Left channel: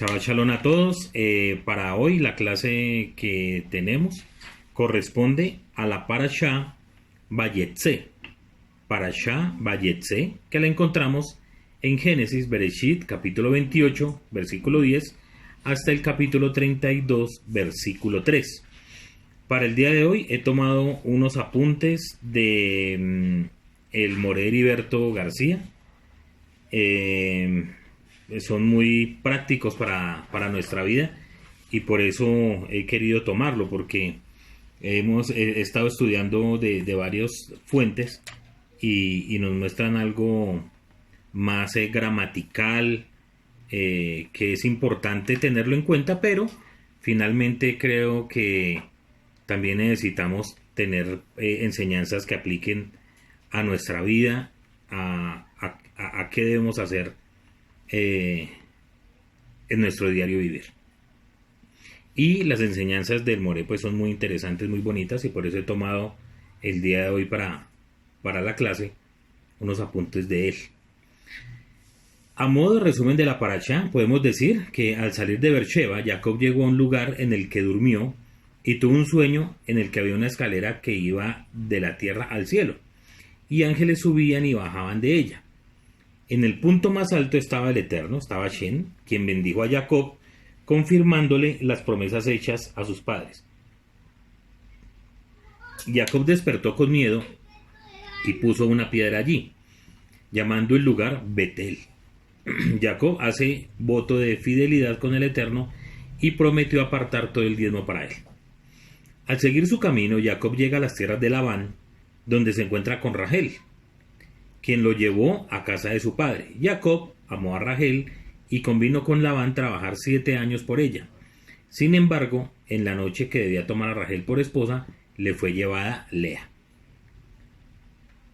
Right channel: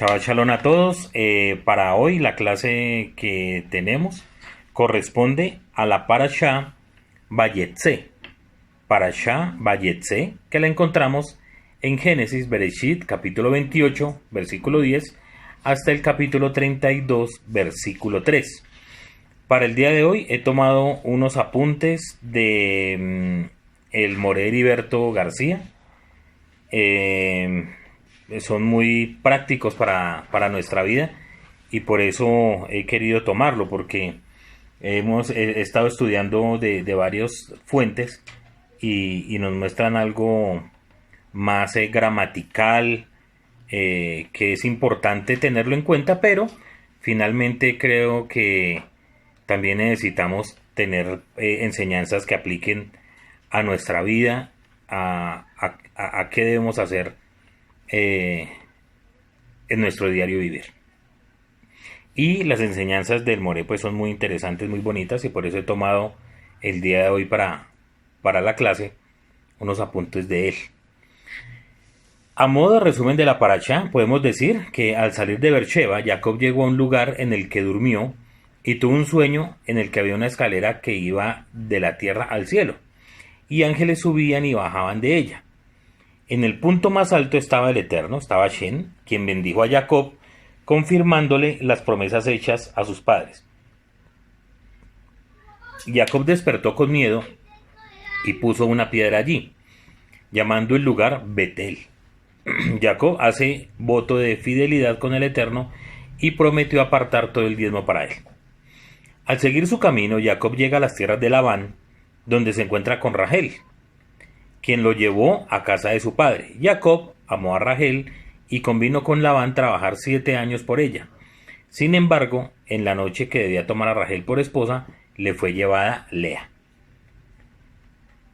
Shabbat Shalom a todos. Para hoy la clase que tenemos corresponde a la Parashá Vayetze. Parashá Vayetze, que la encontramos en Génesis Bereshit, capítulo 28, versículo 10, hasta el capítulo 32, versículo 3. Para el día de hoy he tomado unos apuntes de el Moré Heriberto García. Son muy prácticos para nuestra vida y por eso he querido tomarlo, porque he estado estudiando de varias fuentes y nos muestran algo más gramatical, que es importante tenerlo en cuenta, pero finalmente creo que también necesitamos tener enseñanzas que apliquen a nuestra vida, a qué debemos hacer en nuestro diario vivir. Y las enseñanzas del Moré pues son muy interesantes, muy bonitas, y por eso he tomado el día de hoy para la clase unos apuntes de él. A modo de resumen de la parashá, podemos decir que al salir de Beersheba, Jacob llegó a un lugar en el que durmió y tuvo un sueño en el que había una escalera que iba de la tierra al cielo, y ángeles subían y bajaban de ella. En el punto más alto estaba el Eterno, estaba Shen, quien bendijo a Jacob, confirmándole las promesas hechas a sus padres. Jacob despertó con miedo y puso una piedra allí, llamando el lugar Betel. Jacob hace voto de fidelidad con el Eterno y prometió apartar todo el diezmo para él. Al seguir su camino, Jacob llega a las tierras de Labán, donde se encuentra con Rachel, quien lo llevó a casa de su padre. Jacob amó a Rachel y convino con Labán trabajar 7 años por ella. Sin embargo, en la noche que debía tomar a Rachel por esposa, le fue llevada Lea,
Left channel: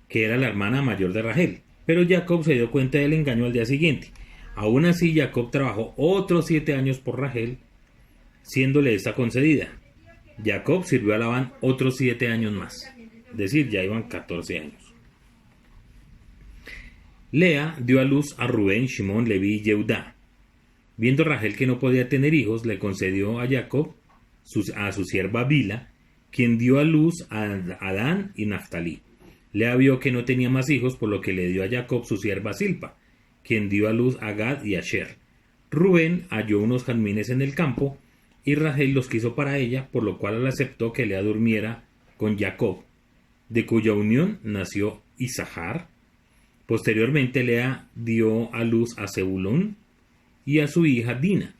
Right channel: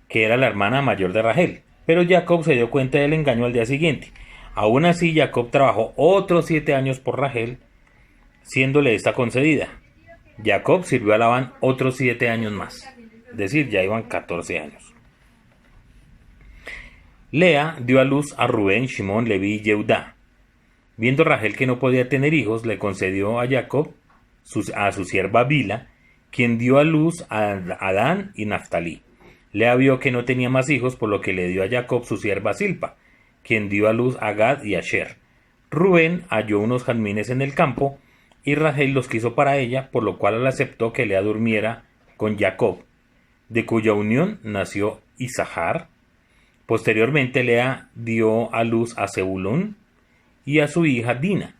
que era la hermana mayor de Rachel. Pero Jacob se dio cuenta del engaño al día siguiente. Aún así, Jacob trabajó otros 7 años por Rachel, siéndole esta concedida. Jacob sirvió a Labán otros 7 años más, es decir, ya iban 14 años. Lea dio a luz a Rubén, Shimón, Leví y Yehudá. Viendo Rachel que no podía tener hijos, le concedió a Jacob a su sierva Bila, quien dio a luz a Adán y Naftalí. Lea vio que no tenía más hijos, por lo que le dio a Jacob su sierva Silpa, quien dio a luz a Gad y a Asher. Rubén halló unos jazmines en el campo, y Rachel los quiso para ella, por lo cual él aceptó que Lea durmiera con Jacob, de cuya unión nació Isahar. Posteriormente Lea dio a luz a Zebulón y a su hija Dina.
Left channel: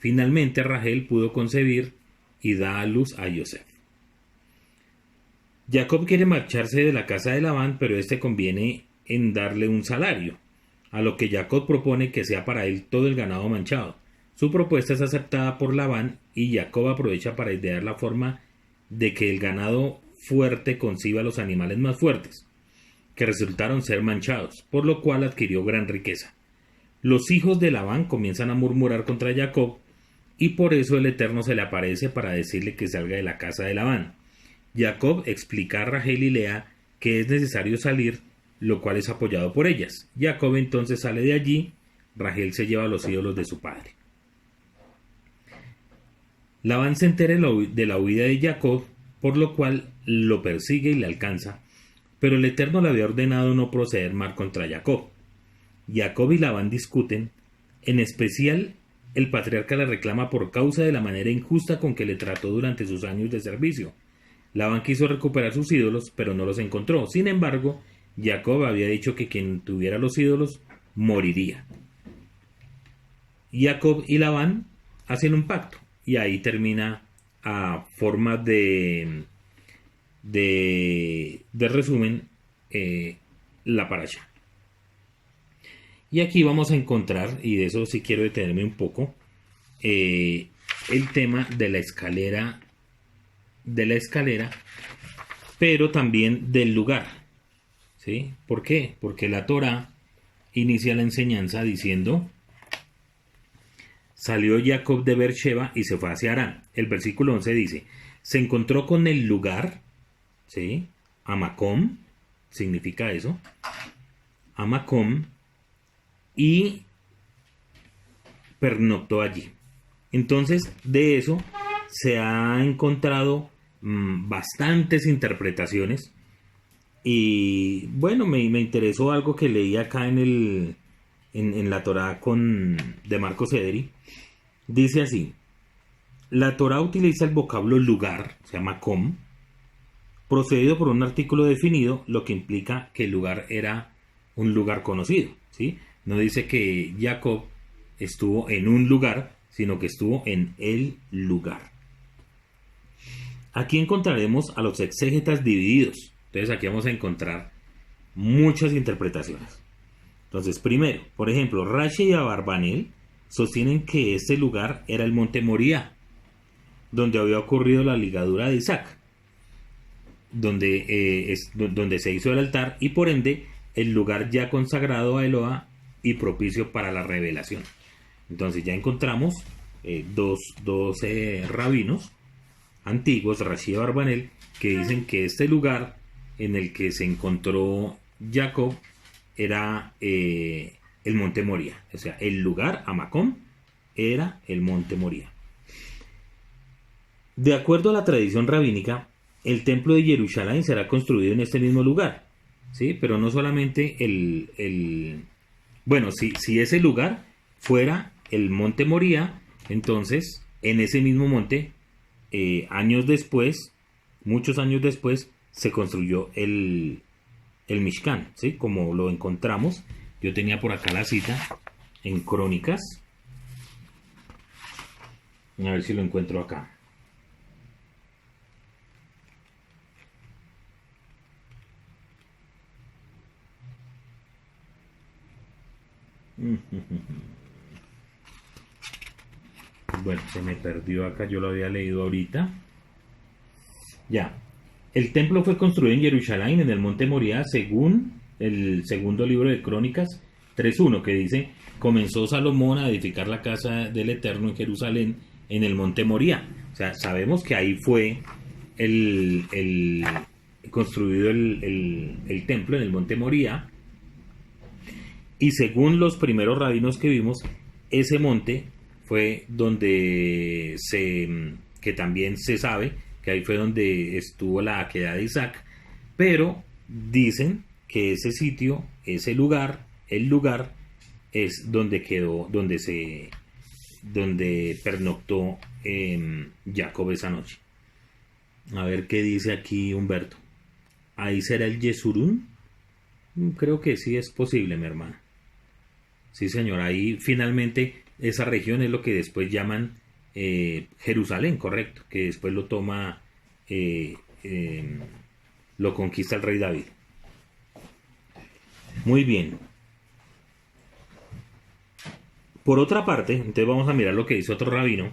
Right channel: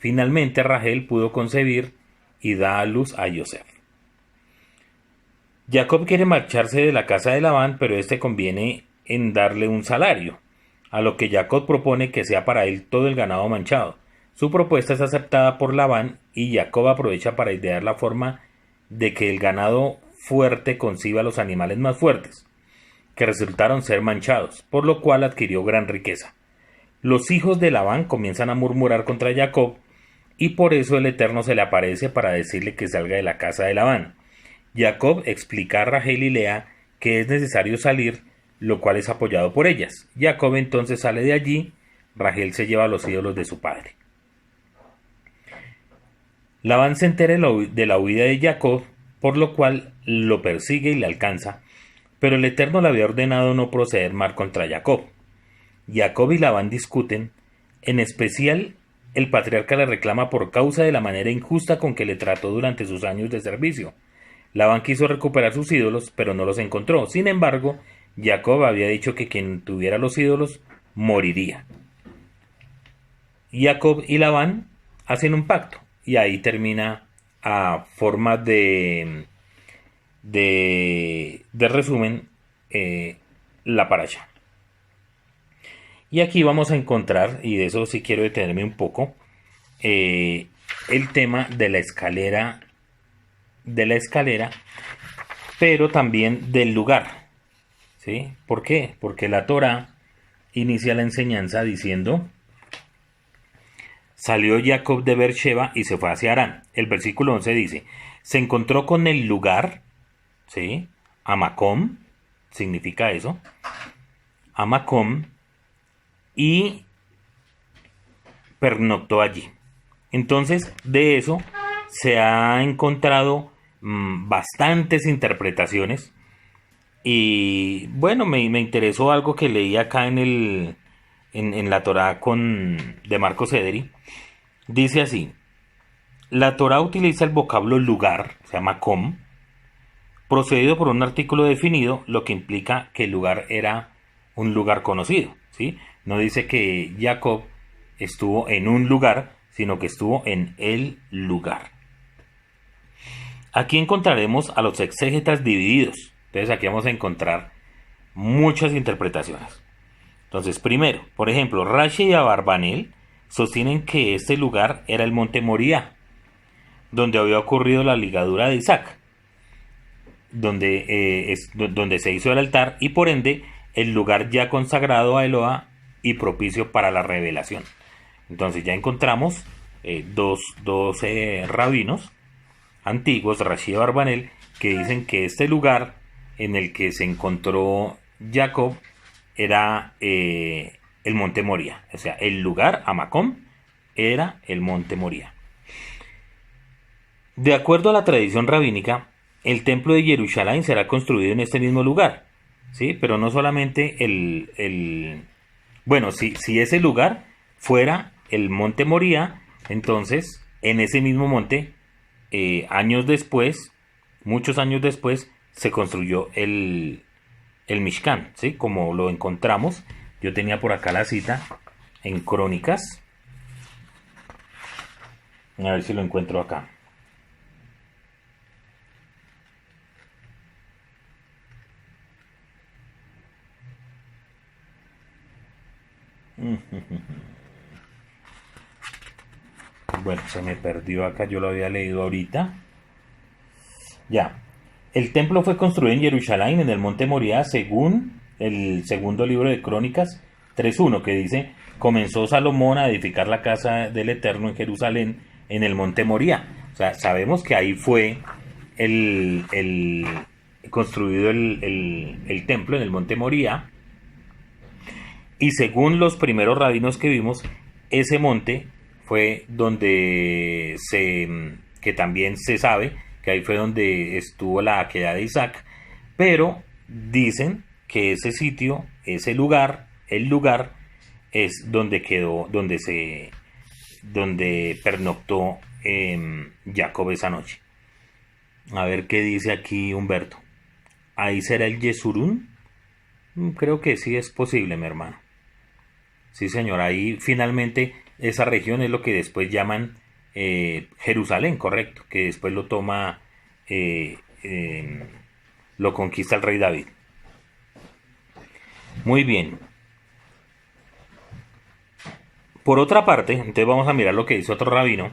Finalmente Rachel pudo concebir y da a luz a Yosef. Jacob quiere marcharse de la casa de Labán, pero este conviene en darle un salario, a lo que Jacob propone que sea para él todo el ganado manchado. Su propuesta es aceptada por Labán y Jacob aprovecha para idear la forma de que el ganado fuerte conciba a los animales más fuertes, que resultaron ser manchados, por lo cual adquirió gran riqueza. Los hijos de Labán comienzan a murmurar contra Jacob, y por eso el Eterno se le aparece para decirle que salga de la casa de Labán. Jacob explica a Rachel y Lea que es necesario salir, lo cual es apoyado por ellas. Jacob entonces sale de allí. Rachel se lleva a los ídolos de su padre. Labán se entera de la huida de Jacob, por lo cual lo persigue y le alcanza, pero el Eterno le había ordenado no proceder mal contra Jacob. Jacob y Labán discuten, en especial el patriarca le reclama por causa de la manera injusta con que le trató durante sus años de servicio. Labán quiso recuperar sus ídolos, pero no los encontró. Sin embargo, Jacob había dicho que quien tuviera los ídolos moriría. Jacob y Labán hacen un pacto, y ahí termina a forma de resumen la parasha. Y aquí vamos a encontrar, y de eso sí quiero detenerme un poco, el tema de la escalera, pero también del lugar. ¿Sí? ¿Por qué? Porque la Torá inicia la enseñanza diciendo: salió Jacob de Beersheba y se fue hacia Harán. El versículo 11 dice: se encontró con el lugar, ¿sí? Amakom, significa eso, Amakom, y pernoctó allí. Entonces, de eso se ha encontrado bastantes interpretaciones. Y bueno, me interesó algo que leí acá en la Torá de Marcos Ederi. Dice así: la Torá utiliza el vocablo lugar, se llama com, procedido por un artículo definido, lo que implica que el lugar era un lugar conocido, ¿sí? No dice que Jacob estuvo en un lugar, sino que estuvo en el lugar. Aquí encontraremos a los exégetas divididos. Entonces aquí vamos a encontrar muchas interpretaciones. Entonces, primero, por ejemplo, Rashi y Abarbanel sostienen que este lugar era el monte Moría, donde había ocurrido la ligadura de Isaac, donde se hizo el altar y por ende el lugar ya consagrado a Eloa y propicio para la revelación. Entonces ya encontramos dos rabinos antiguos, Rashi y Abarbanel, que dicen que este lugar en el que se encontró Jacob era el monte Moría. O sea, el lugar, Amacom, era el monte Moría. De acuerdo a la tradición rabínica, el templo de Jerusalén será construido en este mismo lugar, ¿sí? Pero no solamente bueno, si ese lugar fuera el monte Moría, entonces en ese mismo monte, años después, muchos años después, se construyó el Mishkan, ¿sí? Como lo encontramos. Yo tenía por acá la cita en Crónicas. A ver si lo encuentro acá. Bueno, se me perdió acá, yo lo había leído ahorita. Ya. El templo fue construido en Jerusalén, en el monte Moría, según el segundo libro de Crónicas 3.1, que dice: comenzó Salomón a edificar la casa del Eterno en Jerusalén, en el monte Moría. O sea, sabemos que ahí fue construido el templo, en el monte Moría. Y según los primeros rabinos que vimos, ese monte fue donde que también se sabe que ahí fue donde estuvo la aquedad de Isaac, pero dicen que ese sitio, ese lugar, el lugar es donde quedó, donde pernoctó Jacob esa noche. A ver qué dice aquí Humberto. ¿Ahí será el Yesurún? Creo que sí es posible, mi hermano. Sí, señor, ahí finalmente esa región es lo que después llaman Jerusalén, correcto, que después lo toma, lo conquista el rey David. Muy bien. Por otra parte, entonces vamos a mirar lo que dice otro rabino,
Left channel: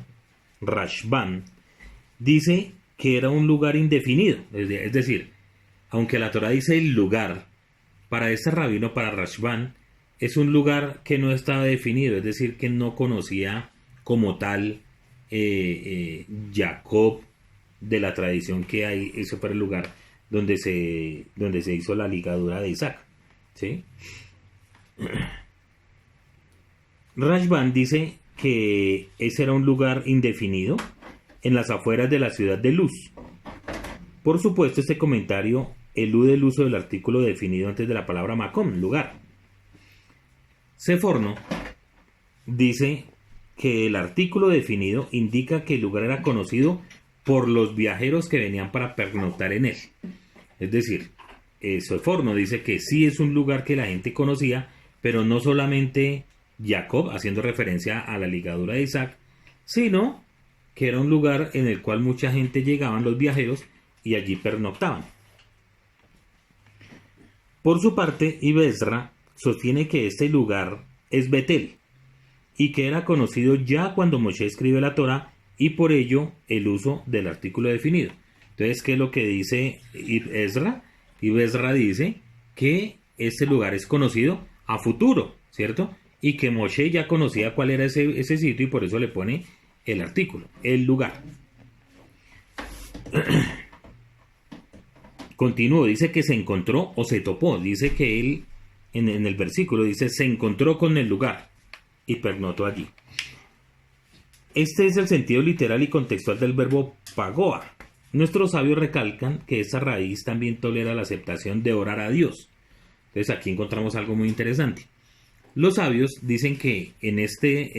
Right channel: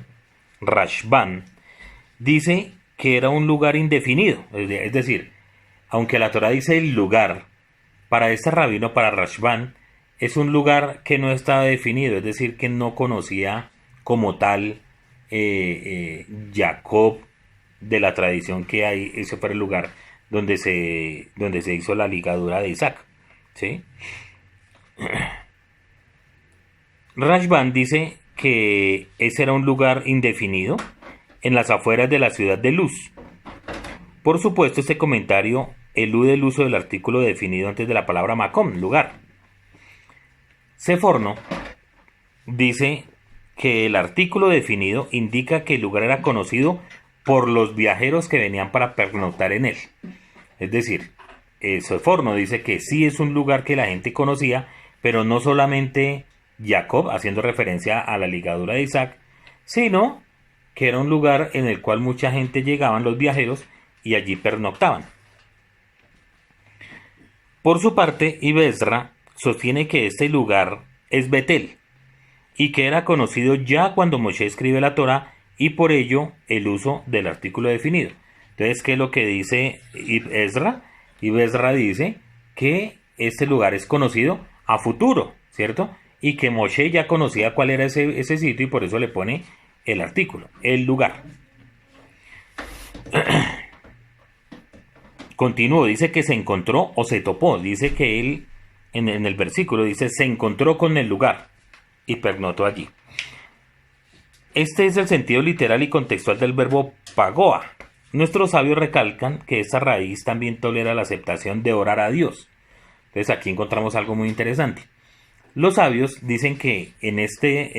Rashban, dice que era un lugar indefinido, es decir, aunque la Torah dice el lugar, para este rabino, para Rashban, es un lugar que no estaba definido, es decir, que no conocía como tal Jacob de la tradición que hay. Ese fue el lugar donde se hizo la ligadura de Isaac, ¿sí? Rashban dice que ese era un lugar indefinido en las afueras de la ciudad de Luz. Por supuesto, este comentario elude el uso del artículo definido antes de la palabra Macom, lugar. Seforno dice que el artículo definido indica que el lugar era conocido por los viajeros que venían para pernoctar en él. Es decir, Seforno dice que sí es un lugar que la gente conocía, pero no solamente Jacob, haciendo referencia a la ligadura de Isaac, sino que era un lugar en el cual mucha gente llegaban, los viajeros, y allí pernoctaban. Por su parte, Ibezra sostiene que este lugar es Betel y que era conocido ya cuando Moshe escribe la Torá, y por ello el uso del artículo definido. Entonces, ¿qué es lo que dice Ibezra? Ibezra dice que este lugar es conocido a futuro, ¿cierto? Y que Moshe ya conocía cuál era ese sitio y por eso le pone el artículo, el lugar. Continúo, dice que se encontró o se topó, dice que él en el versículo dice se encontró con el lugar y pernoctó allí. Este es el sentido literal y contextual del verbo pagoa. Nuestros sabios recalcan que esta raíz también tolera la aceptación de orar a Dios. Entonces aquí encontramos algo muy interesante. Los sabios dicen que en este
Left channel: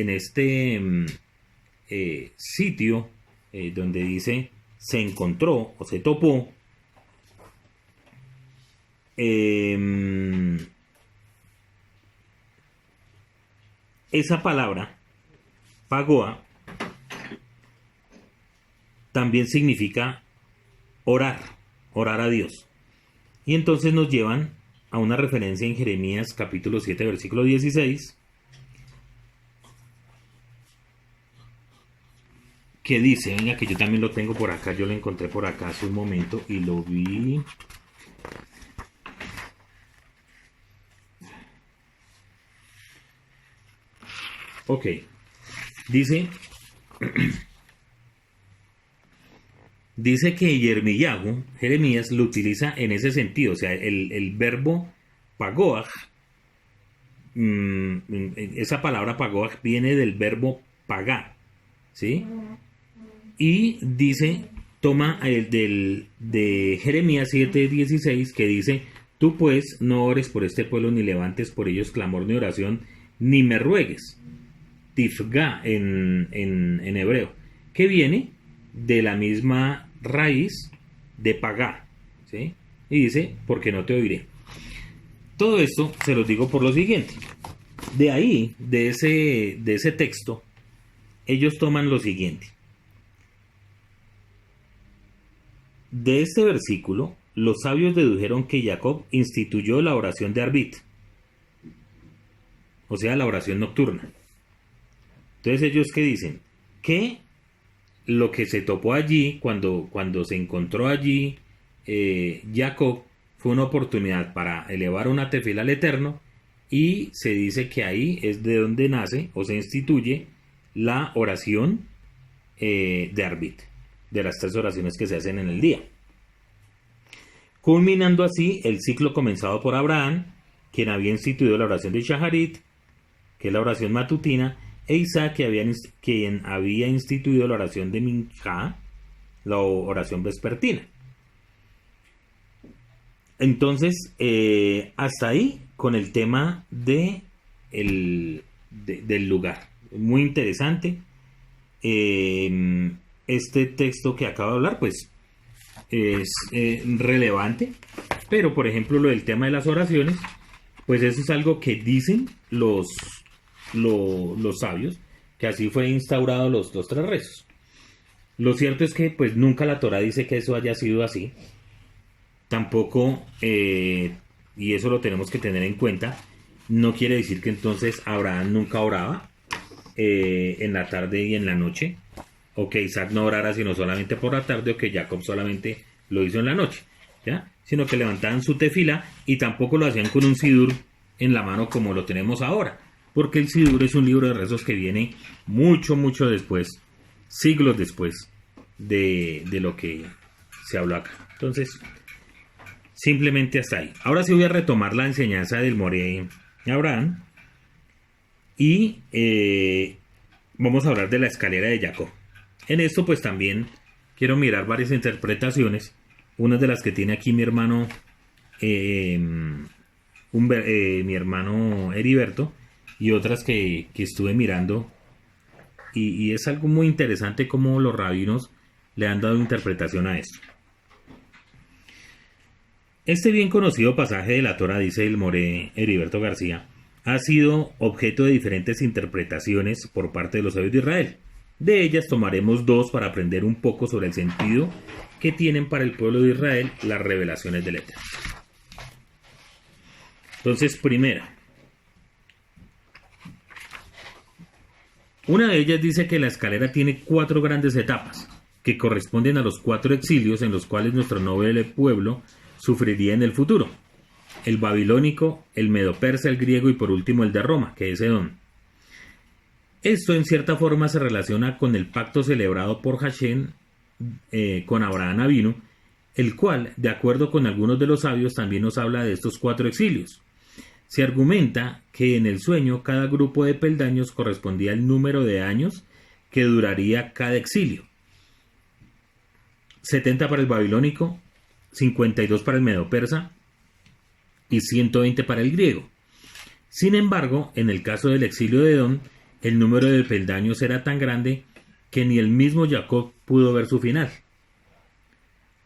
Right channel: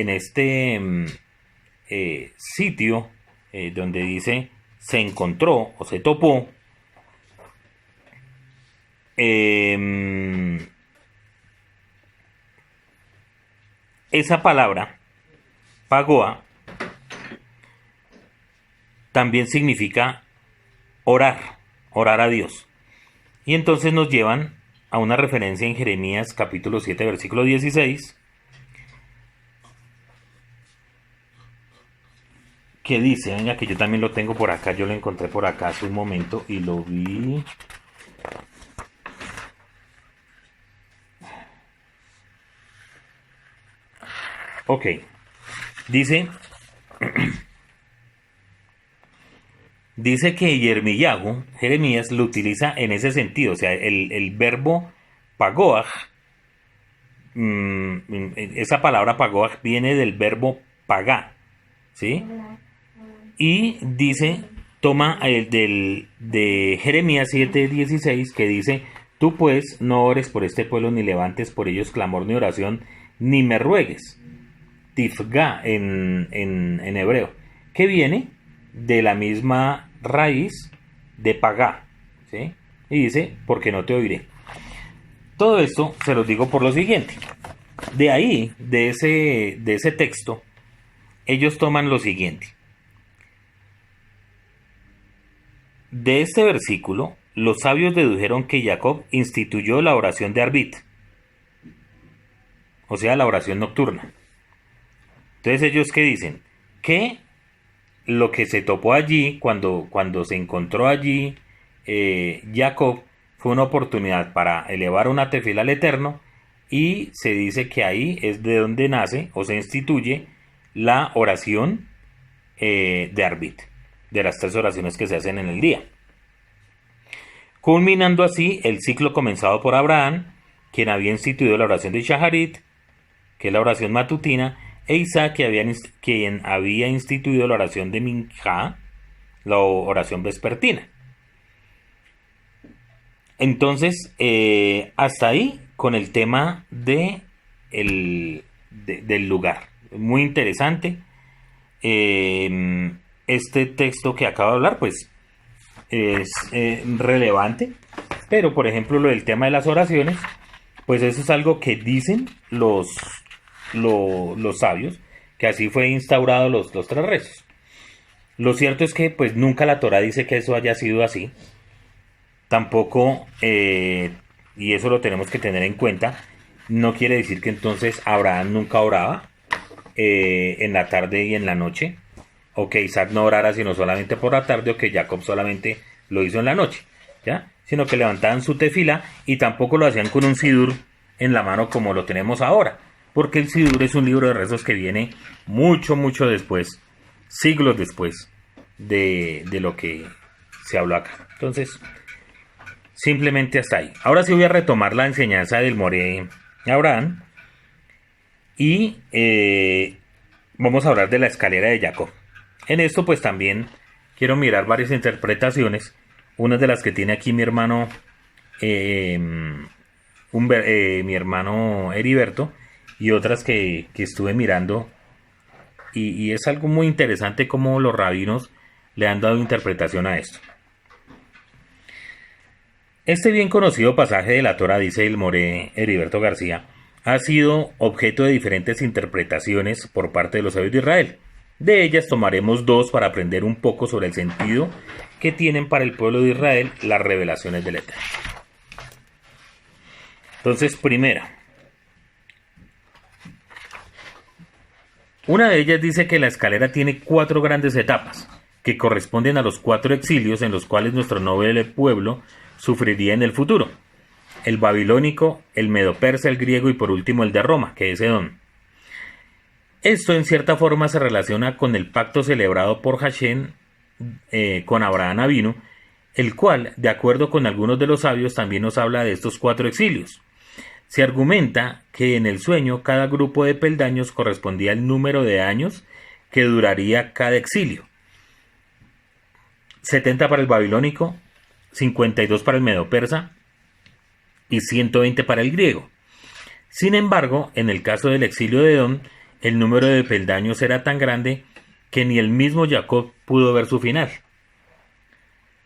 sitio donde dice se encontró o se topó, esa palabra, pagoa, también significa orar a Dios. Y entonces nos llevan a una referencia en Jeremías capítulo 7, versículo 16, que dice, venga, que yo también lo tengo por acá, yo lo encontré por acá hace un momento y lo vi. Ok, dice que Jeremías lo utiliza en ese sentido, o sea, el verbo pagoaj, esa palabra pagoaj viene del verbo pagá, ¿sí? Y dice, toma el de Jeremías 7:16, que dice, tú pues no ores por este pueblo, ni levantes por ellos clamor ni oración, ni me ruegues, tifga en hebreo, que viene de la misma raíz de pagá, ¿sí? Y dice, porque no te oiré. Todo esto se los digo por lo siguiente. De ahí, de ese texto, ellos toman lo siguiente. De este versículo, los sabios dedujeron que Jacob instituyó la oración de Arbit, o sea, la oración nocturna. Entonces, ¿ellos qué dicen? Que lo que se topó allí, cuando se encontró allí Jacob, fue una oportunidad para elevar una tefila al Eterno, y se dice que ahí es de donde nace o se instituye la oración de Arbit, de las 3 oraciones que se hacen en el día. Culminando así el ciclo comenzado por Abraham, quien había instituido la oración de Shaharit, que es la oración matutina, e Isaac, quien había instituido la oración de Minjá, la oración vespertina. Entonces, hasta ahí con el tema del lugar. Muy interesante. Este texto que acabo de hablar, pues, es relevante. Pero, por ejemplo, lo del tema de las oraciones, pues eso es algo que dicen los sabios, que así fue instaurado los 3 rezos. Lo cierto es que pues nunca la Torá dice que eso haya sido así. Tampoco, y eso lo tenemos que tener en cuenta, no quiere decir que entonces Abraham nunca oraba en la tarde y en la noche, o que Isaac no orara sino solamente por la tarde, o que Jacob solamente lo hizo en la noche, ¿ya? Sino que levantaban su tefila, y tampoco lo hacían con un sidur en la mano como lo tenemos ahora, porque el sidur es un libro de rezos que viene mucho después, siglos después de lo que se habló acá. Entonces, simplemente hasta ahí. Ahora sí voy a retomar la enseñanza del Moré Abraham, y vamos a hablar de la escalera de Jacob. En esto pues también quiero mirar varias interpretaciones, unas de las que tiene aquí mi hermano Heriberto, y otras que estuve mirando, y es algo muy interesante cómo los rabinos le han dado interpretación a esto. Este bien conocido pasaje de la Torá, dice el Moré Heriberto García, ha sido objeto de diferentes interpretaciones por parte de los sabios de Israel. De ellas tomaremos 2 para aprender un poco sobre el sentido que tienen para el pueblo de Israel las revelaciones del Eterno. Entonces, primera, una de ellas dice que la escalera tiene 4 grandes etapas, que corresponden a los 4 exilios en los cuales nuestro noble pueblo sufriría en el futuro: el babilónico, el medo-persa, el griego y por último el de Roma, que es Edom. Esto en cierta forma se relaciona con el pacto celebrado por Hashem con Abraham Avinu, el cual, de acuerdo con algunos de los sabios, también nos habla de estos 4 exilios. Se argumenta que en el sueño cada grupo de peldaños correspondía al número de años que duraría cada exilio. 70 para el babilónico, 52 para el medo-persa y 120 para el griego. Sin embargo, en el caso del exilio de Edom, el número de peldaños era tan grande que ni el mismo Jacob pudo ver su final.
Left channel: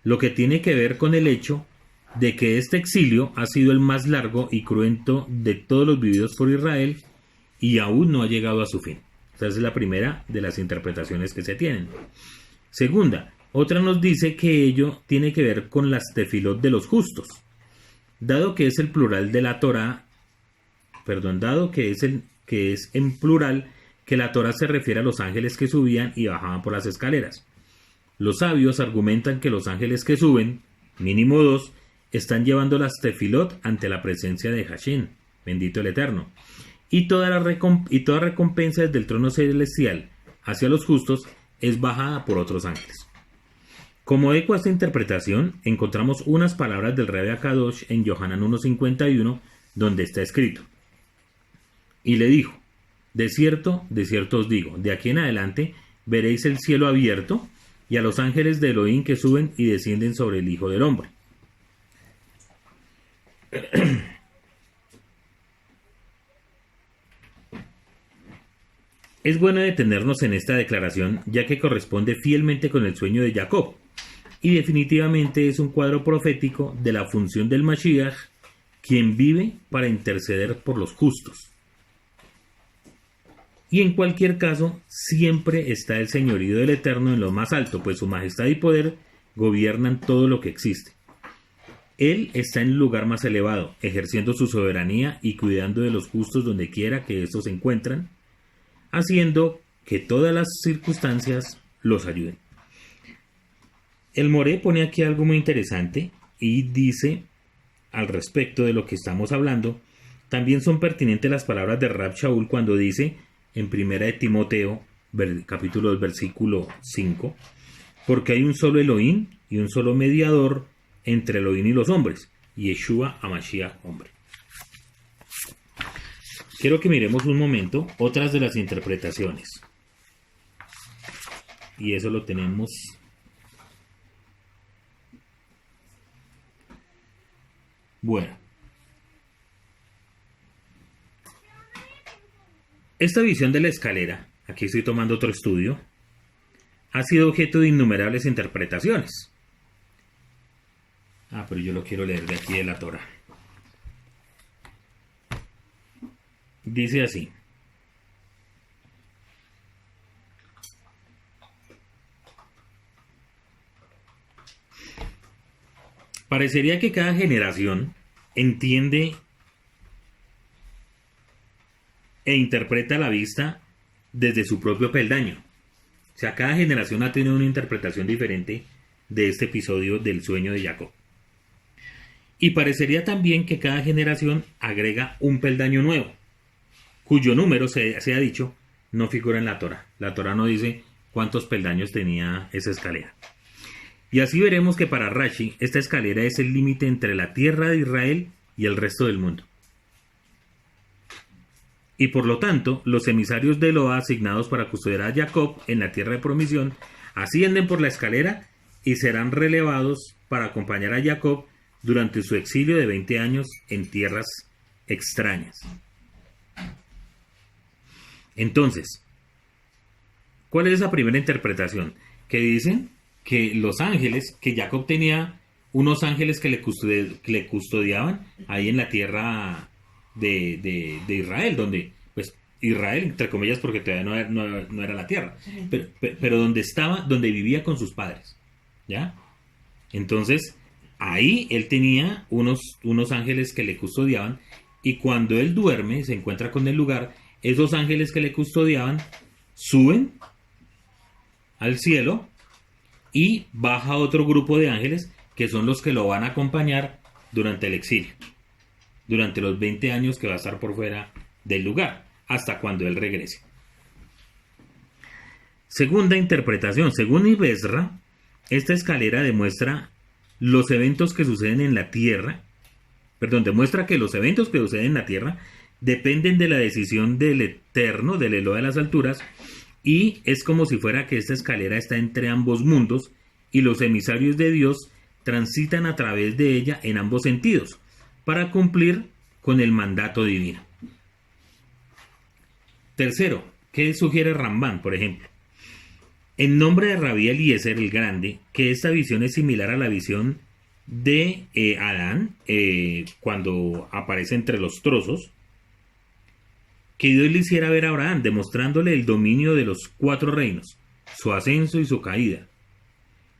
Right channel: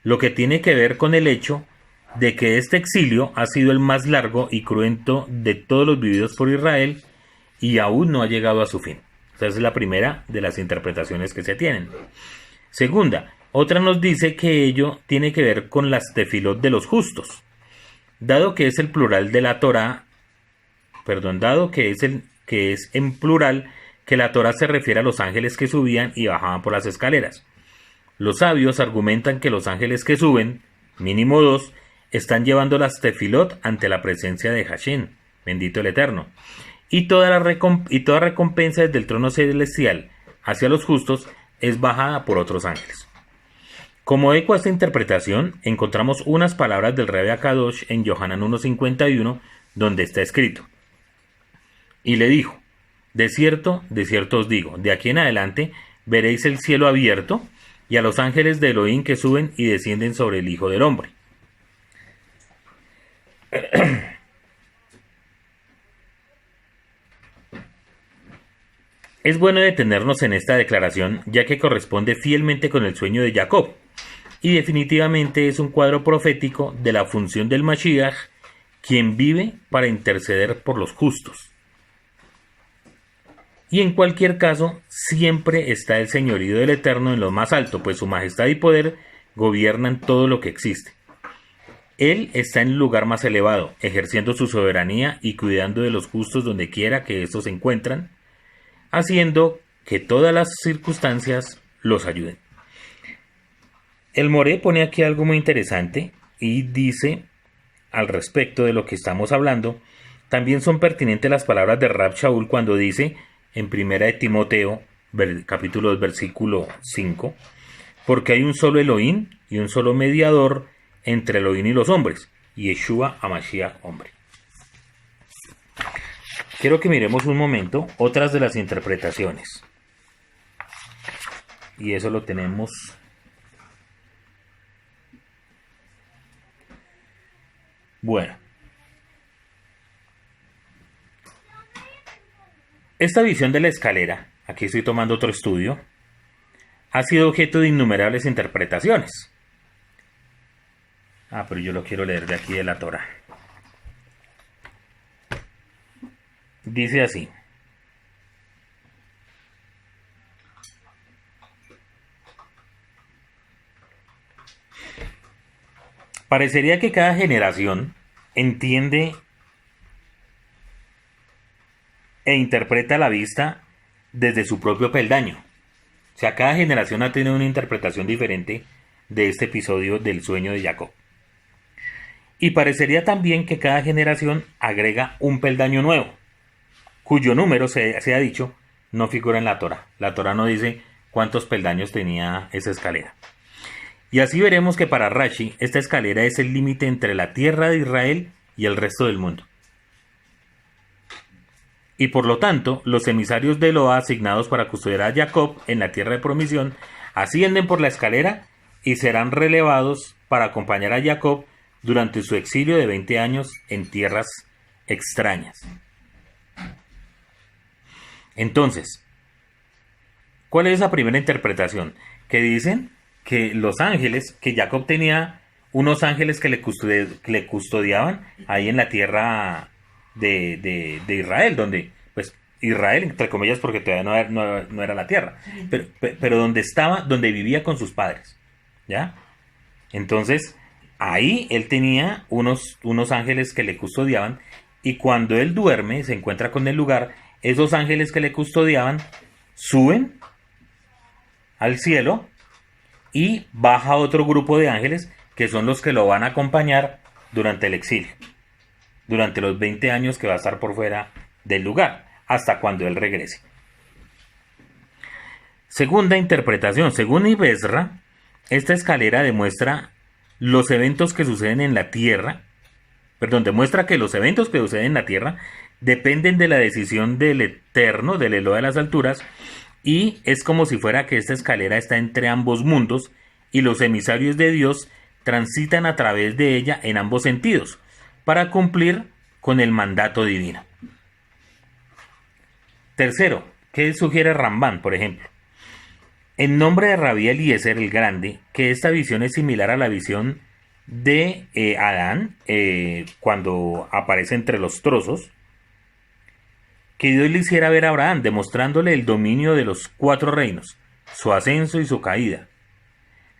Lo que tiene que ver con el hecho de que este exilio ha sido el más largo y cruento de todos los vividos por Israel y aún no ha llegado a su fin. Esa es la primera de las interpretaciones que se tienen. Segunda, otra nos dice que ello tiene que ver con las tefilot de los justos. Dado que es el plural de la Torá, dado que es en plural, que la Torá se refiere a los ángeles que subían y bajaban por las escaleras. Los sabios argumentan que los ángeles que suben, mínimo 2, están llevando las tefilot ante la presencia de Hashem, bendito el Eterno, y toda recompensa desde el trono celestial hacia los justos es bajada por otros ángeles. Como eco a esta interpretación, encontramos unas palabras del Rebbe Akadosh en Yohanan 1.51, donde está escrito: y le dijo, de cierto os digo, de aquí en adelante veréis el cielo abierto y a los ángeles de Elohim que suben y descienden sobre el Hijo del Hombre. Es bueno detenernos en esta declaración, ya que corresponde fielmente con el sueño de Jacob, y definitivamente es un cuadro profético de la función del Mashiach, quien vive para interceder por los justos. Y en cualquier caso, siempre está el señorío del Eterno en lo más alto, pues su majestad y poder gobiernan todo lo que existe. Él está en el lugar más elevado, ejerciendo su soberanía y cuidando de los justos donde quiera que estos se encuentran, haciendo que todas las circunstancias los ayuden. El Moré pone aquí algo muy interesante y dice, al respecto de lo que estamos hablando, también son pertinentes las palabras de Rab Shaul cuando dice, en Primera de Timoteo, capítulo 2, versículo 5, porque hay un solo Elohim y un solo mediador entre Elohim y los hombres, Yeshua HaMashiach, hombre. Quiero que miremos un momento otras de las interpretaciones. Y eso lo tenemos. Bueno. Esta visión de la escalera, aquí estoy tomando otro estudio, ha sido objeto de innumerables interpretaciones. Pero yo lo quiero leer de aquí de la Torá. Dice así: parecería que cada generación entiende e interpreta la vista desde su propio peldaño. O sea, cada generación ha tenido una interpretación diferente de este episodio del sueño de Jacob. Y parecería también que cada generación agrega un peldaño nuevo, cuyo número, se ha dicho, no figura en la Torá. La Torá no dice cuántos peldaños tenía esa escalera. Y así veremos que para Rashi, esta escalera es el límite entre la tierra de Israel y el resto del mundo. Y por lo tanto, los emisarios de Eloah asignados para custodiar a Jacob en la tierra de promisión ascienden por la escalera y serán relevados para acompañar a Jacob durante su exilio de 20 años en tierras extrañas. Entonces, ¿cuál es esa primera interpretación? Que dicen que los ángeles, que Jacob tenía unos ángeles que le custodiaban ahí en la tierra de Israel, donde, pues, Israel, entre comillas, porque todavía no era la tierra, pero donde vivía con sus padres, ¿ya? Entonces, ahí él tenía unos ángeles que le custodiaban, y cuando él duerme, se encuentra con el lugar, esos ángeles que le custodiaban suben al cielo y baja otro grupo de ángeles que son los que lo van a acompañar durante el exilio, durante los 20 años que va a estar por fuera del lugar, hasta cuando él regrese. Segunda interpretación, según Ibn Ezra, esta escalera demuestra los eventos que suceden en la tierra, demuestra que los eventos que suceden en la tierra dependen de la decisión del Eterno, del Eloah de las alturas, y es como si fuera que esta escalera está entre ambos mundos y los emisarios de Dios transitan a través de ella en ambos sentidos para cumplir con el mandato divino. Tercero, ¿qué sugiere Rambán, por ejemplo? En nombre de Rabí Eliezer el Grande, que esta visión es similar a la visión de Adán cuando aparece entre los trozos, que Dios le hiciera ver a Abraham, demostrándole el dominio de los 4 reinos, su ascenso y su caída.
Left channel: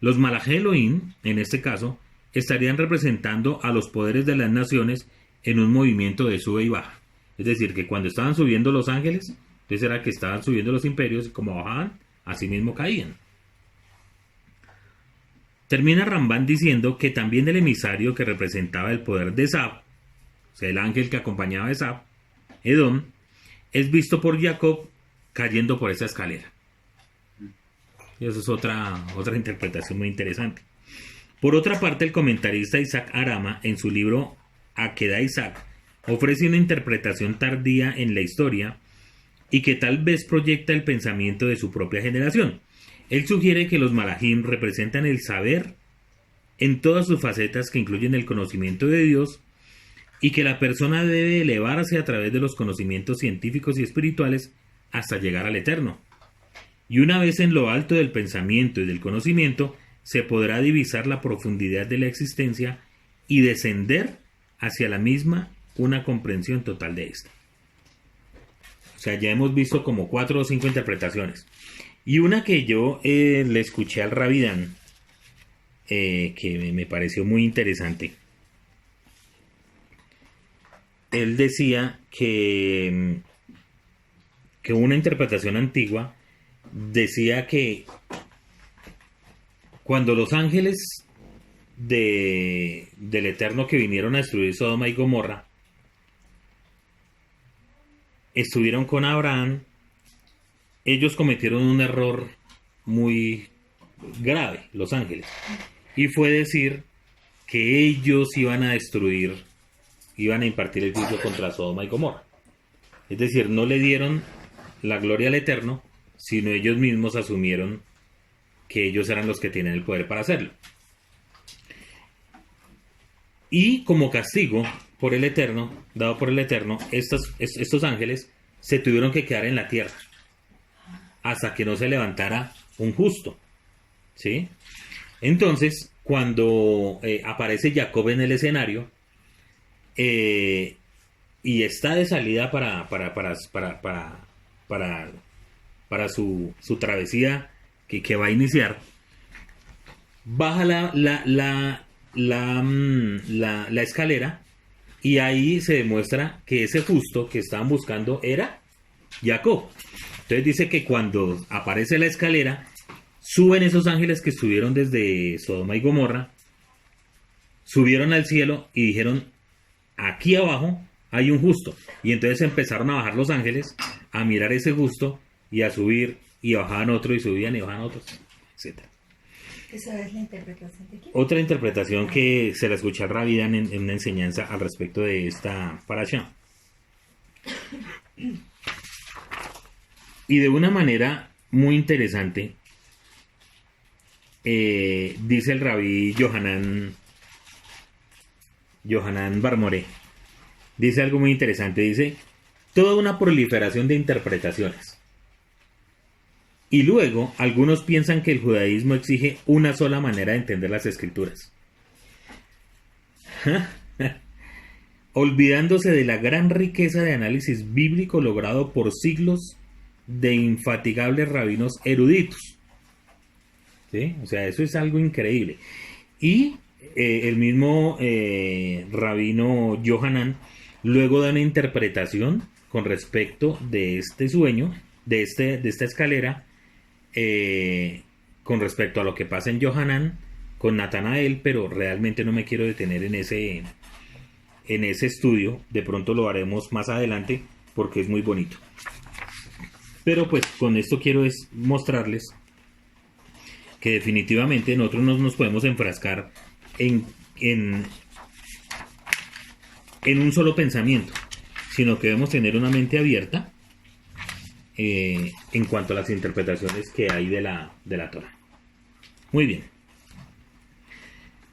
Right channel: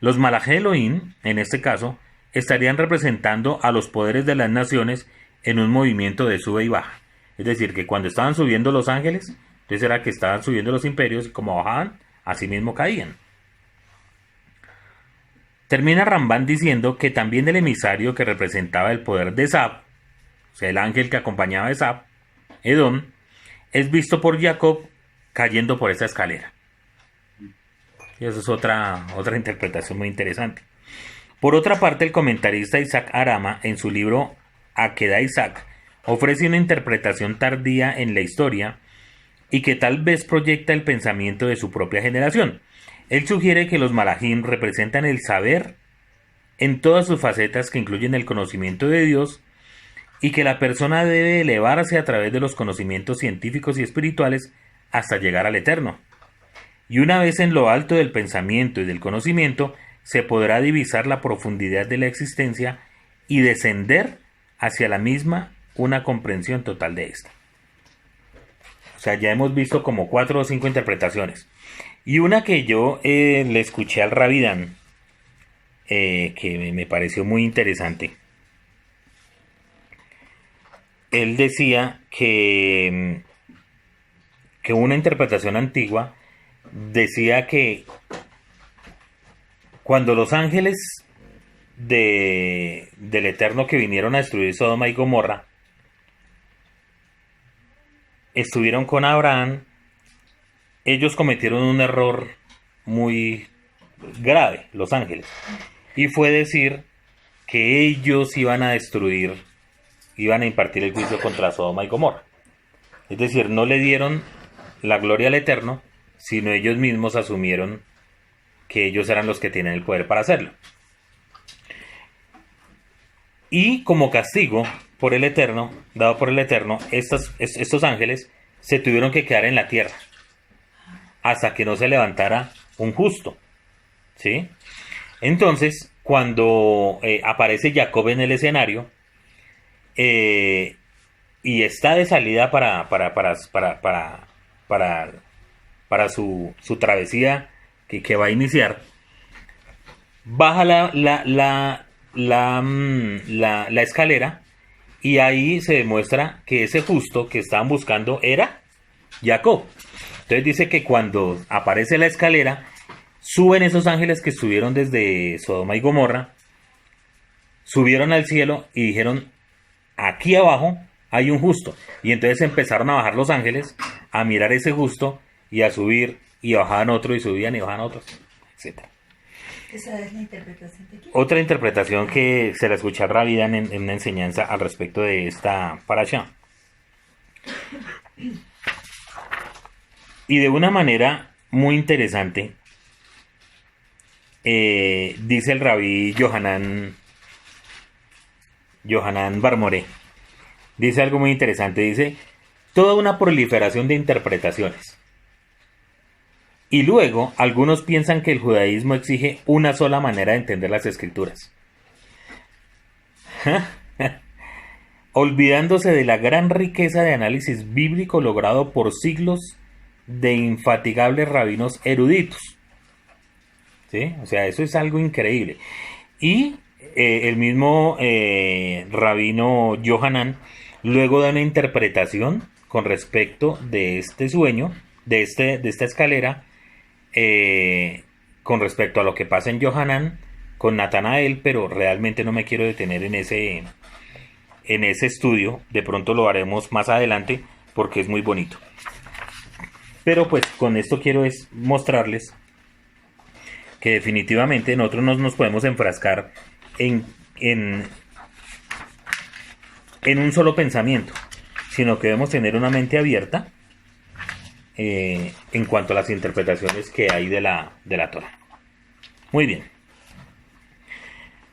Los Malajé Elohim, en este caso, estarían representando a los poderes de las naciones en un movimiento de sube y baja. Es decir, que cuando estaban subiendo los ángeles, entonces era que estaban subiendo los imperios y como bajaban, así mismo caían. Termina Rambán diciendo que también el emisario que representaba el poder de Esab, o sea, el ángel que acompañaba a Esab, Edom, es visto por Jacob cayendo por esa escalera. Y eso es otra interpretación muy interesante. Por otra parte, el comentarista Isaac Arama, en su libro Akedah Isaac, ofrece una interpretación tardía en la historia y que tal vez proyecta el pensamiento de su propia generación. Él sugiere que los malajim representan el saber en todas sus facetas que incluyen el conocimiento de Dios y que la persona debe elevarse a través de los conocimientos científicos y espirituales hasta llegar al Eterno. Y una vez en lo alto del pensamiento y del conocimiento, se podrá divisar la profundidad de la existencia y descender hacia la misma una comprensión total de esta. O sea, ya hemos visto como 4 o 5 interpretaciones. Y una que yo le escuché al Rabbi Dan, que me pareció muy interesante. Él decía que una interpretación antigua decía que cuando los ángeles del Eterno que vinieron a destruir Sodoma y Gomorra estuvieron con Abraham, ellos cometieron un error muy grave, los ángeles, y fue decir que ellos iban a destruir, iban a impartir el juicio contra Sodoma y Gomorra. Es decir, no le dieron la gloria al Eterno, sino ellos mismos asumieron que ellos eran los que tienen el poder para hacerlo. Y como castigo por el Eterno, dado por el Eterno, estos ángeles se tuvieron que quedar en la tierra hasta que no se levantara un justo, ¿sí? Entonces, cuando aparece Jacob en el escenario y está de salida para su travesía que va a iniciar, baja la escalera y ahí se demuestra que ese justo que estaban buscando era Jacob. Entonces dice que cuando aparece la escalera, suben esos ángeles que estuvieron desde Sodoma y Gomorra, subieron al cielo y dijeron, aquí abajo hay un justo. Y entonces empezaron a bajar los ángeles, a mirar ese justo y a subir, y bajaban otro y subían y bajaban otros, etc. ¿Esa es la interpretación de quién? Otra interpretación que se la escuché a Rabbi Dan en una enseñanza al respecto de esta parasha. Y de una manera muy interesante, dice el Rabí Yohanan Barmoré, dice algo muy interesante, dice, toda una proliferación de interpretaciones. Y luego, algunos piensan que el judaísmo exige una sola manera de entender las escrituras. Olvidándose de la gran riqueza de análisis bíblico logrado por siglos de infatigables rabinos eruditos. ¿Sí? O sea, eso es algo increíble. Y el mismo rabino Yohanan luego da una interpretación con respecto de este sueño, de esta escalera, con respecto a lo que pasa en Yohanan con Natanael, pero realmente no me quiero detener en ese estudio. De pronto lo haremos más adelante porque es muy bonito. Pero pues con esto quiero es mostrarles que definitivamente nosotros no nos podemos enfrascar en un solo pensamiento, sino que debemos tener una mente abierta en cuanto a las interpretaciones que hay de la Torá. Muy bien.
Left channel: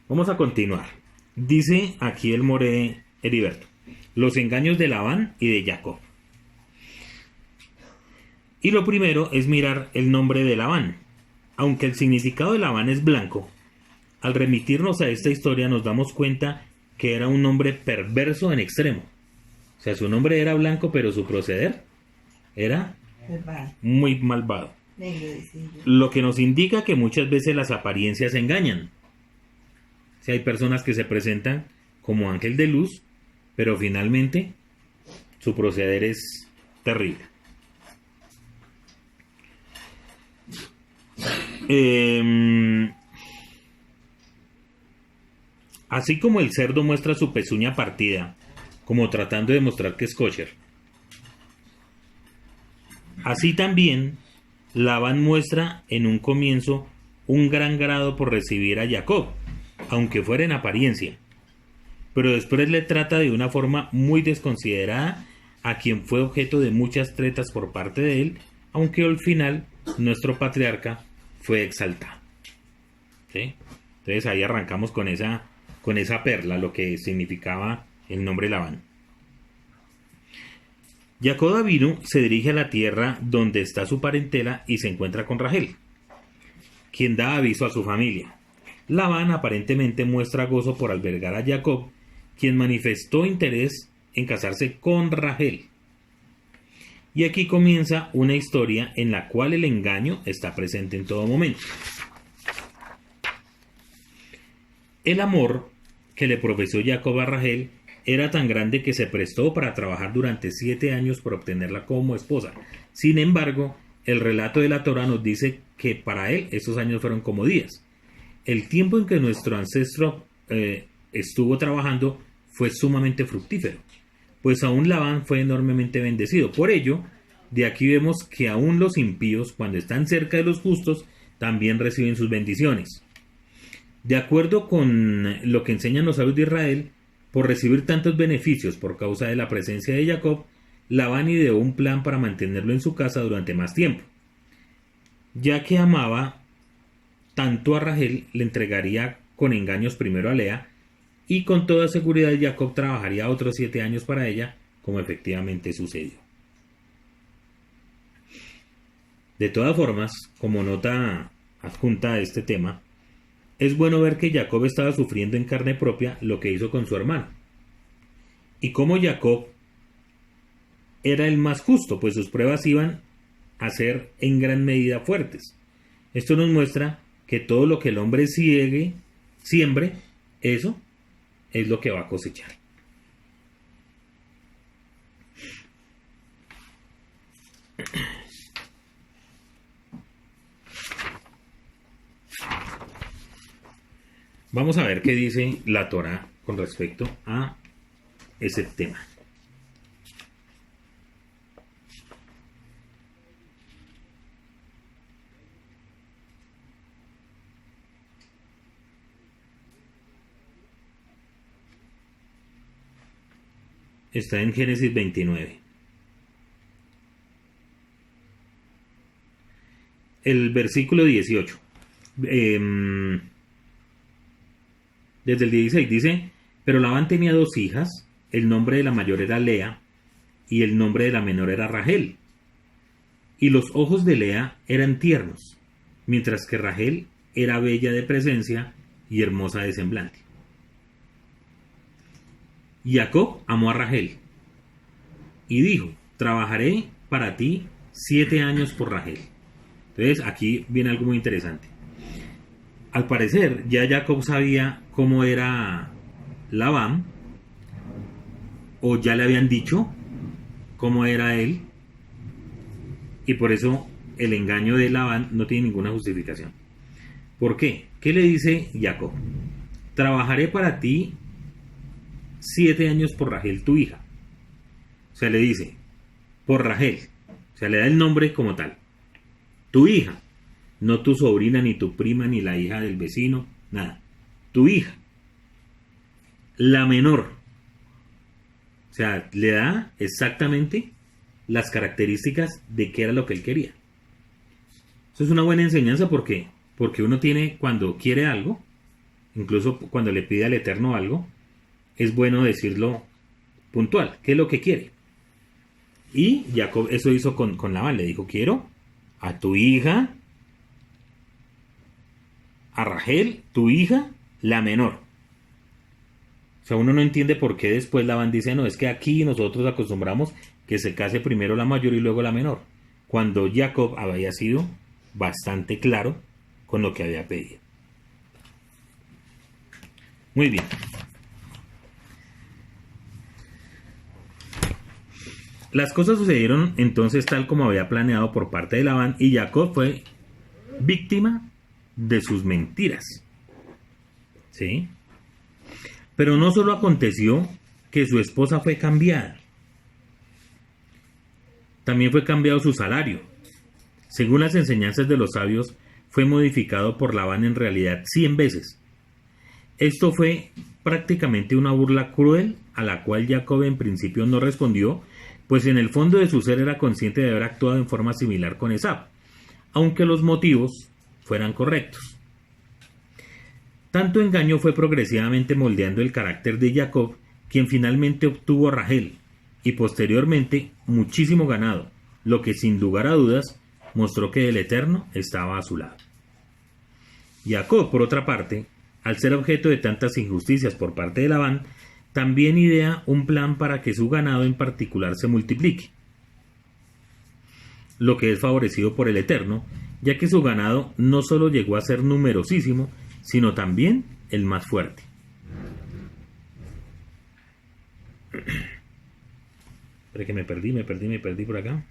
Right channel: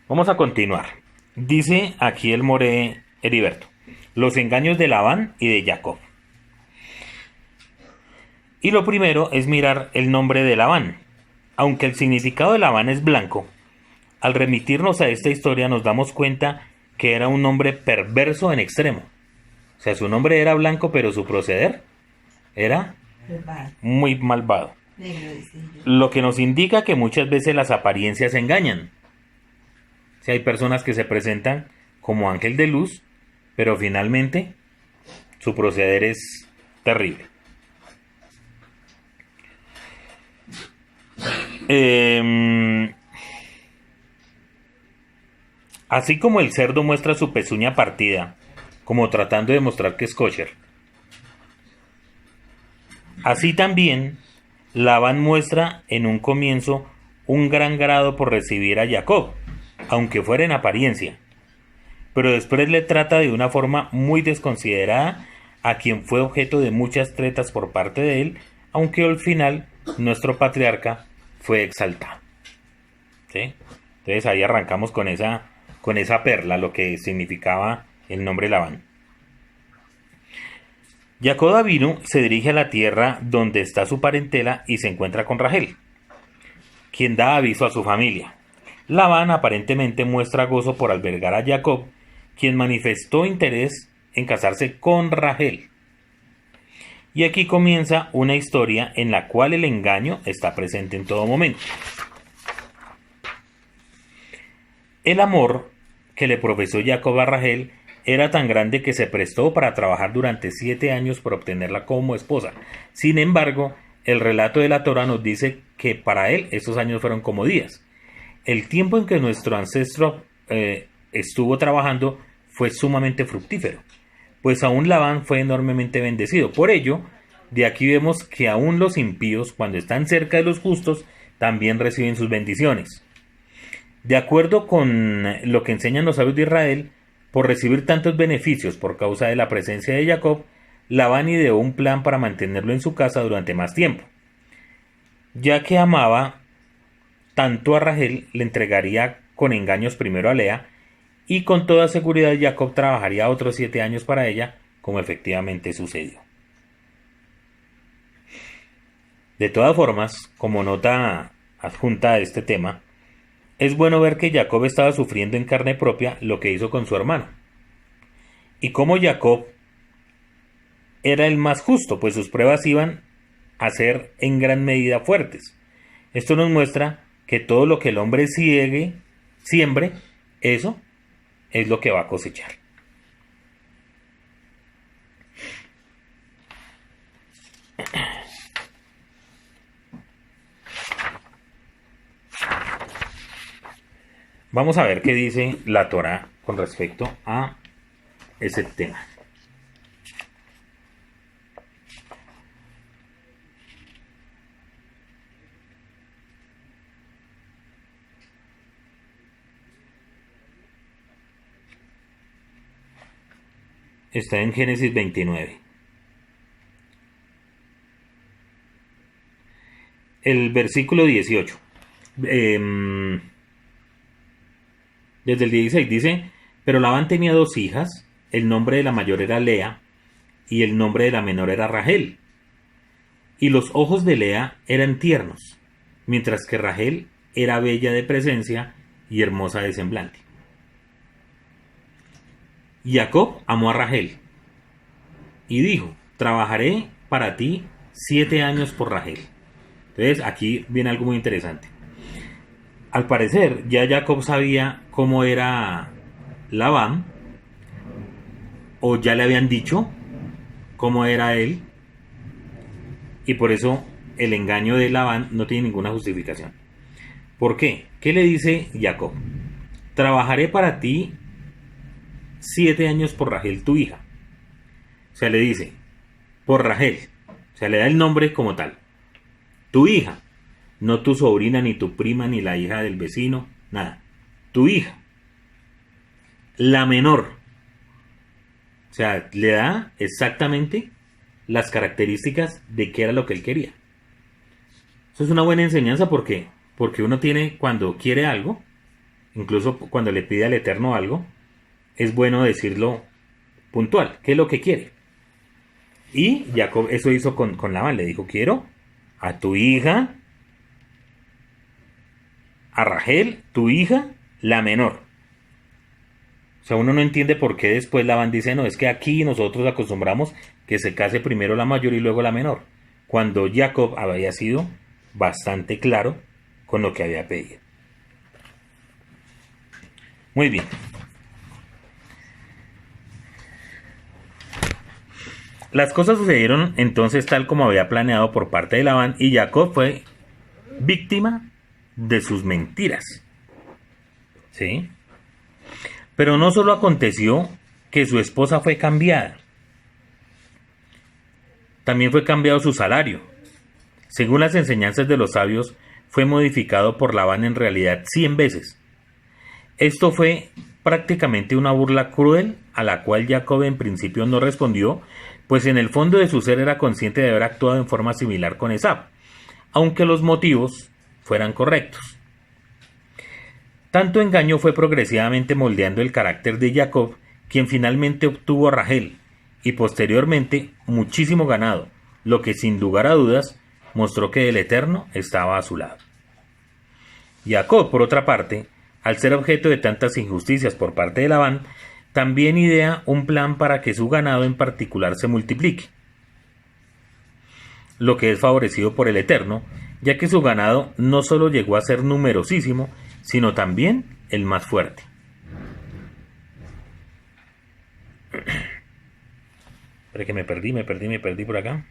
Vamos a continuar. Dice aquí el Moré Heriberto: los engaños de Labán y de Jacob. Y lo primero es mirar el nombre de Labán. Aunque el significado de Labán es blanco, al remitirnos a esta historia nos damos cuenta que era un hombre perverso en extremo. O sea, su nombre era blanco, pero su proceder era muy malvado. Lo que nos indica que muchas veces las apariencias engañan. O sea, hay personas que se presentan como ángel de luz, pero finalmente su proceder es terrible. Así como el cerdo muestra su pezuña partida, como tratando de mostrar que es kosher, así también Labán muestra en un comienzo un gran grado por recibir a Jacob, aunque fuera en apariencia, pero después le trata de una forma muy desconsiderada a quien fue objeto de muchas tretas por parte de él, aunque al final nuestro patriarca fue exaltado. ¿Sí? Entonces ahí arrancamos con esa perla, lo que significaba el nombre Labán. Jacob Avinu se dirige a la tierra donde está su parentela y se encuentra con Rachel, quien da aviso a su familia. Labán aparentemente muestra gozo por albergar a Jacob, quien manifestó interés en casarse con Rachel. Y aquí comienza una historia en la cual el engaño está presente en todo momento. El amor que le profesó Jacob a Rachel era tan grande que se prestó para trabajar durante 7 años por obtenerla como esposa. Sin embargo, el relato de la Torá nos dice que para él esos años fueron como días. El tiempo en que nuestro ancestro estuvo trabajando fue sumamente fructífero, pues aún Labán fue enormemente bendecido. Por ello, de aquí vemos que aún los impíos, cuando están cerca de los justos, también reciben sus bendiciones. De acuerdo con lo que enseñan los sabios de Israel, por recibir tantos beneficios por causa de la presencia de Jacob, Labán ideó un plan para mantenerlo en su casa durante más tiempo. Ya que amaba tanto a Rachel, le entregaría con engaños primero a Lea, y con toda seguridad Jacob trabajaría otros 7 años para ella, como efectivamente sucedió. De todas formas, como nota adjunta a este tema, es bueno ver que Jacob estaba sufriendo en carne propia lo que hizo con su hermano. Y como Jacob era el más justo, pues sus pruebas iban a ser en gran medida fuertes. Esto nos muestra que todo lo que el hombre siembre, eso es lo que va a cosechar. Vamos a ver qué dice la Torá con respecto a ese tema. Está en Génesis 29. El versículo 18. Desde el 16 dice: pero Labán tenía 2 hijas, el nombre de la mayor era Lea, y el nombre de la menor era Rachel. Y los ojos de Lea eran tiernos, mientras que Rachel era bella de presencia y hermosa de semblante. Jacob amó a Rachel y dijo: trabajaré para ti 7 años por Rachel. Entonces aquí viene algo muy interesante. Al parecer ya Jacob sabía cómo era Labán, o ya le habían dicho cómo era él, y por eso el engaño de Labán no tiene ninguna justificación. ¿Por qué? ¿Qué le dice Jacob? Trabajaré para ti 7 años por Rachel, tu hija. O sea, le dice, por Rachel. O sea, le da el nombre como tal. Tu hija. No tu sobrina, ni tu prima, ni la hija del vecino. Nada. Tu hija. La menor. O sea, le da exactamente las características de qué era lo que él quería. Eso es una buena enseñanza porque uno tiene, cuando quiere algo, incluso cuando le pide al Eterno algo, es bueno decirlo puntual, qué es lo que quiere. Y Jacob eso hizo con Labán, le dijo, quiero a tu hija, a Rachel, tu hija, la menor. O sea, uno no entiende por qué después Labán dice, no, es que aquí nosotros acostumbramos que se case primero la mayor y luego la menor, cuando Jacob había sido bastante claro con lo que había pedido. Muy bien. Las cosas sucedieron entonces tal como había planeado por parte de Labán, y Jacob fue víctima de sus mentiras. ¿Sí? Pero no solo aconteció que su esposa fue cambiada, también fue cambiado su salario. Según las enseñanzas de los sabios, fue modificado por Labán en realidad 100 veces. Esto fue prácticamente una burla cruel a la cual Jacob en principio no respondió, pues en el fondo de su ser era consciente de haber actuado en forma similar con Esaú, aunque los motivos fueran correctos. Tanto engaño fue progresivamente moldeando el carácter de Jacob, quien finalmente obtuvo a Rachel y posteriormente muchísimo ganado, lo que sin lugar a dudas mostró que el Eterno estaba a su lado. Jacob, por otra parte, al ser objeto de tantas injusticias por parte de Labán, también idea un plan para que su ganado en particular se multiplique, lo que es favorecido por el Eterno, ya que su ganado no solo llegó a ser numerosísimo, sino también el más fuerte. Espera que me perdí por acá.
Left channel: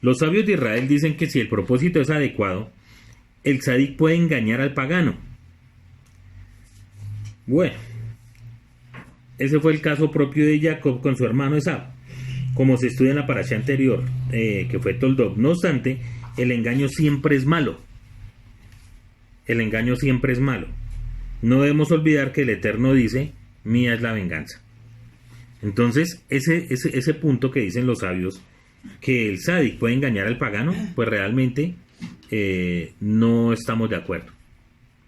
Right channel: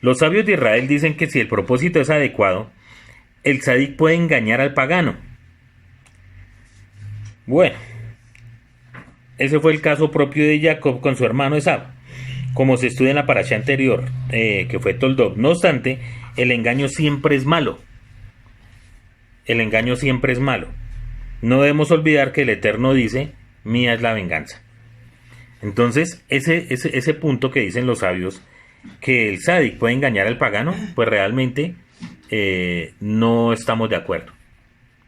Los sabios de Israel dicen que si el propósito es adecuado, el tzadik puede engañar al pagano. Bueno, ese fue el caso propio de Jacob con su hermano Esaú, como se estudia en la parashá anterior, que fue Toldot. No obstante, el engaño siempre es malo. El engaño siempre es malo. No debemos olvidar que el Eterno dice, mía es la venganza. Entonces, ese punto que dicen los sabios, que el tzadik puede engañar al pagano, pues realmente no estamos de acuerdo.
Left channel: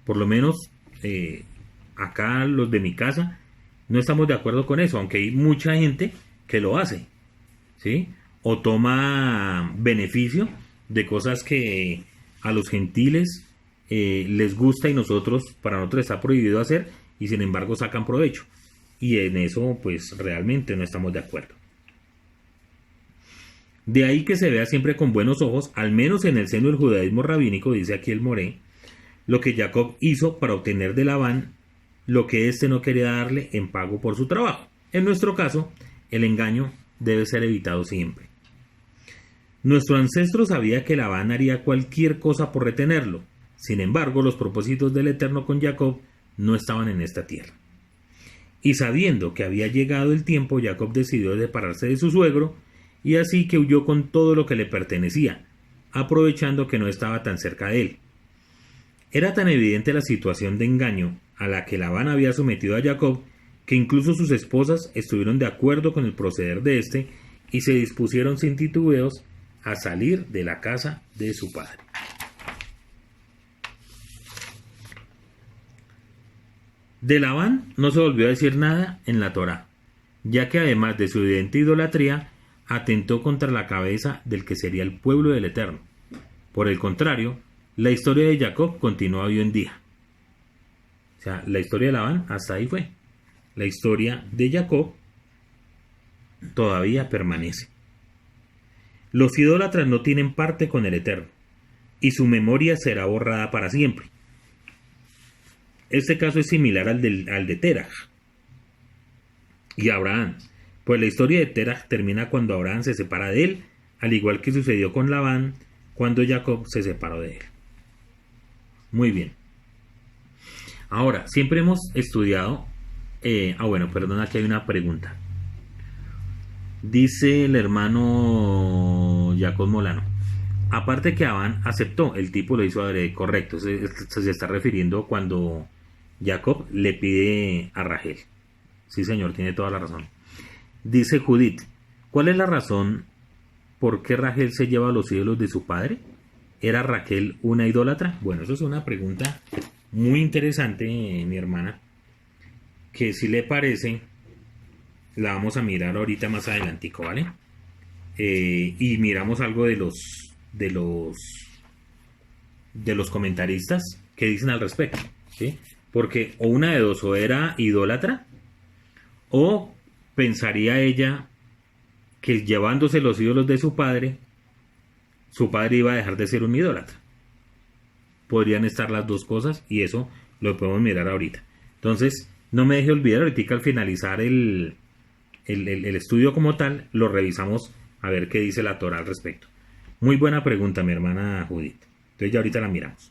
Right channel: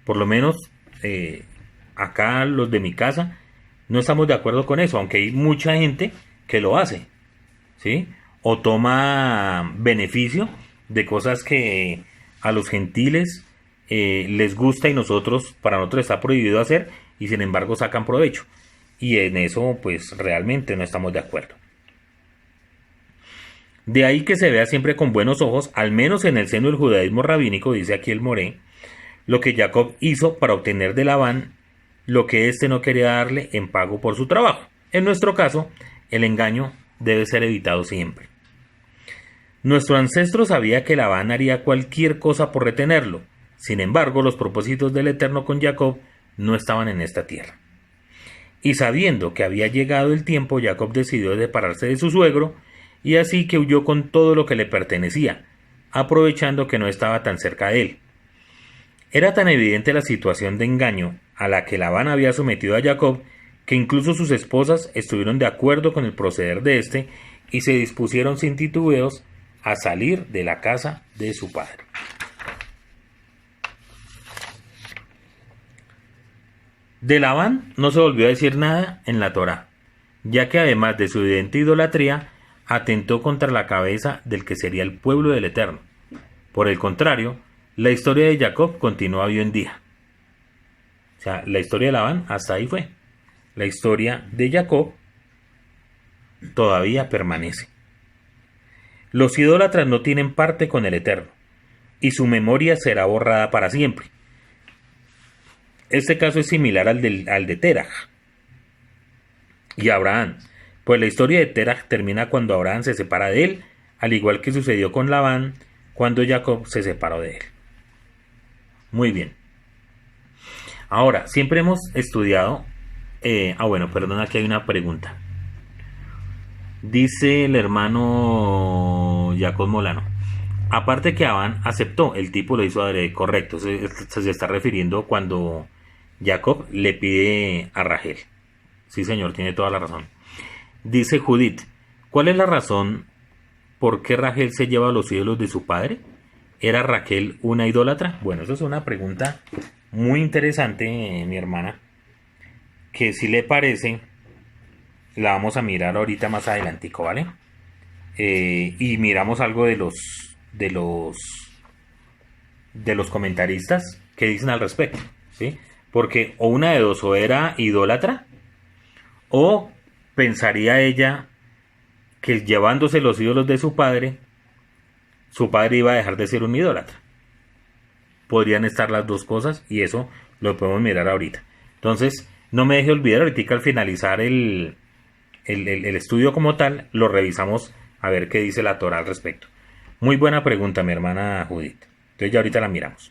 Por lo menos acá los de mi casa no estamos de acuerdo con eso, aunque hay mucha gente que lo hace, ¿sí? O toma beneficio de cosas que a los gentiles les gusta y para nosotros está prohibido hacer, y sin embargo sacan provecho. Y en eso pues realmente no estamos de acuerdo. De ahí que se vea siempre con buenos ojos, al menos en el seno del judaísmo rabínico, dice aquí el Moré, lo que Jacob hizo para obtener de Labán lo que éste no quería darle en pago por su trabajo. En nuestro caso, el engaño debe ser evitado siempre. Nuestro ancestro sabía que Labán haría cualquier cosa por retenerlo. Sin embargo, los propósitos del Eterno con Jacob no estaban en esta tierra. Y sabiendo que había llegado el tiempo, Jacob decidió separarse de su suegro, y así que huyó con todo lo que le pertenecía, aprovechando que no estaba tan cerca de él. Era tan evidente la situación de engaño a la que Labán había sometido a Jacob, que incluso sus esposas estuvieron de acuerdo con el proceder de éste y se dispusieron sin titubeos a salir de la casa de su padre. De Labán no se volvió a decir nada en la Torá, ya que además de su evidente idolatría, atentó contra la cabeza del que sería el pueblo del Eterno. Por el contrario, la historia de Jacob continúa hoy en día. O sea, la historia de Labán hasta ahí fue. La historia de Jacob todavía permanece. Los idólatras no tienen parte con el Eterno, y su memoria será borrada para siempre. Este caso es similar al de Terach y Abraham, pues la historia de Terach termina cuando Abraham se separa de él, al igual que sucedió con Labán cuando Jacob se separó de él. Muy bien. Ahora, siempre hemos estudiado... aquí hay una pregunta. Dice el hermano Jacob Molano. Aparte que Labán aceptó, el tipo lo hizo correcto. Se está refiriendo cuando Jacob le pide a Rachel. Sí, señor, tiene toda la razón. Dice Judith, ¿cuál es la razón por qué Rachel se lleva los ídolos de su padre? ¿Era Rachel una idólatra? Bueno, eso es una pregunta muy interesante, mi hermana, que si le parece, la vamos a mirar ahorita más adelantico, ¿vale? Y miramos algo de los comentaristas que dicen al respecto, ¿sí? Porque o una de dos, o era idólatra, o pensaría ella que llevándose los ídolos de su padre iba a dejar de ser un idólatra. Podrían estar las dos cosas y eso lo podemos mirar ahorita. Entonces, no me deje olvidar, ahorita al finalizar el estudio como tal, lo revisamos a ver qué dice la Torá al respecto. Muy buena pregunta, mi hermana Judith. Entonces ya ahorita la miramos.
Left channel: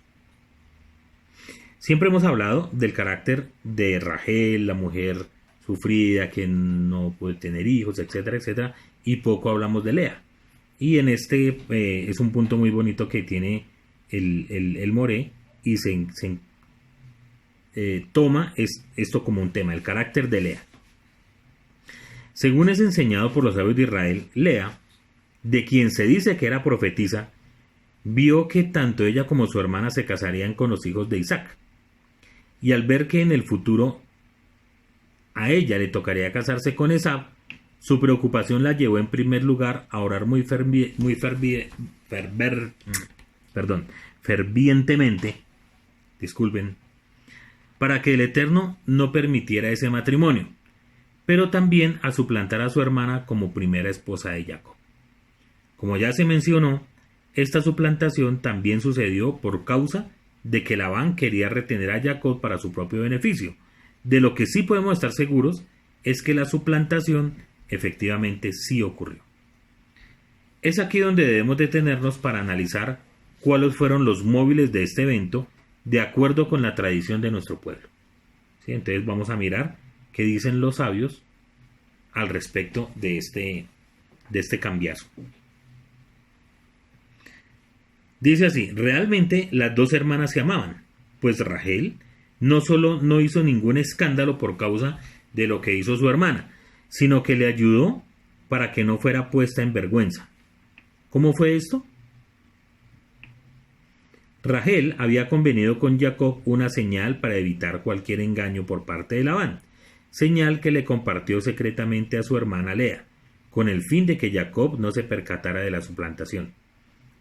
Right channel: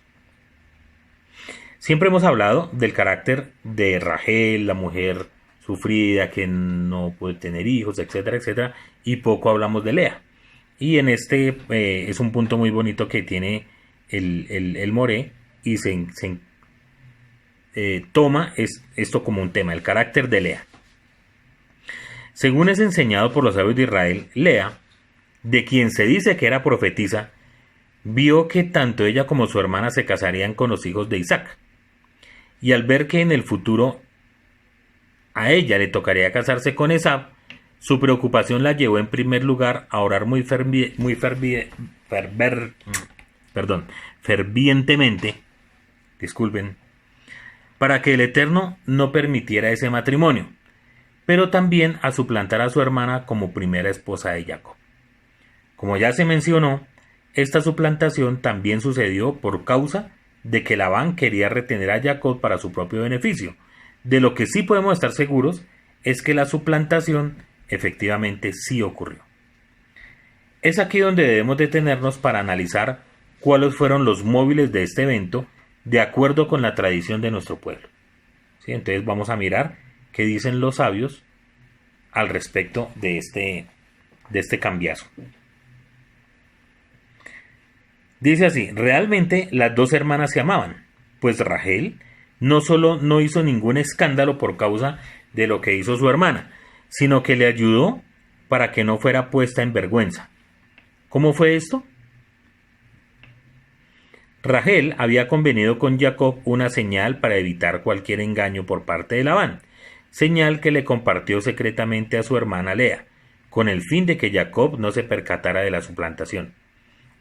Siempre hemos hablado del carácter de Rachel, la mujer sufrida, que no puede tener hijos, etcétera, etcétera, y poco hablamos de Lea. Y en este es un punto muy bonito que tiene el Moré y se toma esto como un tema, el carácter de Lea. Según es enseñado por los sabios de Israel, Lea, de quien se dice que era profetisa, vio que tanto ella como su hermana se casarían con los hijos de Isaac. Y al ver que en el futuro a ella le tocaría casarse con Esab, su preocupación la llevó en primer lugar a orar fervientemente, para que el Eterno no permitiera ese matrimonio, pero también a suplantar a su hermana como primera esposa de Jacob. Como ya se mencionó, esta suplantación también sucedió por causa de que Labán quería retener a Jacob para su propio beneficio. De lo que sí podemos estar seguros es que la suplantación efectivamente sí ocurrió. Es aquí donde debemos detenernos para analizar cuáles fueron los móviles de este evento de acuerdo con la tradición de nuestro pueblo. ¿Sí? Entonces vamos a mirar qué dicen los sabios al respecto de este cambiazo. Dice así, realmente las dos hermanas se amaban, pues Rachel no solo no hizo ningún escándalo por causa de lo que hizo su hermana, sino que le ayudó para que no fuera puesta en vergüenza. ¿Cómo fue esto? Rachel había convenido con Jacob una señal para evitar cualquier engaño por parte de Labán, señal que le compartió secretamente a su hermana Lea, con el fin de que Jacob no se percatara de la suplantación.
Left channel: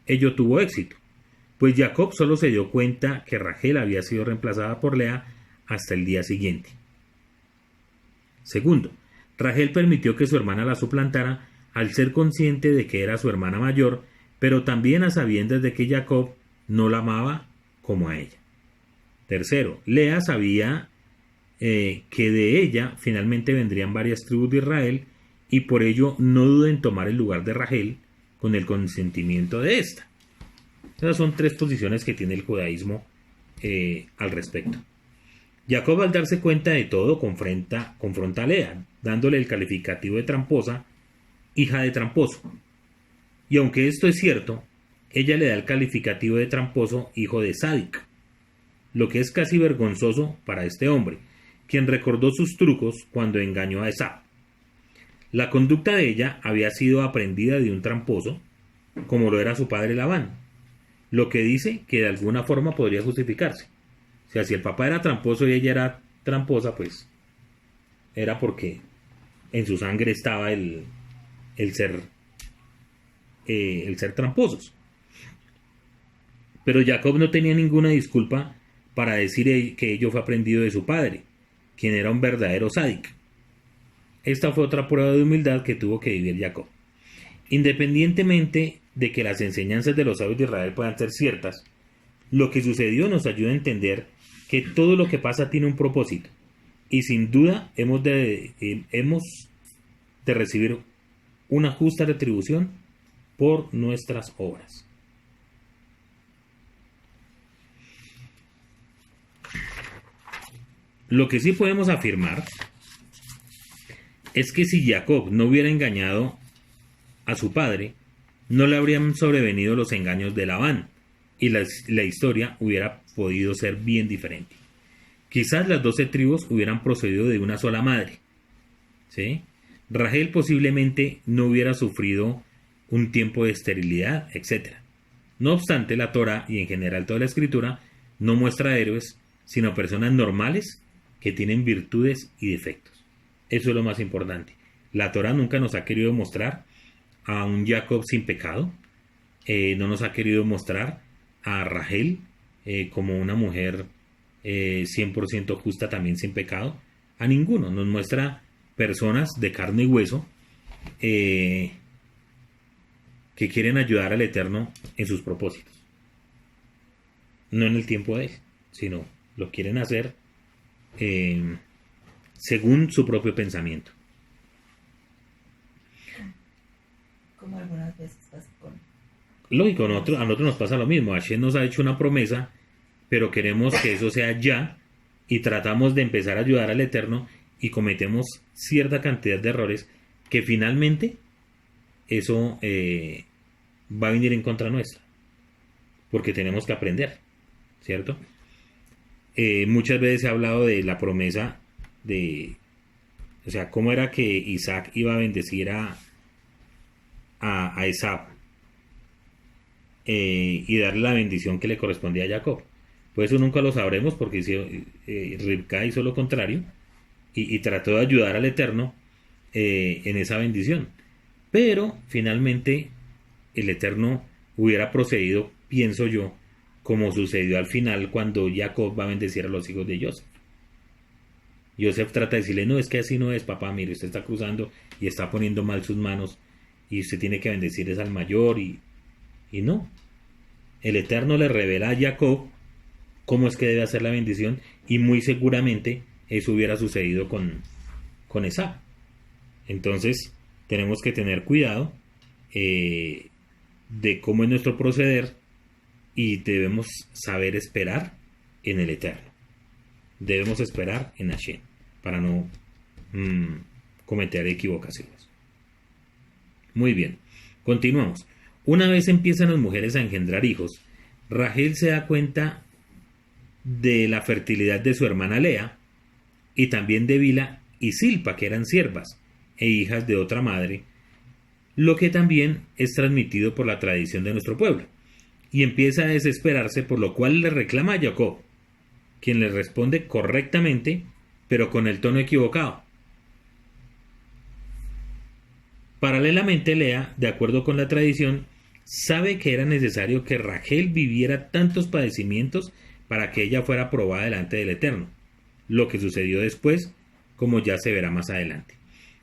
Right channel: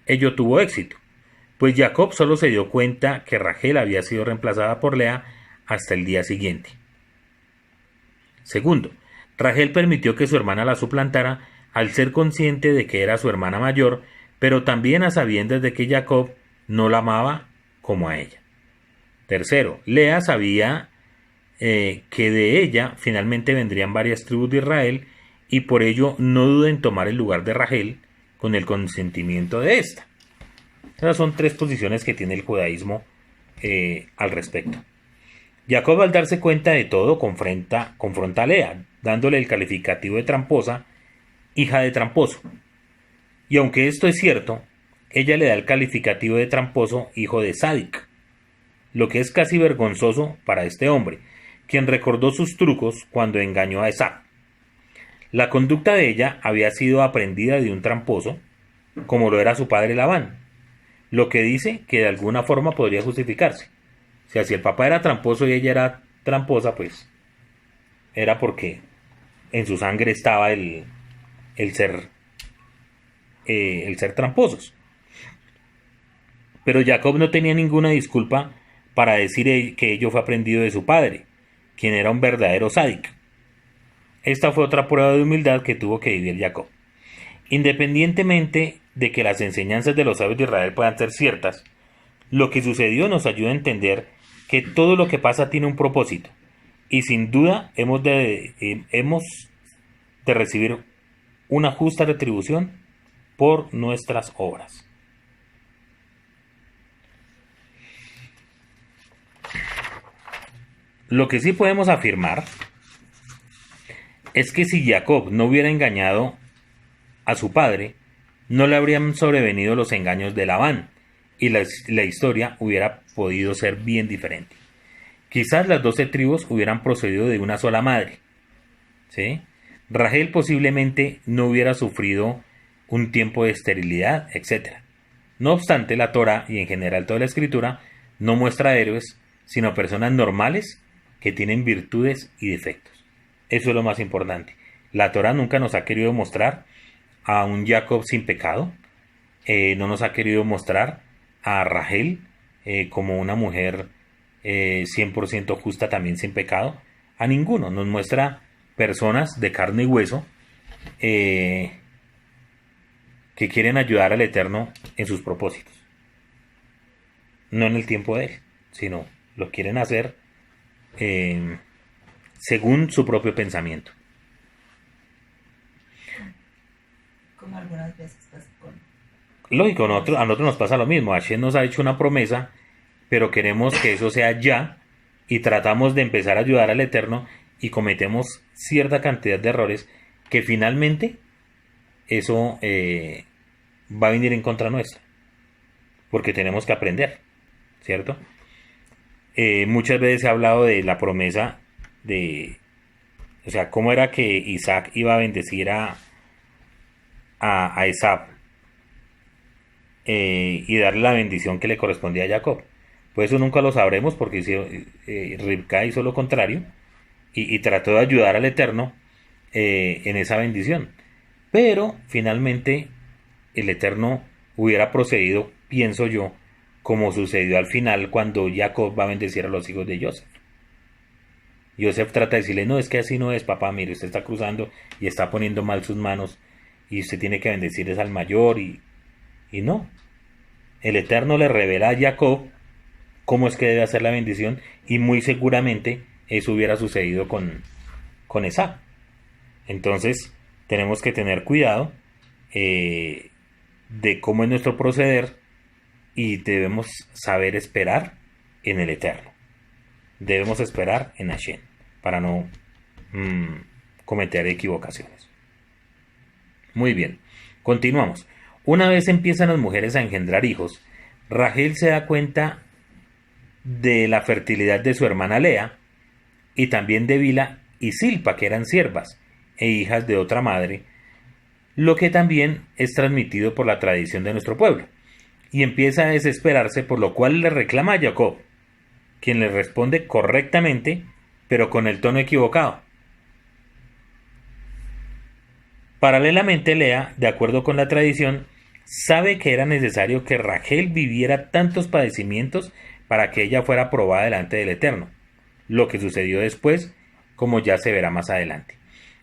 Ello tuvo éxito, pues Jacob solo se dio cuenta que Rachel había sido reemplazada por Lea hasta el día siguiente. Segundo, Rachel permitió que su hermana la suplantara al ser consciente de que era su hermana mayor, pero también a sabiendas de que Jacob no la amaba como a ella. Tercero, Lea sabía que de ella finalmente vendrían varias tribus de Israel y por ello no duda en tomar el lugar de Rachel con el consentimiento de ésta. Esas son tres posiciones que tiene el judaísmo al respecto. Jacob, al darse cuenta de todo, confronta a Lea, dándole el calificativo de tramposa, hija de tramposo. Y aunque esto es cierto, ella le da el calificativo de tramposo, hijo de sádic, lo que es casi vergonzoso para este hombre, quien recordó sus trucos cuando engañó a Esab. La conducta de ella había sido aprendida de un tramposo, como lo era su padre Labán, lo que dice que de alguna forma podría justificarse. O sea, si el papá era tramposo y ella era tramposa, pues era porque en su sangre estaba el ser tramposos. Pero Jacob no tenía ninguna disculpa para decir que ello fue aprendido de su padre, quien era un verdadero sádic. Esta fue otra prueba de humildad que tuvo que vivir Jacob. Independientemente de que las enseñanzas de los sabios de Israel puedan ser ciertas, lo que sucedió nos ayuda a entender que todo lo que pasa tiene un propósito, y sin duda hemos de recibir una justa retribución por nuestras obras. Lo que sí podemos afirmar es que si Jacob no hubiera engañado a su padre, no le habrían sobrevenido los engaños de Labán, y la historia hubiera podido ser bien diferente. Quizás las 12 tribus hubieran procedido de una sola madre, ¿sí? Rachel posiblemente no hubiera sufrido un tiempo de esterilidad, etc. No obstante, la Torá y en general toda la escritura no muestra héroes, sino personas normales que tienen virtudes y defectos. Eso es lo más importante. La Torá nunca nos ha querido mostrar a un Jacob sin pecado, no nos ha querido mostrar a Rachel como una mujer 100% justa también sin pecado, a ninguno. Nos muestra personas de carne y hueso que quieren ayudar al Eterno en sus propósitos. No en el tiempo de Él, sino lo quieren hacer según su propio pensamiento. Como algunas veces pasa con... Lógico, a nosotros nos pasa lo mismo. Hashem nos ha hecho una promesa, pero queremos que eso sea ya y tratamos de empezar a ayudar al Eterno y cometemos cierta cantidad de errores que finalmente eso va a venir en contra nuestra, porque tenemos que aprender, ¿cierto? Muchas veces se ha hablado de la promesa de, o sea, cómo era que Isaac iba a bendecir a Esab y darle la bendición que le correspondía a Jacob. Pues eso nunca lo sabremos porque Rivka hizo lo contrario y trató de ayudar al Eterno en esa bendición. Pero finalmente el Eterno hubiera procedido, pienso yo, como sucedió al final cuando Jacob va a bendecir a los hijos de Joseph. Joseph trata de decirle, no, es que así no es, papá, mire, usted está cruzando y está poniendo mal sus manos y usted tiene que bendecir al mayor y no. El Eterno le revela a Jacob cómo es que debe hacer la bendición y muy seguramente eso hubiera sucedido con Esab. Entonces tenemos que tener cuidado de cómo es nuestro proceder y debemos saber esperar en el Eterno. Debemos esperar en Hashem para no cometer equivocaciones. Muy bien, continuamos. Una vez empiezan las mujeres a engendrar hijos, Rachel se da cuenta de la fertilidad de su hermana Lea y también de Bila y Silpa, que eran siervas e hijas de otra madre, lo que también es transmitido por la tradición de nuestro pueblo, y empieza a desesperarse, por lo cual le reclama a Jacob, quien le responde correctamente, pero con el tono equivocado. Paralelamente, Lea, de acuerdo con la tradición, sabe que era necesario que Rachel viviera tantos padecimientos para que ella fuera probada delante del Eterno, lo que sucedió después, como ya se verá más adelante.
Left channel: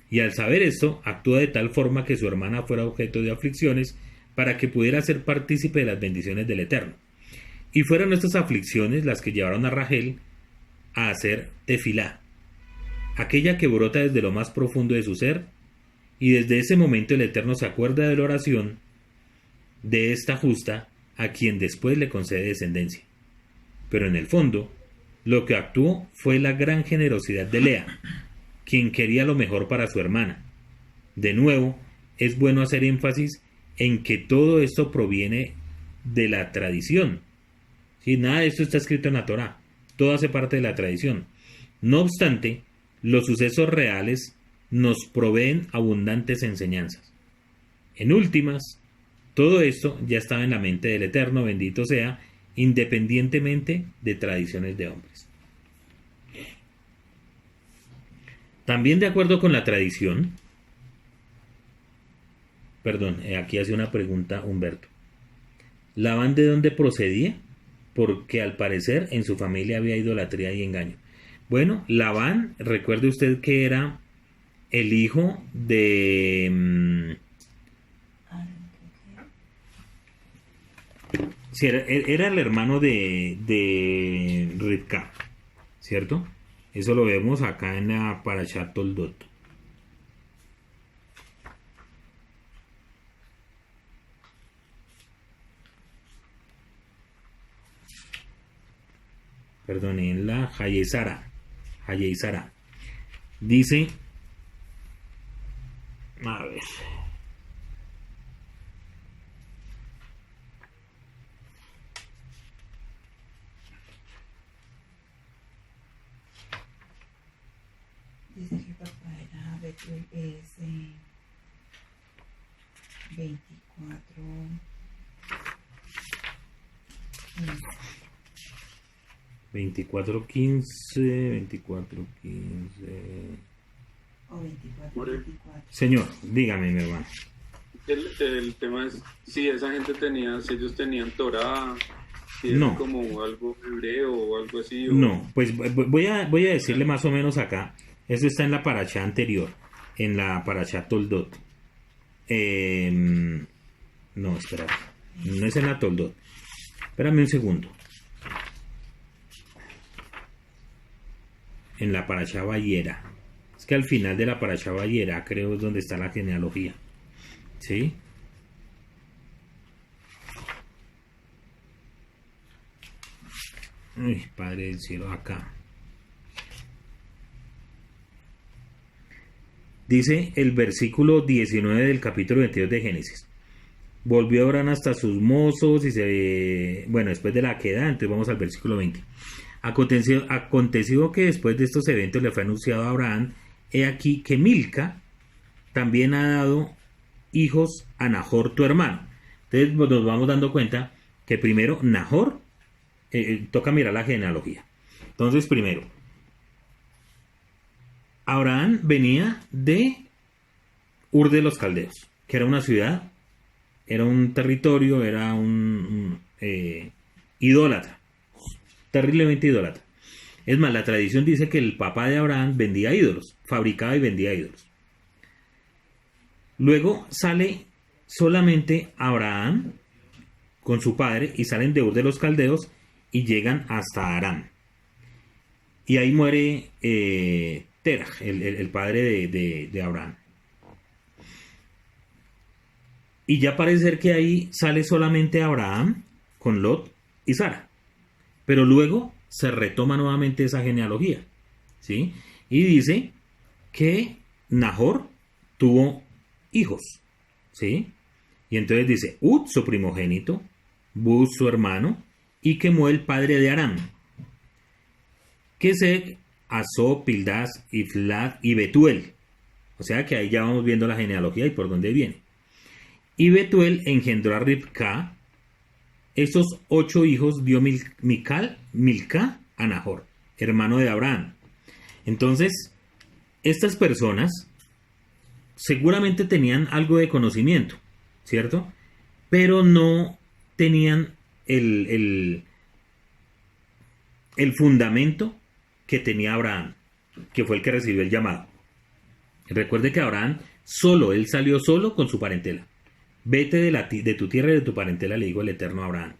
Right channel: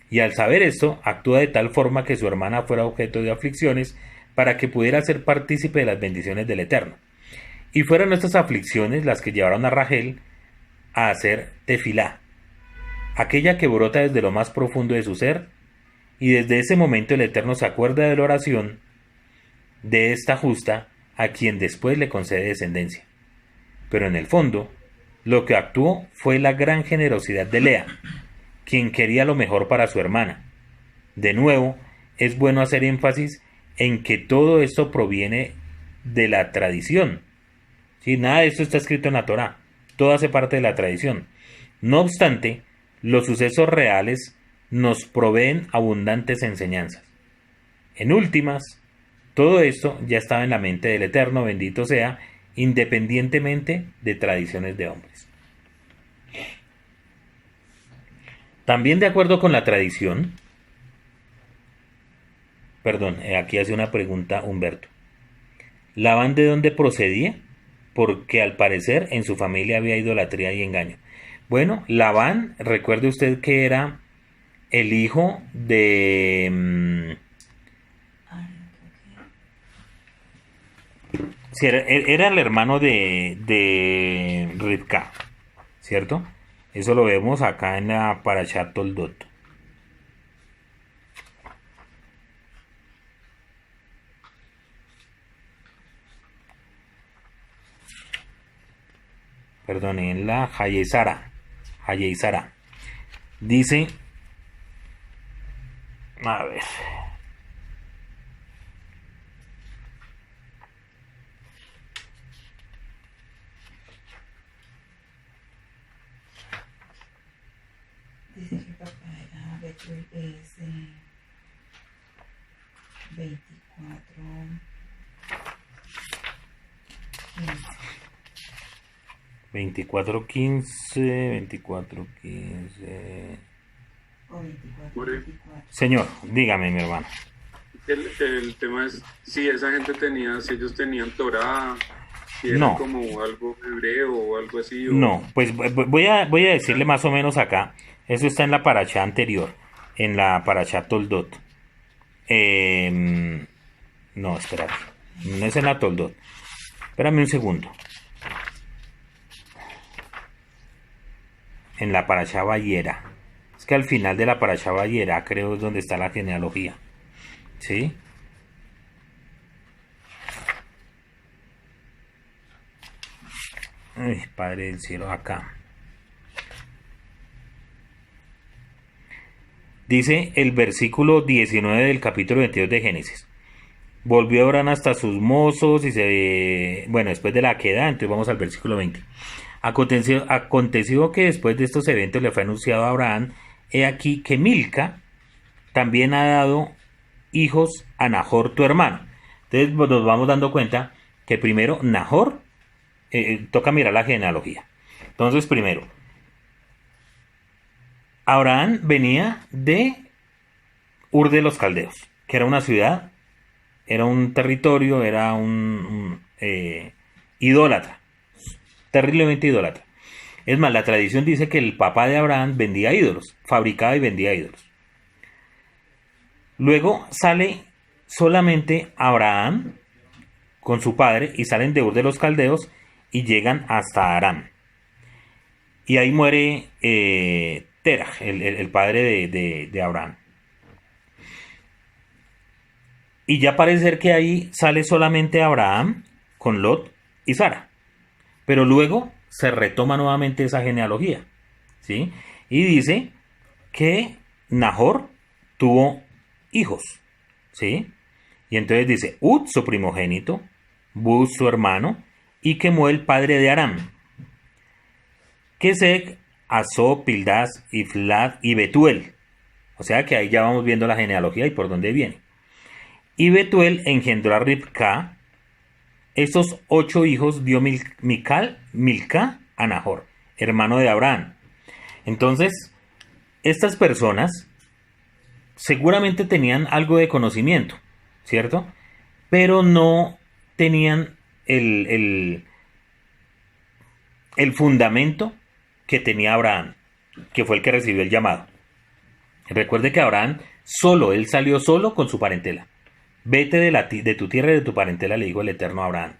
Y al saber esto, actúa de tal forma que su hermana fuera objeto de aflicciones para que pudiera ser partícipe de las bendiciones del Eterno. Y fueron estas aflicciones las que llevaron a Rachel a hacer tefilá, aquella que brota desde lo más profundo de su ser, y desde ese momento el Eterno se acuerda de la oración de esta justa, a quien después le concede descendencia. Pero en el fondo, lo que actuó fue la gran generosidad de Lea, quien quería lo mejor para su hermana. De nuevo, es bueno hacer énfasis en que todo esto proviene de la tradición. ¿Sí? Nada de esto está escrito en la Torá, todo hace parte de la tradición. No obstante, los sucesos reales nos proveen abundantes enseñanzas. En últimas, todo esto ya estaba en la mente del Eterno, bendito sea, independientemente de tradiciones de hombres. También de acuerdo con la tradición, aquí hace una pregunta Humberto. ¿Labán de dónde procedía? Porque al parecer en su familia había idolatría y engaño. Bueno, Labán, recuerde usted que era el hijo de... sí, era el hermano de Rivka, ¿cierto? Eso lo vemos acá en la Parashat Toldot. Perdón, en la Hayezara. Dice, a ver, Dice que el papá era es 24, 15. 24:15, 24:15. O 24, Por el- 24. Señor, dígame, mi hermano. el tema es si esa gente tenía, si ellos tenían Torah, si era No. como algo hebreo o algo así. No, pues voy a decirle más o menos acá. Eso está en la paracha anterior, en la paracha Toldot. No, espérate. No es en la Toldot. Espérame un segundo. En la paracha Vayera. Es que al final de la paracha Vayera creo es donde está la genealogía. ¿Sí? Ay, Padre del cielo, acá. Dice el versículo 19 del capítulo 22 de Génesis. Volvió Abraham hasta sus mozos y bueno, después de la queda, entonces vamos al versículo 20. Aconteció que después de estos eventos le fue anunciado a Abraham, he aquí que Milca también ha dado hijos a Nahor tu hermano. Entonces nos vamos dando cuenta que primero Nahor, toca mirar la genealogía. Entonces primero, Abraham venía de Ur de los Caldeos, que era una ciudad, era un territorio, era un idólatra, terriblemente idólatra. Es más, la tradición dice que el papá de Abraham vendía ídolos, fabricaba y vendía ídolos. Luego sale solamente Abraham con su padre y salen de Ur de los Caldeos y llegan hasta Aram. Y ahí muere Terah, el padre de Abraham. Y ya parece ser que ahí sale solamente Abraham con Lot y Sara. Pero luego se retoma nuevamente esa genealogía, ¿sí? Y dice que Nahor tuvo hijos, ¿sí? Y entonces dice Ud, su primogénito, Buz, su hermano, y Kemuel, padre de Aram. Kesek, Asó, Pildas, Iflad y Betuel. O sea que ahí ya vamos viendo la genealogía y por dónde viene. Y Betuel engendró a Ribca. Estos 8 hijos dio Milca a Nahor, hermano de Abraham. Entonces, estas personas seguramente tenían algo de conocimiento, ¿cierto? Pero no tenían el fundamento que tenía Abraham, que fue el que recibió el llamado. Recuerde que Abraham él salió solo con su parentela. Vete de tu tierra y de tu parentela, le dijo el Eterno a Abraham.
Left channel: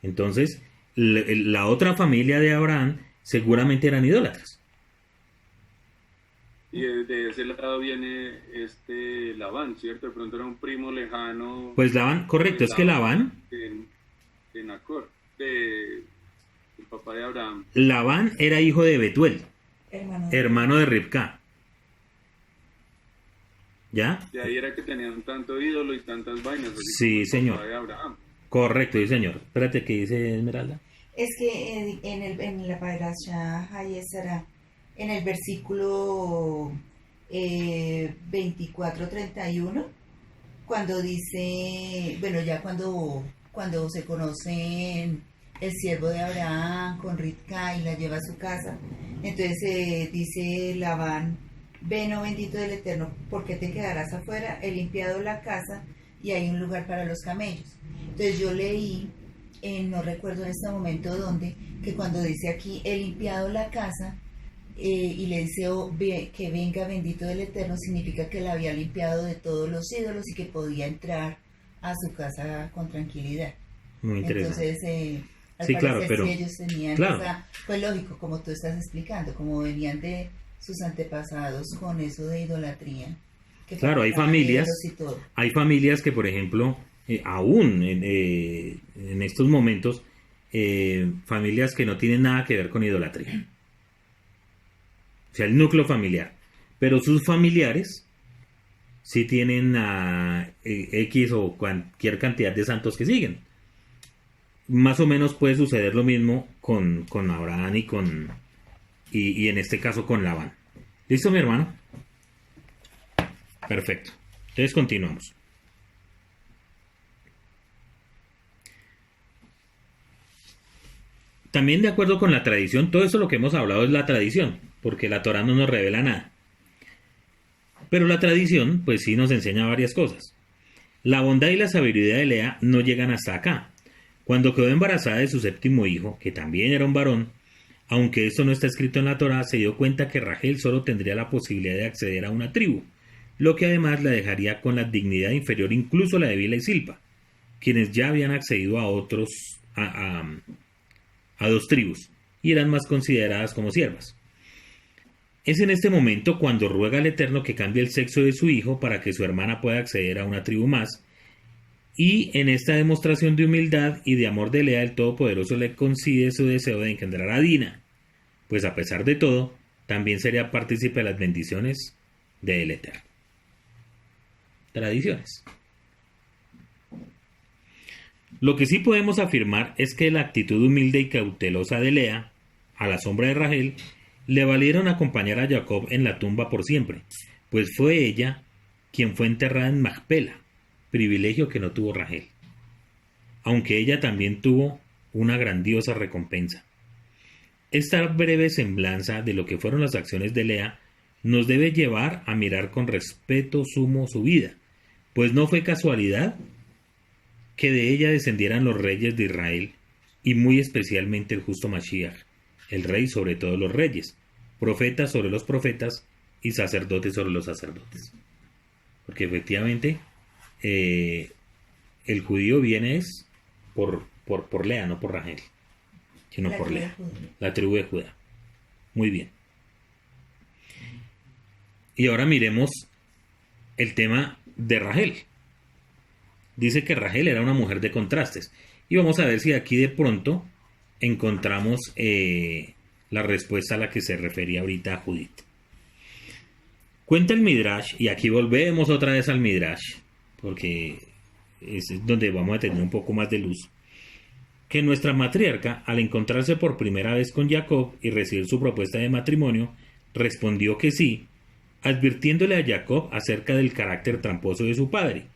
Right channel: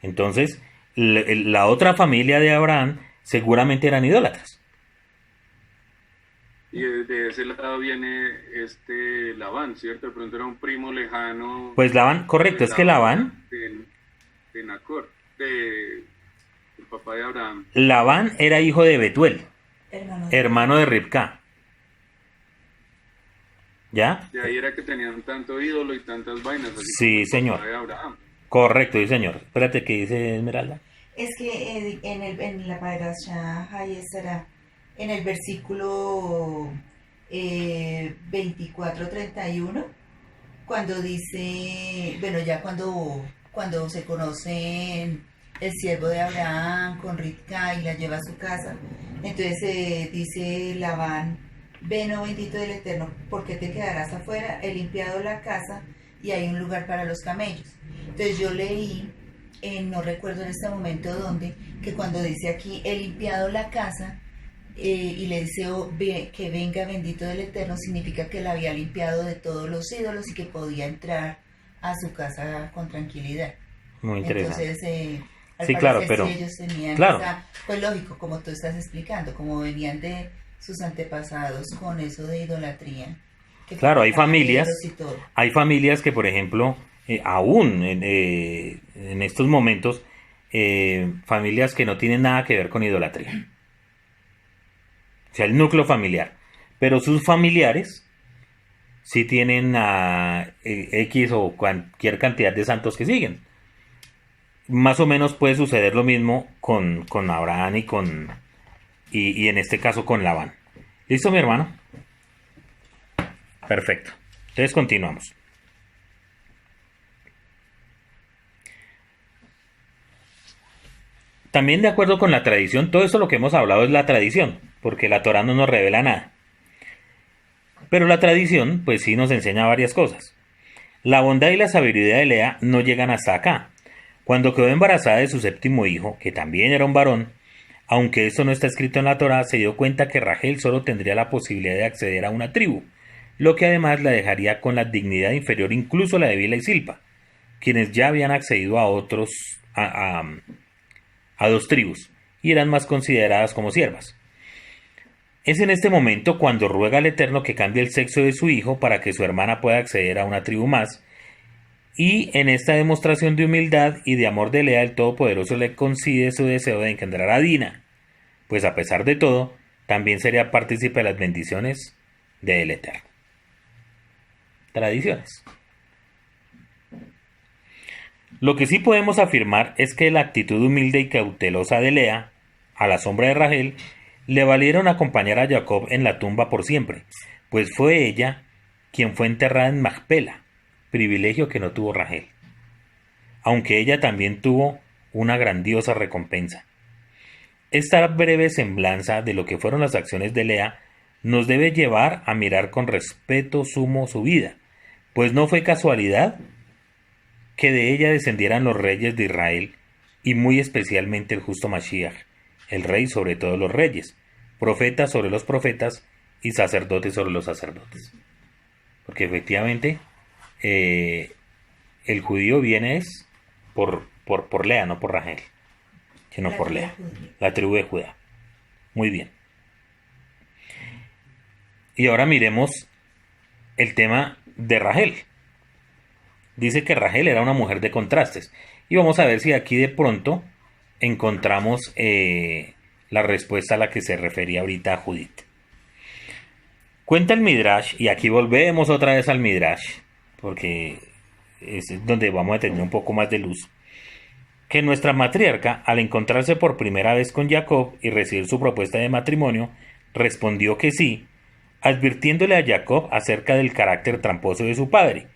Entonces, la otra familia de Abraham seguramente eran idólatras. Y de ese lado viene Labán, ¿cierto? De pronto era un primo lejano. Pues Labán, correcto, es que Labán, de Nacor, del papá de Abraham. Labán era hijo de Betuel, hermano de Ribca. ¿Ya? De ahí era que tenían tanto ídolo y tantas vainas. Así Sí, como el señor. papá de Abraham. Correcto, sí, señor. Espérate, ¿qué dice Esmeralda? Es que en la Parasha Hayesara, en el versículo 24-31, cuando dice, bueno, ya cuando se conocen el siervo de Abraham con Ribca y la lleva a su casa, entonces dice Labán, ven, oh bendito del Eterno, porque te quedarás afuera, he limpiado la casa y hay un lugar para los camellos. Entonces yo leí, no recuerdo en este momento dónde, que cuando dice aquí, he limpiado la casa, y le dice que venga bendito del Eterno, significa que la había limpiado de todos los ídolos y que podía entrar a su casa con tranquilidad. Muy interesante. Entonces, sí, claro, pero sí, ellos tenían claro. pues lógico, como tú estás explicando, como venían de sus antepasados con eso de idolatría. Claro, hay familias que, por ejemplo, aún en estos momentos, familias que no tienen nada que ver con idolatría. O sea, el núcleo familiar. Pero sus familiares sí tienen X o cualquier cantidad de santos que siguen. Más o menos puede suceder lo mismo con Abraham y en este caso con Labán. ¿Listo, mi hermano? Perfecto. Entonces continuamos. También de acuerdo con la tradición, todo esto lo que hemos hablado es la tradición, porque la Torá no nos revela nada. Pero la tradición, pues sí nos enseña varias cosas. La bondad y la sabiduría de Lea no llegan hasta acá. Cuando quedó embarazada de su séptimo hijo, que también era un varón, aunque esto no está escrito en la Torá, se dio cuenta que Rachel solo tendría la posibilidad de acceder a una tribu, lo que además la dejaría con la dignidad inferior incluso a la de Bilha y Silpa, quienes ya habían accedido a dos tribus y eran más consideradas como siervas. Es en este momento cuando ruega al Eterno que cambie el sexo de su hijo para que su hermana pueda acceder a una tribu más, y en esta demostración de humildad y de amor de Lea, el Todopoderoso le concede su deseo de engendrar a Dina, pues a pesar de todo, también sería partícipe de las bendiciones del Eterno. Tradiciones. Lo que sí podemos afirmar es que la actitud humilde y cautelosa de Lea, a la sombra de Rachel, le valieron acompañar a Jacob en la tumba por siempre, pues fue ella quien fue enterrada en Macpela, privilegio que no tuvo Rachel, aunque ella también tuvo una grandiosa recompensa. Esta breve semblanza de lo que fueron las acciones de Lea nos debe llevar a mirar con respeto sumo su vida, pues no fue casualidad que de ella descendieran los reyes de Israel y muy especialmente el justo Mashiach, el rey sobre todos los reyes, profeta sobre los profetas y sacerdote sobre los sacerdotes. Porque efectivamente el judío viene es por Lea, no por Rachel, sino por Lea, la tribu de Judá. Muy bien. Y ahora miremos el tema de Rachel. Dice que Rachel era una mujer de contrastes. Y vamos a ver si aquí de pronto encontramos la respuesta a la que se refería ahorita a Judith. Cuenta el Midrash, y aquí volvemos otra vez al Midrash, porque es donde vamos a tener un poco más de luz, que nuestra matriarca, al encontrarse por primera vez con Jacob y recibir su propuesta de matrimonio, respondió que sí, advirtiéndole a Jacob acerca del carácter tramposo de su padre,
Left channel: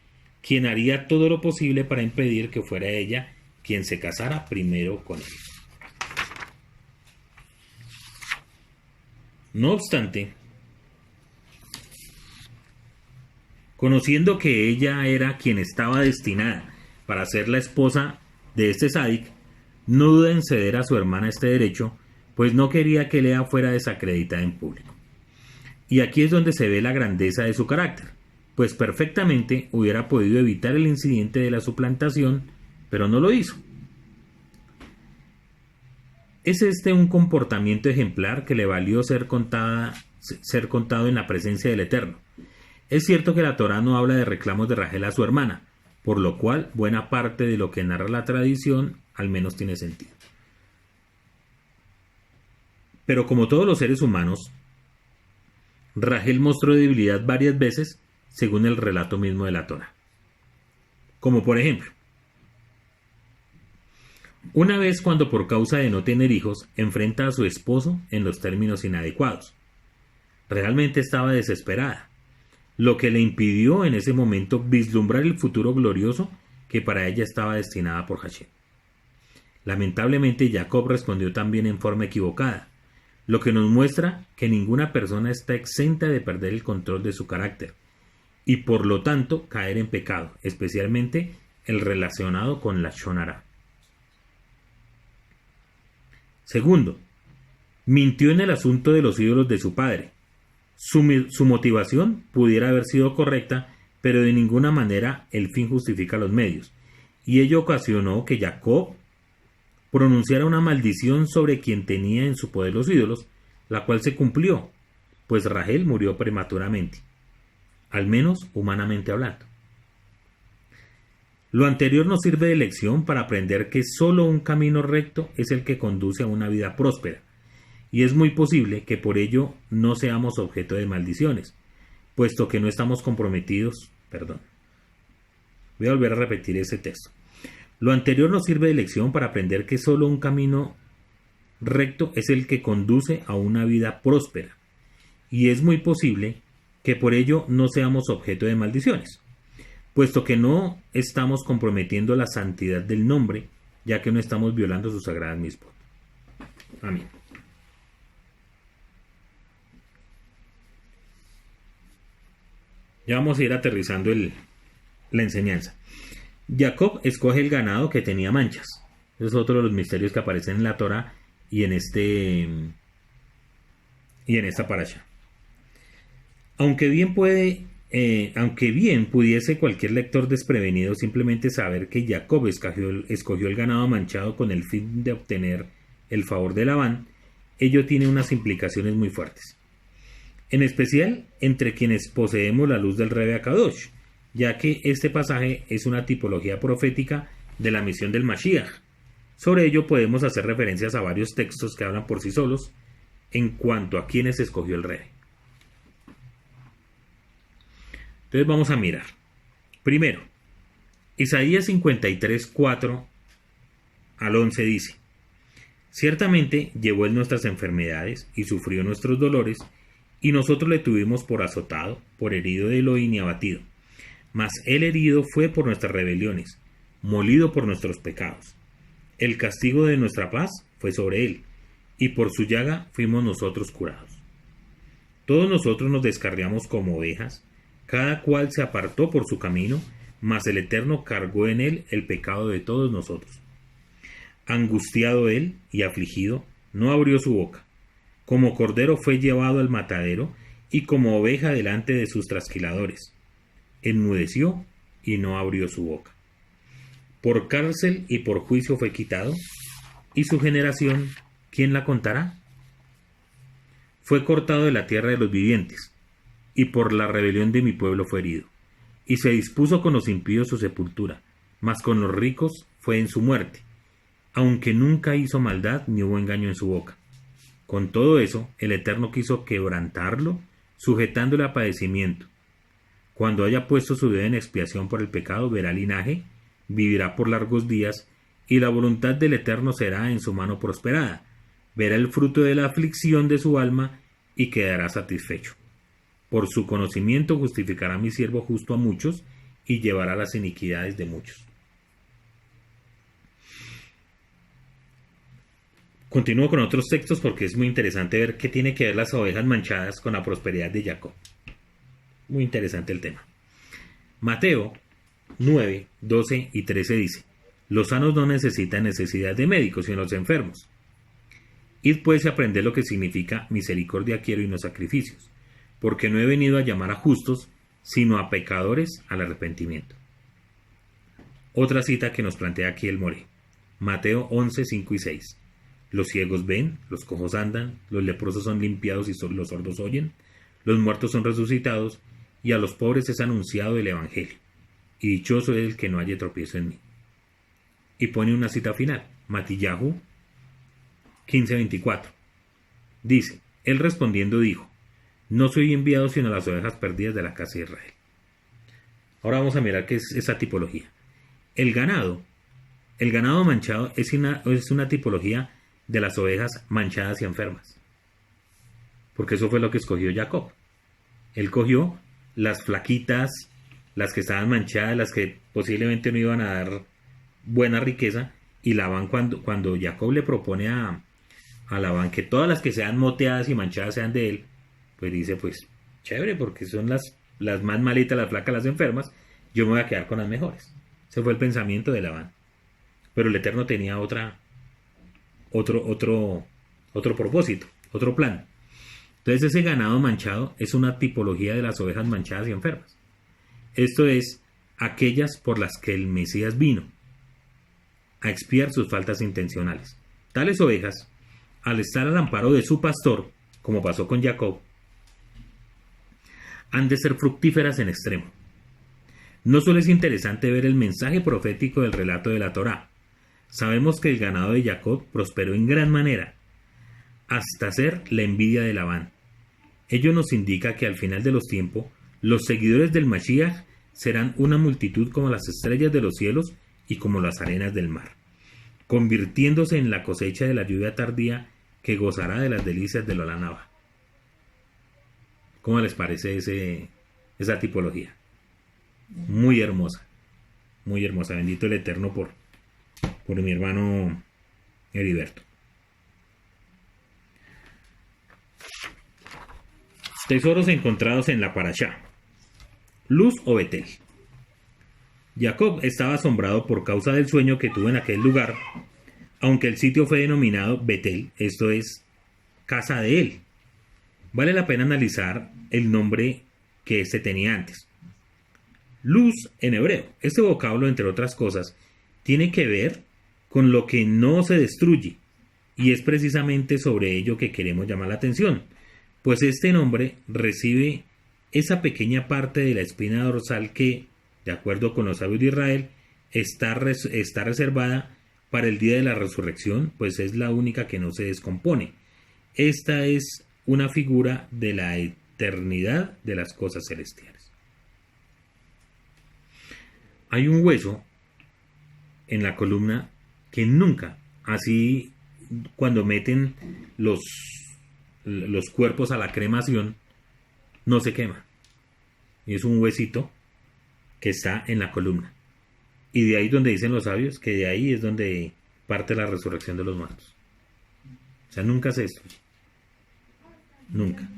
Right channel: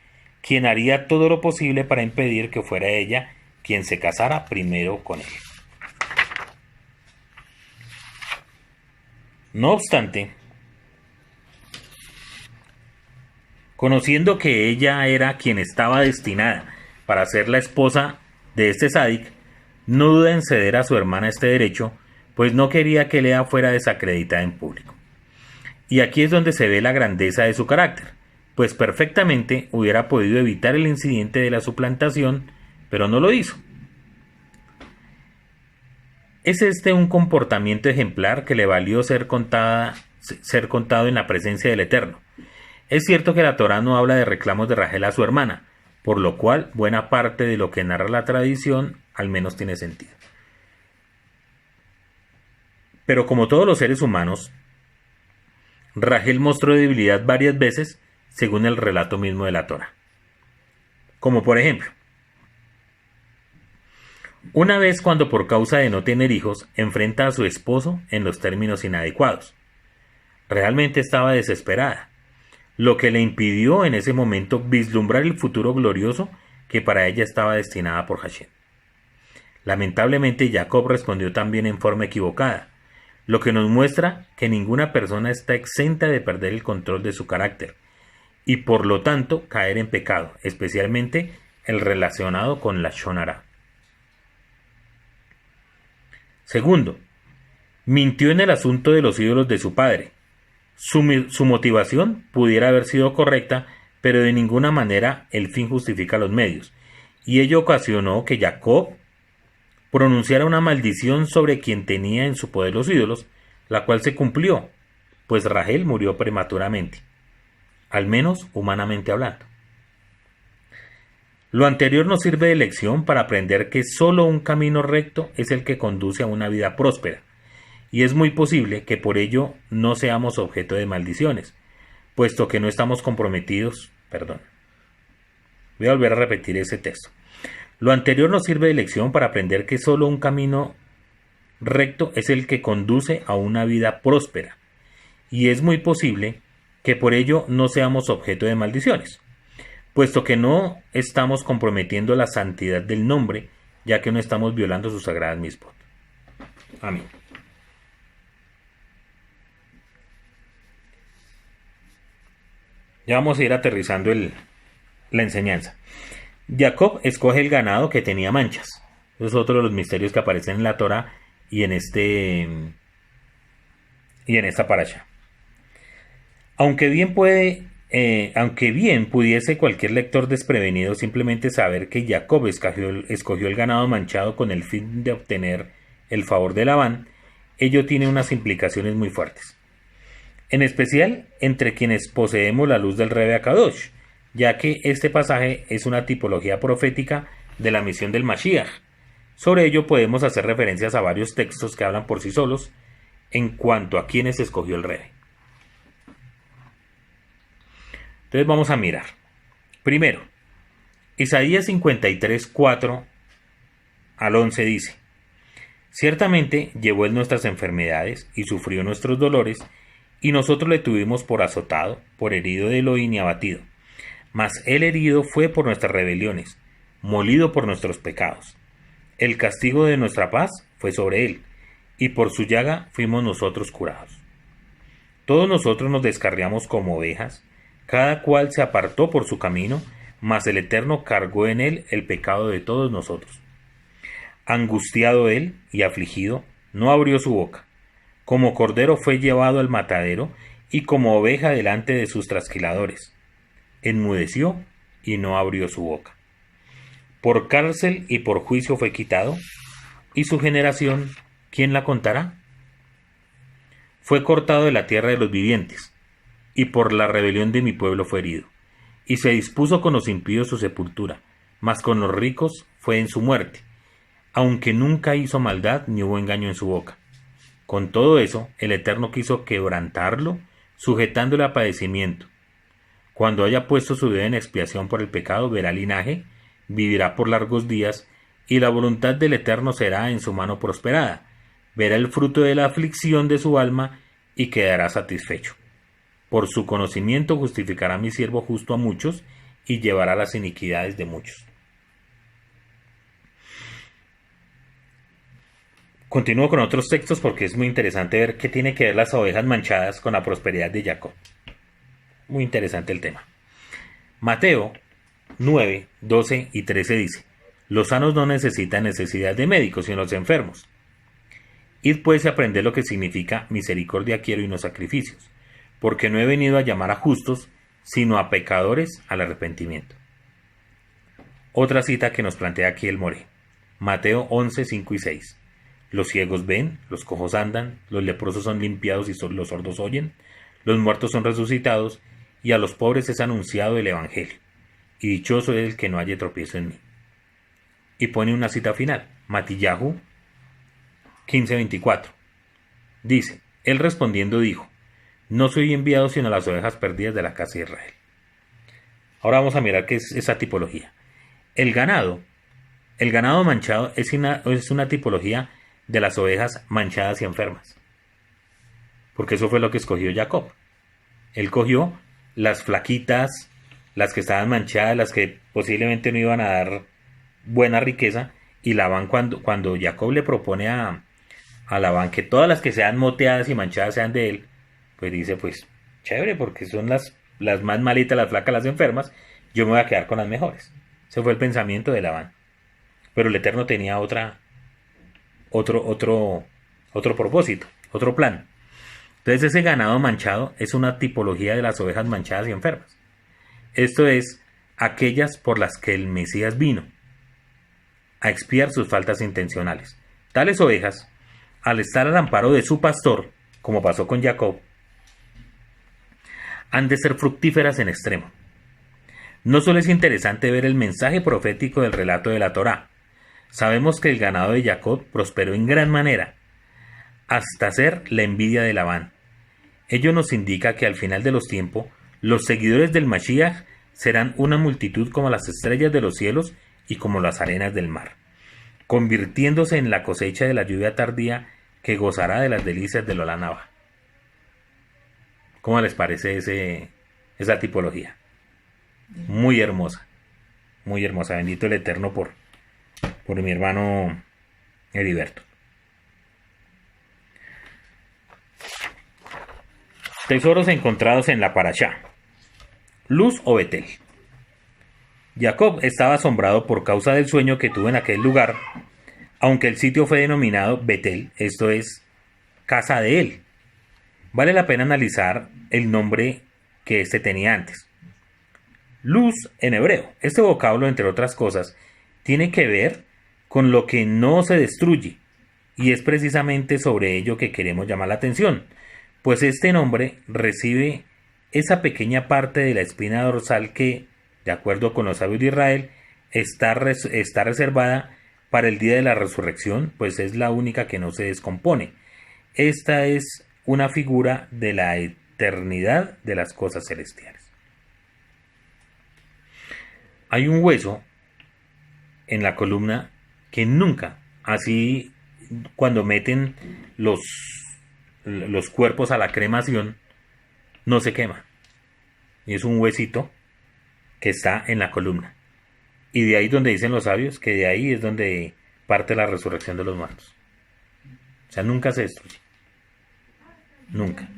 quien haría todo lo posible para impedir que fuera ella quien se casara primero con él. No obstante, conociendo que ella era quien estaba destinada para ser la esposa de este sádic, no duda en ceder a su hermana este derecho, pues no quería que Lea fuera desacreditada en público. Y aquí es donde se ve la grandeza de su carácter, pues perfectamente hubiera podido evitar el incidente de la suplantación, pero no lo hizo. Es este un comportamiento ejemplar que le valió ser contado en la presencia del Eterno. Es cierto que la Torá no habla de reclamos de Rachel a su hermana, por lo cual buena parte de lo que narra la tradición al menos tiene sentido. Pero como todos los seres humanos, Rachel mostró debilidad varias veces según el relato mismo de la Torá. Como por ejemplo, una vez cuando por causa de no tener hijos enfrenta a su esposo en los términos inadecuados. Realmente estaba desesperada, lo que le impidió en ese momento vislumbrar el futuro glorioso que para ella estaba destinada por Hashem. Lamentablemente Jacob respondió también en forma equivocada, lo que nos muestra que ninguna persona está exenta de perder el control de su carácter y por lo tanto caer en pecado, especialmente el relacionado con la Lashon Hará. Segundo, mintió en el asunto de los ídolos de su padre. Su motivación pudiera haber sido correcta, pero de ninguna manera el fin justifica los medios, y ello ocasionó que Jacob pronunciara una maldición sobre quien tenía en su poder los ídolos, la cual se cumplió, pues Rachel murió prematuramente, al menos humanamente hablando. Lo anterior nos sirve de lección para aprender que solo un camino recto es el que conduce a una vida próspera, y es muy posible que por ello no seamos objeto de maldiciones, puesto que no estamos comprometidos. Voy a volver a repetir ese texto. Lo anterior nos sirve de lección para aprender que solo un camino recto es el que conduce a una vida próspera, y es muy posible que por ello no seamos objeto de maldiciones, puesto que no estamos comprometiendo la santidad del nombre, ya que no estamos violando sus sagradas mitzvot. Amén. Ya vamos a ir aterrizando la enseñanza. Jacob escoge el ganado que tenía manchas. Ese es otro de los misterios que aparecen en la Torá y en esta parasha. Aunque bien pudiese cualquier lector desprevenido simplemente saber que Jacob escogió el ganado manchado con el fin de obtener el favor de Labán, ello tiene unas implicaciones muy fuertes. En especial entre quienes poseemos la luz del Rebe Akadosh, ya que este pasaje es una tipología profética de la misión del Mashiach. Sobre ello podemos hacer referencias a varios textos que hablan por sí solos en cuanto a quienes escogió el Rebe. Entonces vamos a mirar. Primero, Isaías 53, 4 al 11 dice: Ciertamente llevó él nuestras enfermedades y sufrió nuestros dolores, y nosotros le tuvimos por azotado, por herido de Elohim y abatido. Mas él herido fue por nuestras rebeliones, molido por nuestros pecados. El castigo de nuestra paz fue sobre él, y por su llaga fuimos nosotros curados. Todos nosotros nos descarriamos como ovejas, cada cual se apartó por su camino, mas el Eterno cargó en él el pecado de todos nosotros. Angustiado él y afligido, no abrió su boca. Como cordero fue llevado al matadero, y como oveja delante de sus trasquiladores. Enmudeció y no abrió su boca. Por cárcel y por juicio fue quitado, y su generación, ¿quién la contará? Fue cortado de la tierra de los vivientes, y por la rebelión de mi pueblo fue herido. Y se dispuso con los impíos su sepultura, mas con los ricos fue en su muerte, aunque nunca hizo maldad ni hubo engaño en su boca. Con todo eso, el Eterno quiso quebrantarlo, sujetándole a padecimiento. Cuando haya puesto su vida en expiación por el pecado, verá linaje, vivirá por largos días, y la voluntad del Eterno será en su mano prosperada. Verá el fruto de la aflicción de su alma, y quedará satisfecho. Por su conocimiento justificará a mi siervo justo a muchos, y llevará las iniquidades de muchos. Continúo con otros textos porque es muy interesante ver qué tiene que ver las ovejas manchadas con la prosperidad de Jacob. Muy interesante el tema. Mateo 9, 12 y 13 dice: Los sanos no necesitan necesidad de médicos, sino los enfermos. Id pues y aprended lo que significa misericordia quiero y no sacrificios, porque no he venido a llamar a justos, sino a pecadores al arrepentimiento. Otra cita que nos plantea aquí el Moré. Mateo 11, 5 y 6. Los ciegos ven, los cojos andan, los leprosos son limpiados y los sordos oyen, los muertos son resucitados, y a los pobres es anunciado el Evangelio. Y dichoso es el que no haya tropiezo en mí. Y pone una cita final, Matillahu 15:24. Dice: Él respondiendo dijo: No soy enviado sino a las ovejas perdidas de la casa de Israel. Ahora vamos a mirar qué es esa tipología. El ganado manchado es una tipología de las ovejas manchadas y enfermas, porque eso fue lo que escogió Jacob. Él cogió las flaquitas, las que estaban manchadas, las que posiblemente no iban a dar buena riqueza, y Labán, cuando Jacob le propone a Labán que todas las que sean moteadas y manchadas sean de él, pues dice: pues chévere, porque son las más malitas, las flacas, las enfermas, yo me voy a quedar con las mejores. Ese fue el pensamiento de Labán. Pero el Eterno tenía otro propósito, otro plan. Entonces ese ganado manchado es una tipología de las ovejas manchadas y enfermas. Esto es, aquellas por las que el Mesías vino a expiar sus faltas intencionales. Tales ovejas, al estar al amparo de su pastor, como pasó con Jacob, han de ser fructíferas en extremo. No solo es interesante ver el mensaje profético del relato de la Torá. Sabemos que el ganado de Jacob prosperó en gran manera, hasta ser la envidia de Labán. Ello nos indica que al final de los tiempos, los seguidores del Mashiach serán una multitud como las estrellas de los cielos y como las arenas del mar, convirtiéndose en la cosecha de la lluvia tardía que gozará de las delicias del Olá Nabá. ¿Cómo les parece esa tipología? Muy hermosa. Muy hermosa. Bendito el Eterno por mi hermano Heriberto. Tesoros encontrados en la Parashá. Luz o Betel. Jacob estaba asombrado por causa del sueño que tuvo en aquel lugar, aunque el sitio fue denominado Betel, esto es, casa de él. Vale la pena analizar el nombre que éste tenía antes. Luz en hebreo. Este vocablo, entre otras cosas, tiene que ver con lo que no se destruye, y es precisamente sobre ello que queremos llamar la atención, pues este nombre recibe esa pequeña parte de la espina dorsal que, de acuerdo con los sabios de Israel, está reservada para el día de la resurrección, pues es la única que no se descompone. Esta es una figura de la eternidad de las cosas celestiales. Hay un hueso en la columna que nunca, así cuando meten los cuerpos a la cremación, no se quema. Y es un huesito que está en la columna. Y de ahí donde dicen los sabios que de ahí es donde parte la resurrección de los muertos. O sea, nunca se destruye. Nunca.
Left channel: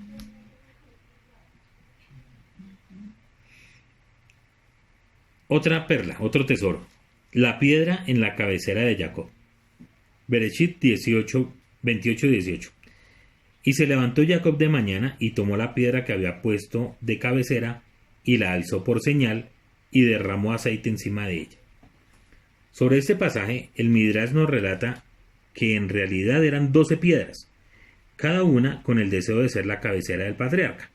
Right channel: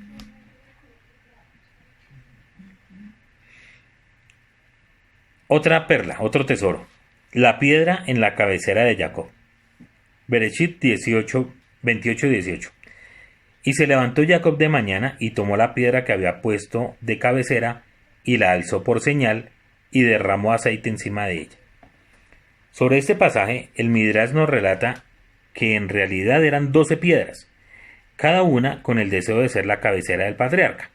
Otra perla, otro tesoro. La piedra en la cabecera de Jacob. Bereshit 28:18. Y se levantó Jacob de mañana y tomó la piedra que había puesto de cabecera y la alzó por señal y derramó aceite encima de ella. Sobre este pasaje, el Midrash nos relata que en realidad eran 12 piedras, cada una con el deseo de ser la cabecera del patriarca,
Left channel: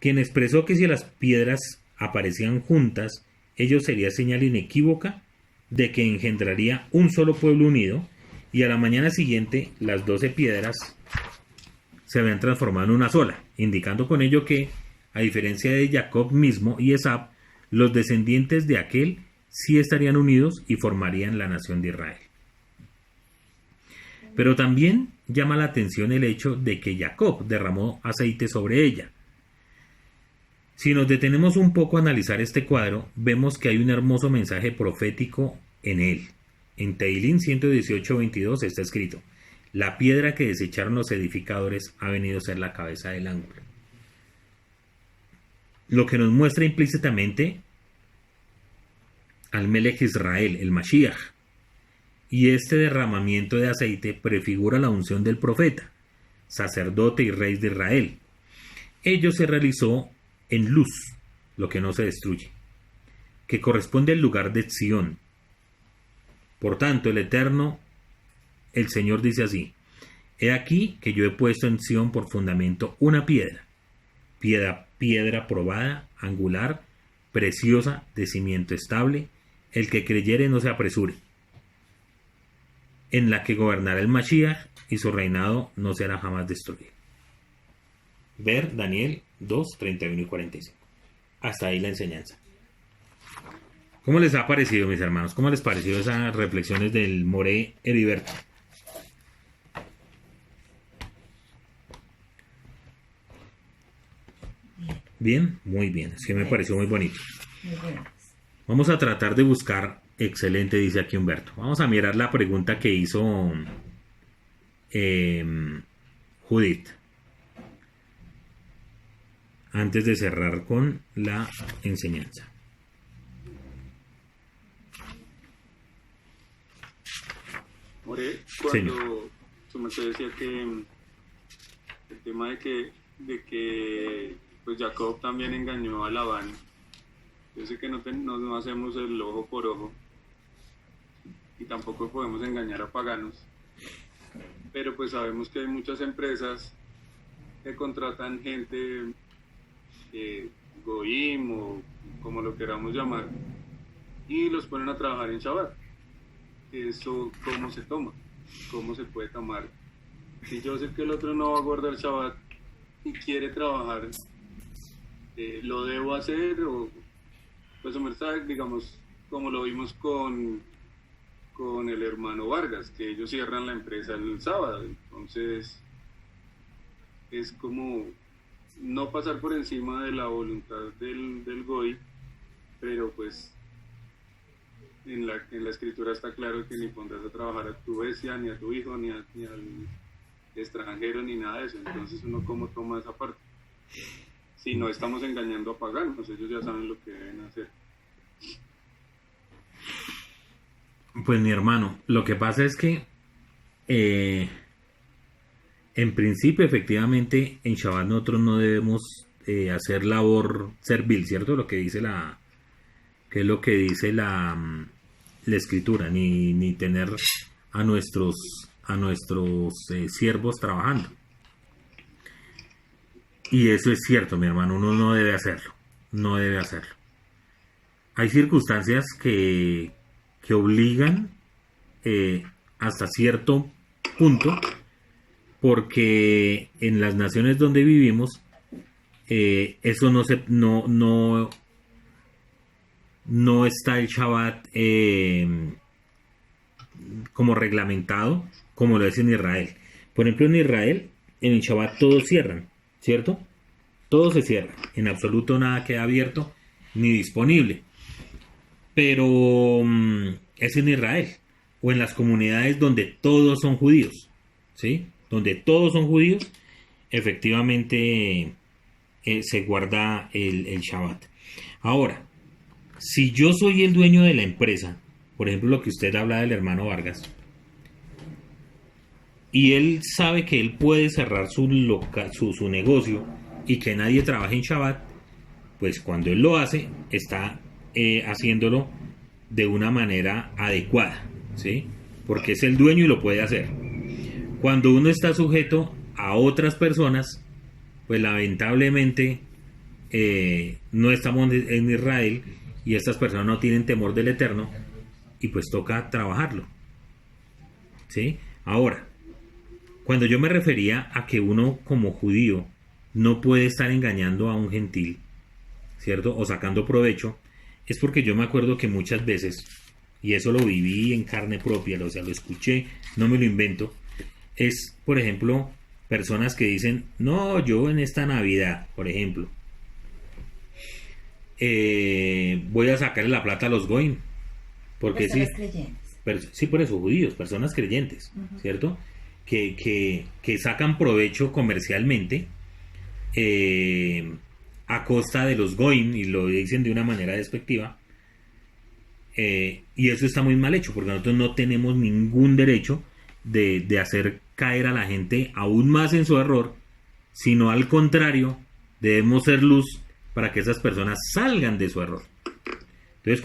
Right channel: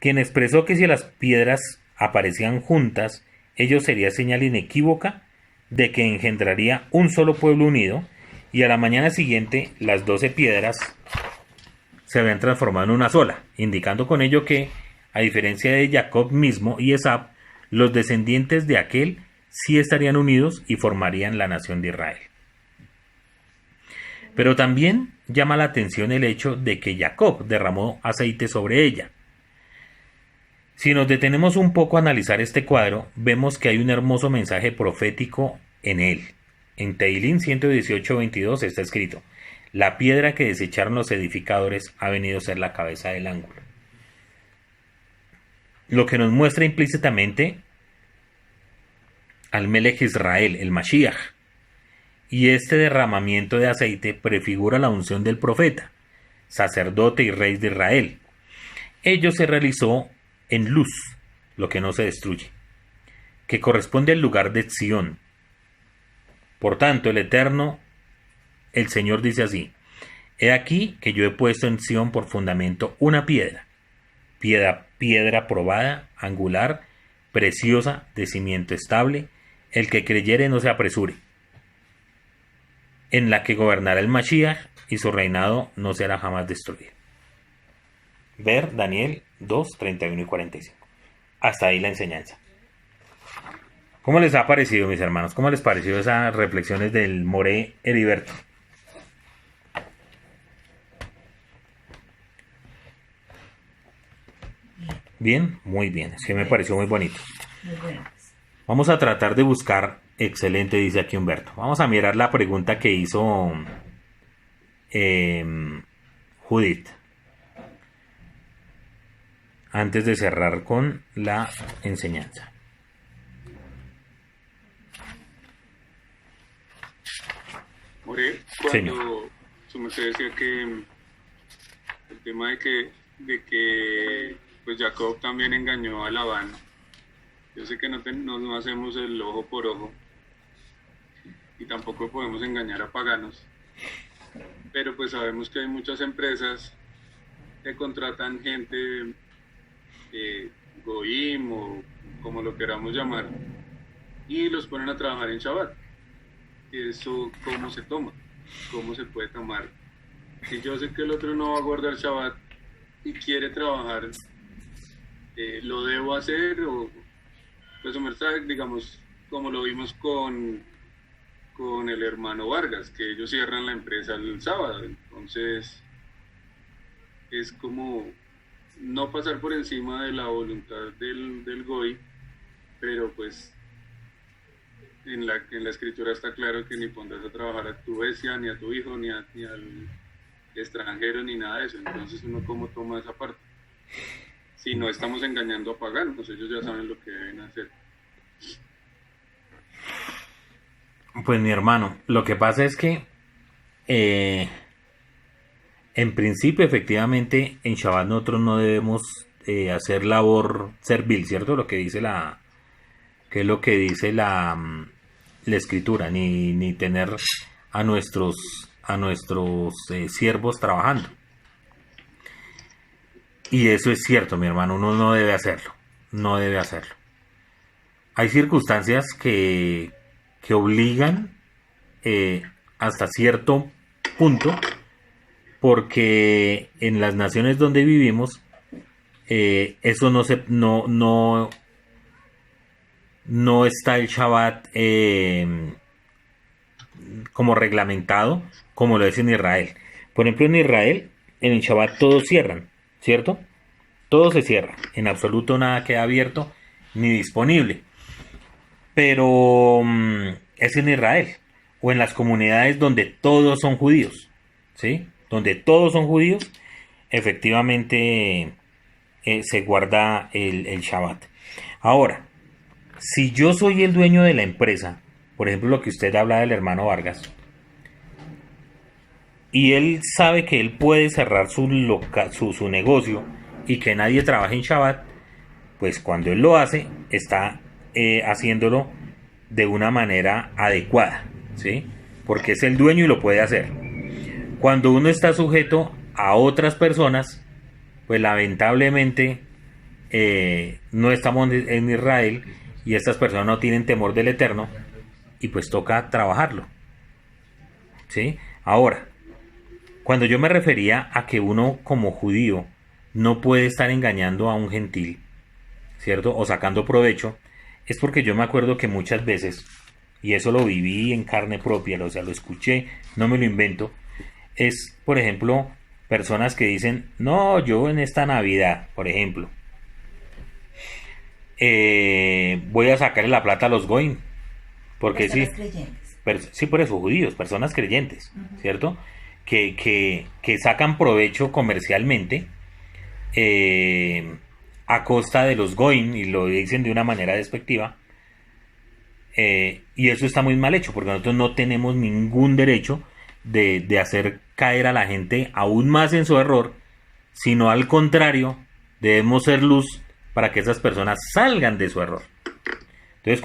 quien expresó que si las piedras aparecían juntas, ello sería señal inequívoca de que engendraría un solo pueblo unido, y a la mañana siguiente las 12 piedras se habían transformado en una sola, indicando con ello que, a diferencia de Jacob mismo y Esab, los descendientes de aquel sí estarían unidos y formarían la nación de Israel. Pero también llama la atención el hecho de que Jacob derramó aceite sobre ella. Si nos detenemos un poco a analizar este cuadro, vemos que hay un hermoso mensaje profético en él. En Teilín 118:22 está escrito: la piedra que desecharon los edificadores ha venido a ser la cabeza del ángulo. Lo que nos muestra implícitamente al Melech Israel, el Mashiach. Y este derramamiento de aceite prefigura la unción del profeta, sacerdote y rey de Israel. Ello se realizó en luz, lo que no se destruye, que corresponde al lugar de Sion. Por tanto, el Eterno, el Señor dice así: he aquí que yo he puesto en Sion por fundamento una piedra probada, angular, preciosa, de cimiento estable, el que creyere no se apresure, en la que gobernará el Mashiach y su reinado no será jamás destruido. Ver Daniel 2, 31 y 45. Hasta ahí la enseñanza. ¿Cómo les ha parecido, mis hermanos? ¿Cómo les pareció esas reflexiones del Moré Heriberto? Bien, muy bien. Es que me pareció muy bonito. Muy bueno. Vamos a tratar de buscar. Excelente, dice aquí Humberto. Vamos a mirar la pregunta que hizo Judith, antes de cerrar con la enseñanza. More, Señor. cuando su merced decía que el tema de que pues Jacob también engañó a Labán, yo sé que no hacemos el ojo por ojo y tampoco podemos engañar a paganos, pero pues sabemos que hay muchas empresas que contratan gente goim o como lo queramos llamar y los ponen a trabajar en Shabbat. Eso, ¿cómo se toma? ¿Cómo se puede tomar? Si yo sé que el otro no va a guardar Shabbat y quiere trabajar, ¿lo debo hacer? O, pues, digamos, como lo vimos con el hermano Vargas, que ellos cierran la empresa el sábado. Entonces, es como no pasar por encima de la voluntad del Goy, pero pues en la escritura está claro que ni pondrás a trabajar a tu bestia, ni a tu hijo, ni al extranjero, ni nada de eso. Entonces uno cómo toma esa parte. Si no estamos engañando a paganos, ellos ya saben lo que deben hacer. Pues mi hermano, lo que pasa es que en principio efectivamente en Shabbat nosotros no debemos hacer labor servil, ¿cierto? Lo que dice que es lo que dice la escritura, ni tener a nuestros siervos trabajando. Y eso es cierto, mi hermano, uno no debe hacerlo, no debe hacerlo. Hay circunstancias que obligan hasta cierto punto, porque en las naciones donde vivimos eso no está el Shabbat como reglamentado como lo es en Israel. Por ejemplo, en Israel, en el Shabbat todos cierran, ¿cierto? Todo se cierra, en absoluto nada queda abierto ni disponible. Pero es en Israel o en las comunidades donde todos son judíos, ¿sí? Donde todos son judíos, efectivamente se guarda el Shabbat. Ahora, si yo soy el dueño de la empresa, por ejemplo lo que usted habla del hermano Vargas, y él sabe que él puede cerrar su negocio y que nadie trabaje en Shabbat, pues cuando él lo hace, está haciéndolo de una manera adecuada, ¿sí? Porque es el dueño y lo puede hacer. Cuando uno está sujeto a otras personas, pues lamentablemente no estamos en Israel y estas personas no tienen temor del Eterno y pues toca trabajarlo, ¿sí? Ahora, cuando yo me refería a que uno como judío no puede estar engañando a un gentil, ¿cierto? O sacando provecho, es porque yo me acuerdo que muchas veces, y eso lo viví en carne propia, o sea, lo escuché, no me lo invento, es, por ejemplo, personas que dicen, no, yo en esta Navidad, por ejemplo, voy a sacarle la plata a los goyim, porque Personas sí, creyentes. sí, por eso, judíos, personas creyentes, ¿cierto? Que sacan provecho comercialmente a costa de los goyim, y lo dicen de una manera despectiva, y eso está muy mal hecho, porque nosotros no tenemos ningún derecho de hacer caer a la gente aún más en su error, sino al contrario, debemos ser luz para que esas personas salgan de su error. Entonces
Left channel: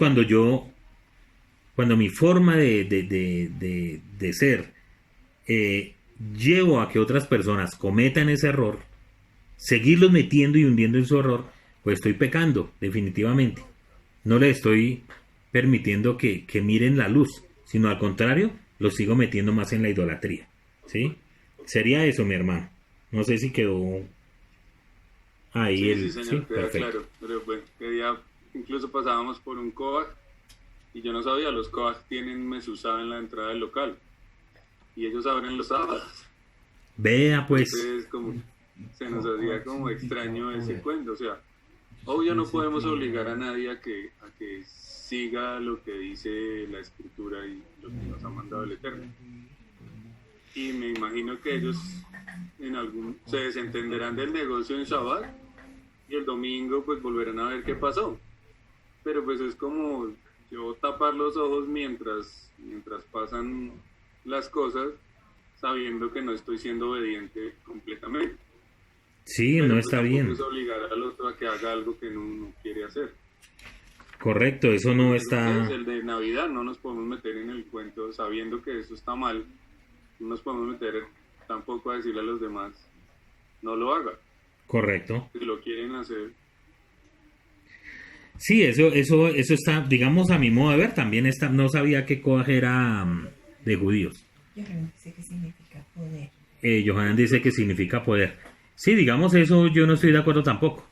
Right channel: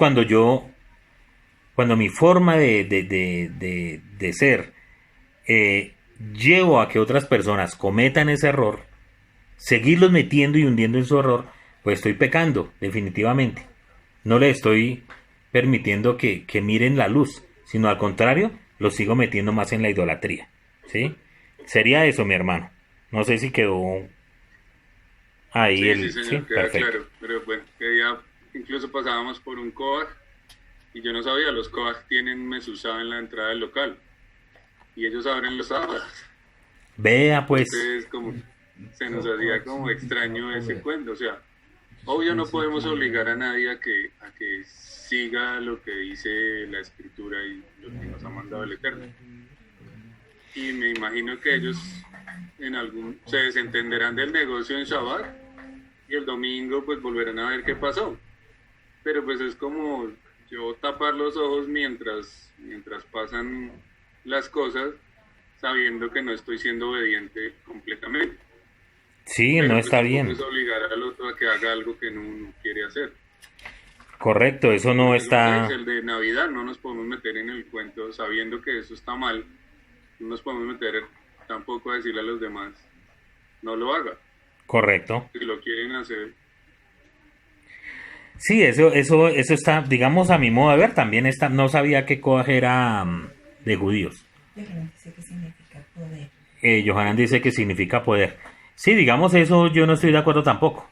cuando mi forma de ser llevo a que otras personas cometan ese error, seguirlos metiendo y hundiendo en su error, pues estoy pecando, definitivamente. No le estoy permitiendo que miren la luz, sino al contrario, los sigo metiendo más en la idolatría, ¿sí? Sería eso, mi hermano. No sé si quedó ahí Sí, señor, queda perfecto. claro. Pero bueno, que día incluso pasábamos por un Koach y yo no sabía, los Koach tienen mezuzá en la entrada del local y ellos abren los sábados. Vea pues, Entonces, como se nos hacía como extraño ese cuento. O sea, obvio no podemos obligar a nadie a que siga lo que dice la escritura y lo que nos ha mandado el Eterno. Y me imagino que ellos se desentenderán del negocio en Shabbat y el domingo pues volverán a ver qué pasó. Pero pues es como yo tapar los ojos mientras pasan las cosas, sabiendo que no estoy siendo obediente completamente. sí, Pero no pues está tampoco bien. es obligar al otro a que haga algo que no quiere hacer. Correcto, eso no Es está... el de Navidad, no nos podemos meter en el cuento sabiendo que eso está mal. No nos podemos meter tampoco a decirle a los demás, no lo haga. Correcto. Si lo quieren hacer, Sí, eso está, digamos, a mi modo de ver, también está, no sabía que Koaj era de judíos. Yo creo que sé qué significa poder. Johanan dice que significa poder. Sí, digamos, eso yo no estoy de acuerdo tampoco.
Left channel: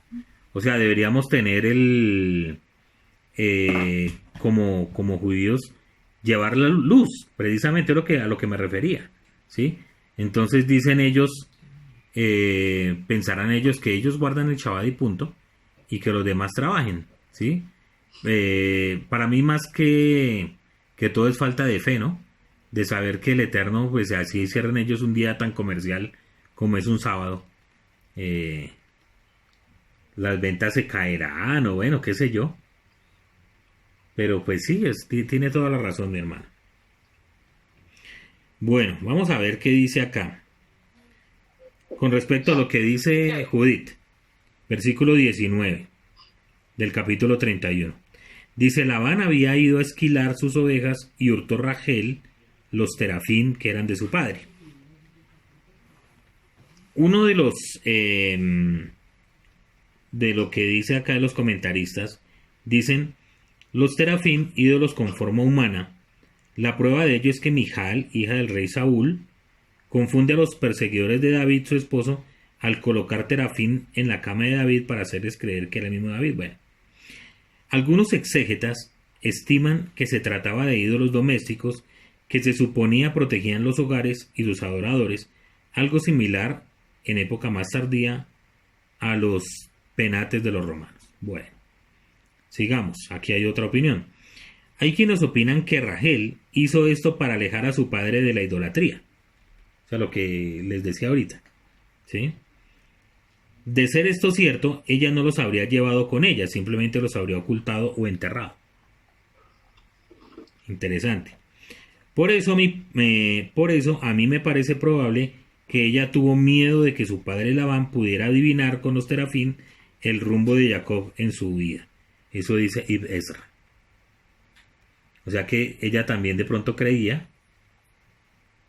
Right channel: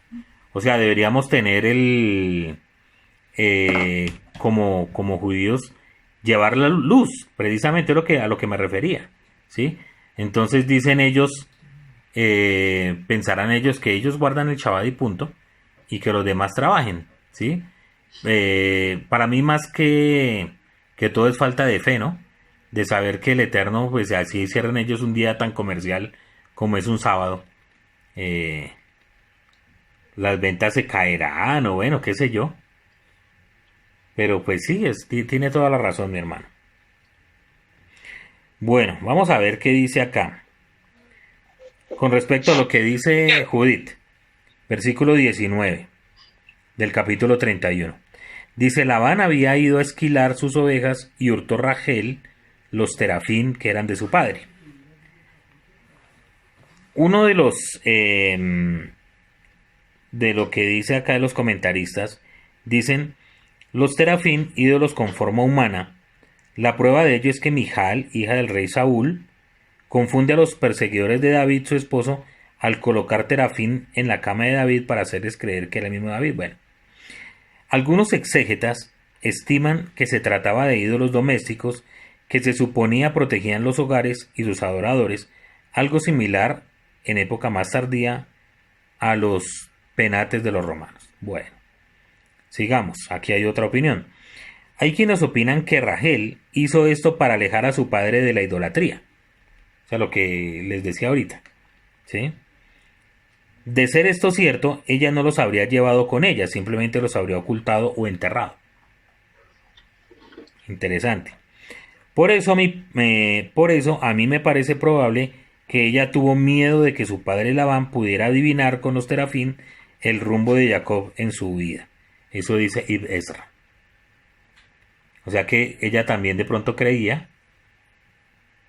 O sea, deberíamos tener como judíos, llevar la luz, precisamente a lo que me refería, ¿sí? Entonces dicen ellos, pensarán ellos que ellos guardan el Shabbat y punto, y que los demás trabajen, ¿sí? Para mí más que todo es falta de fe, ¿no? De saber que el Eterno, pues así cierran ellos un día tan comercial como es un sábado. Las ventas se caerán o bueno, qué sé yo. Pero pues sí, tiene toda la razón mi hermano. Bueno, vamos a ver qué dice acá. Con respecto a lo que dice Judith, versículo 19 del capítulo 31. Dice, Labán había ido a esquilar sus ovejas y hurtó Rachel los terafín que eran de su padre. Uno de los de lo que dice acá de los comentaristas, dicen, los terafín, ídolos con forma humana. La prueba de ello es que Mijal, hija del rey Saúl, confunde a los perseguidores de David, su esposo, al colocar terafín en la cama de David para hacerles creer que era el mismo David. Bueno, algunos exégetas estiman que se trataba de ídolos domésticos que se suponía protegían los hogares y sus adoradores, algo similar en época más tardía a los penates de los romanos. Bueno, sigamos, aquí hay otra opinión. Hay quienes opinan que Rachel hizo esto para alejar a su padre de la idolatría. O sea, lo que les decía ahorita, ¿sí? De ser esto cierto, ella no los habría llevado con ella, simplemente los habría ocultado o enterrado. Interesante. Por eso a mí me parece probable que ella tuvo miedo de que su padre Labán pudiera adivinar con los terafín el rumbo de Jacob en su vida. Eso dice Ibn Ezra. O sea que ella también de pronto creía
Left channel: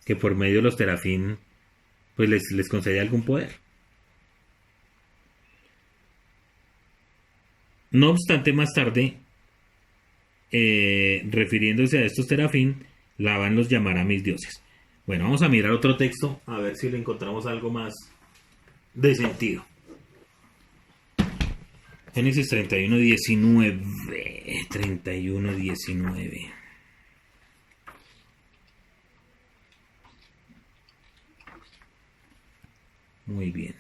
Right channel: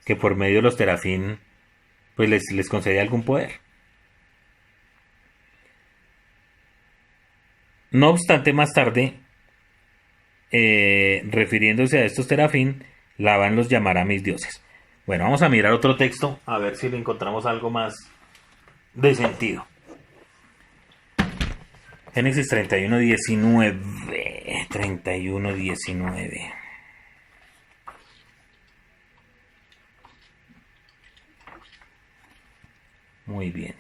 que por medio de los terafín pues les concedía algún poder. No obstante, más tarde, refiriéndose a estos terafín, Labán los llamará mis dioses. Bueno, vamos a mirar otro texto a ver si le encontramos algo más de sentido. Génesis 31:19. 31:19. Muy bien.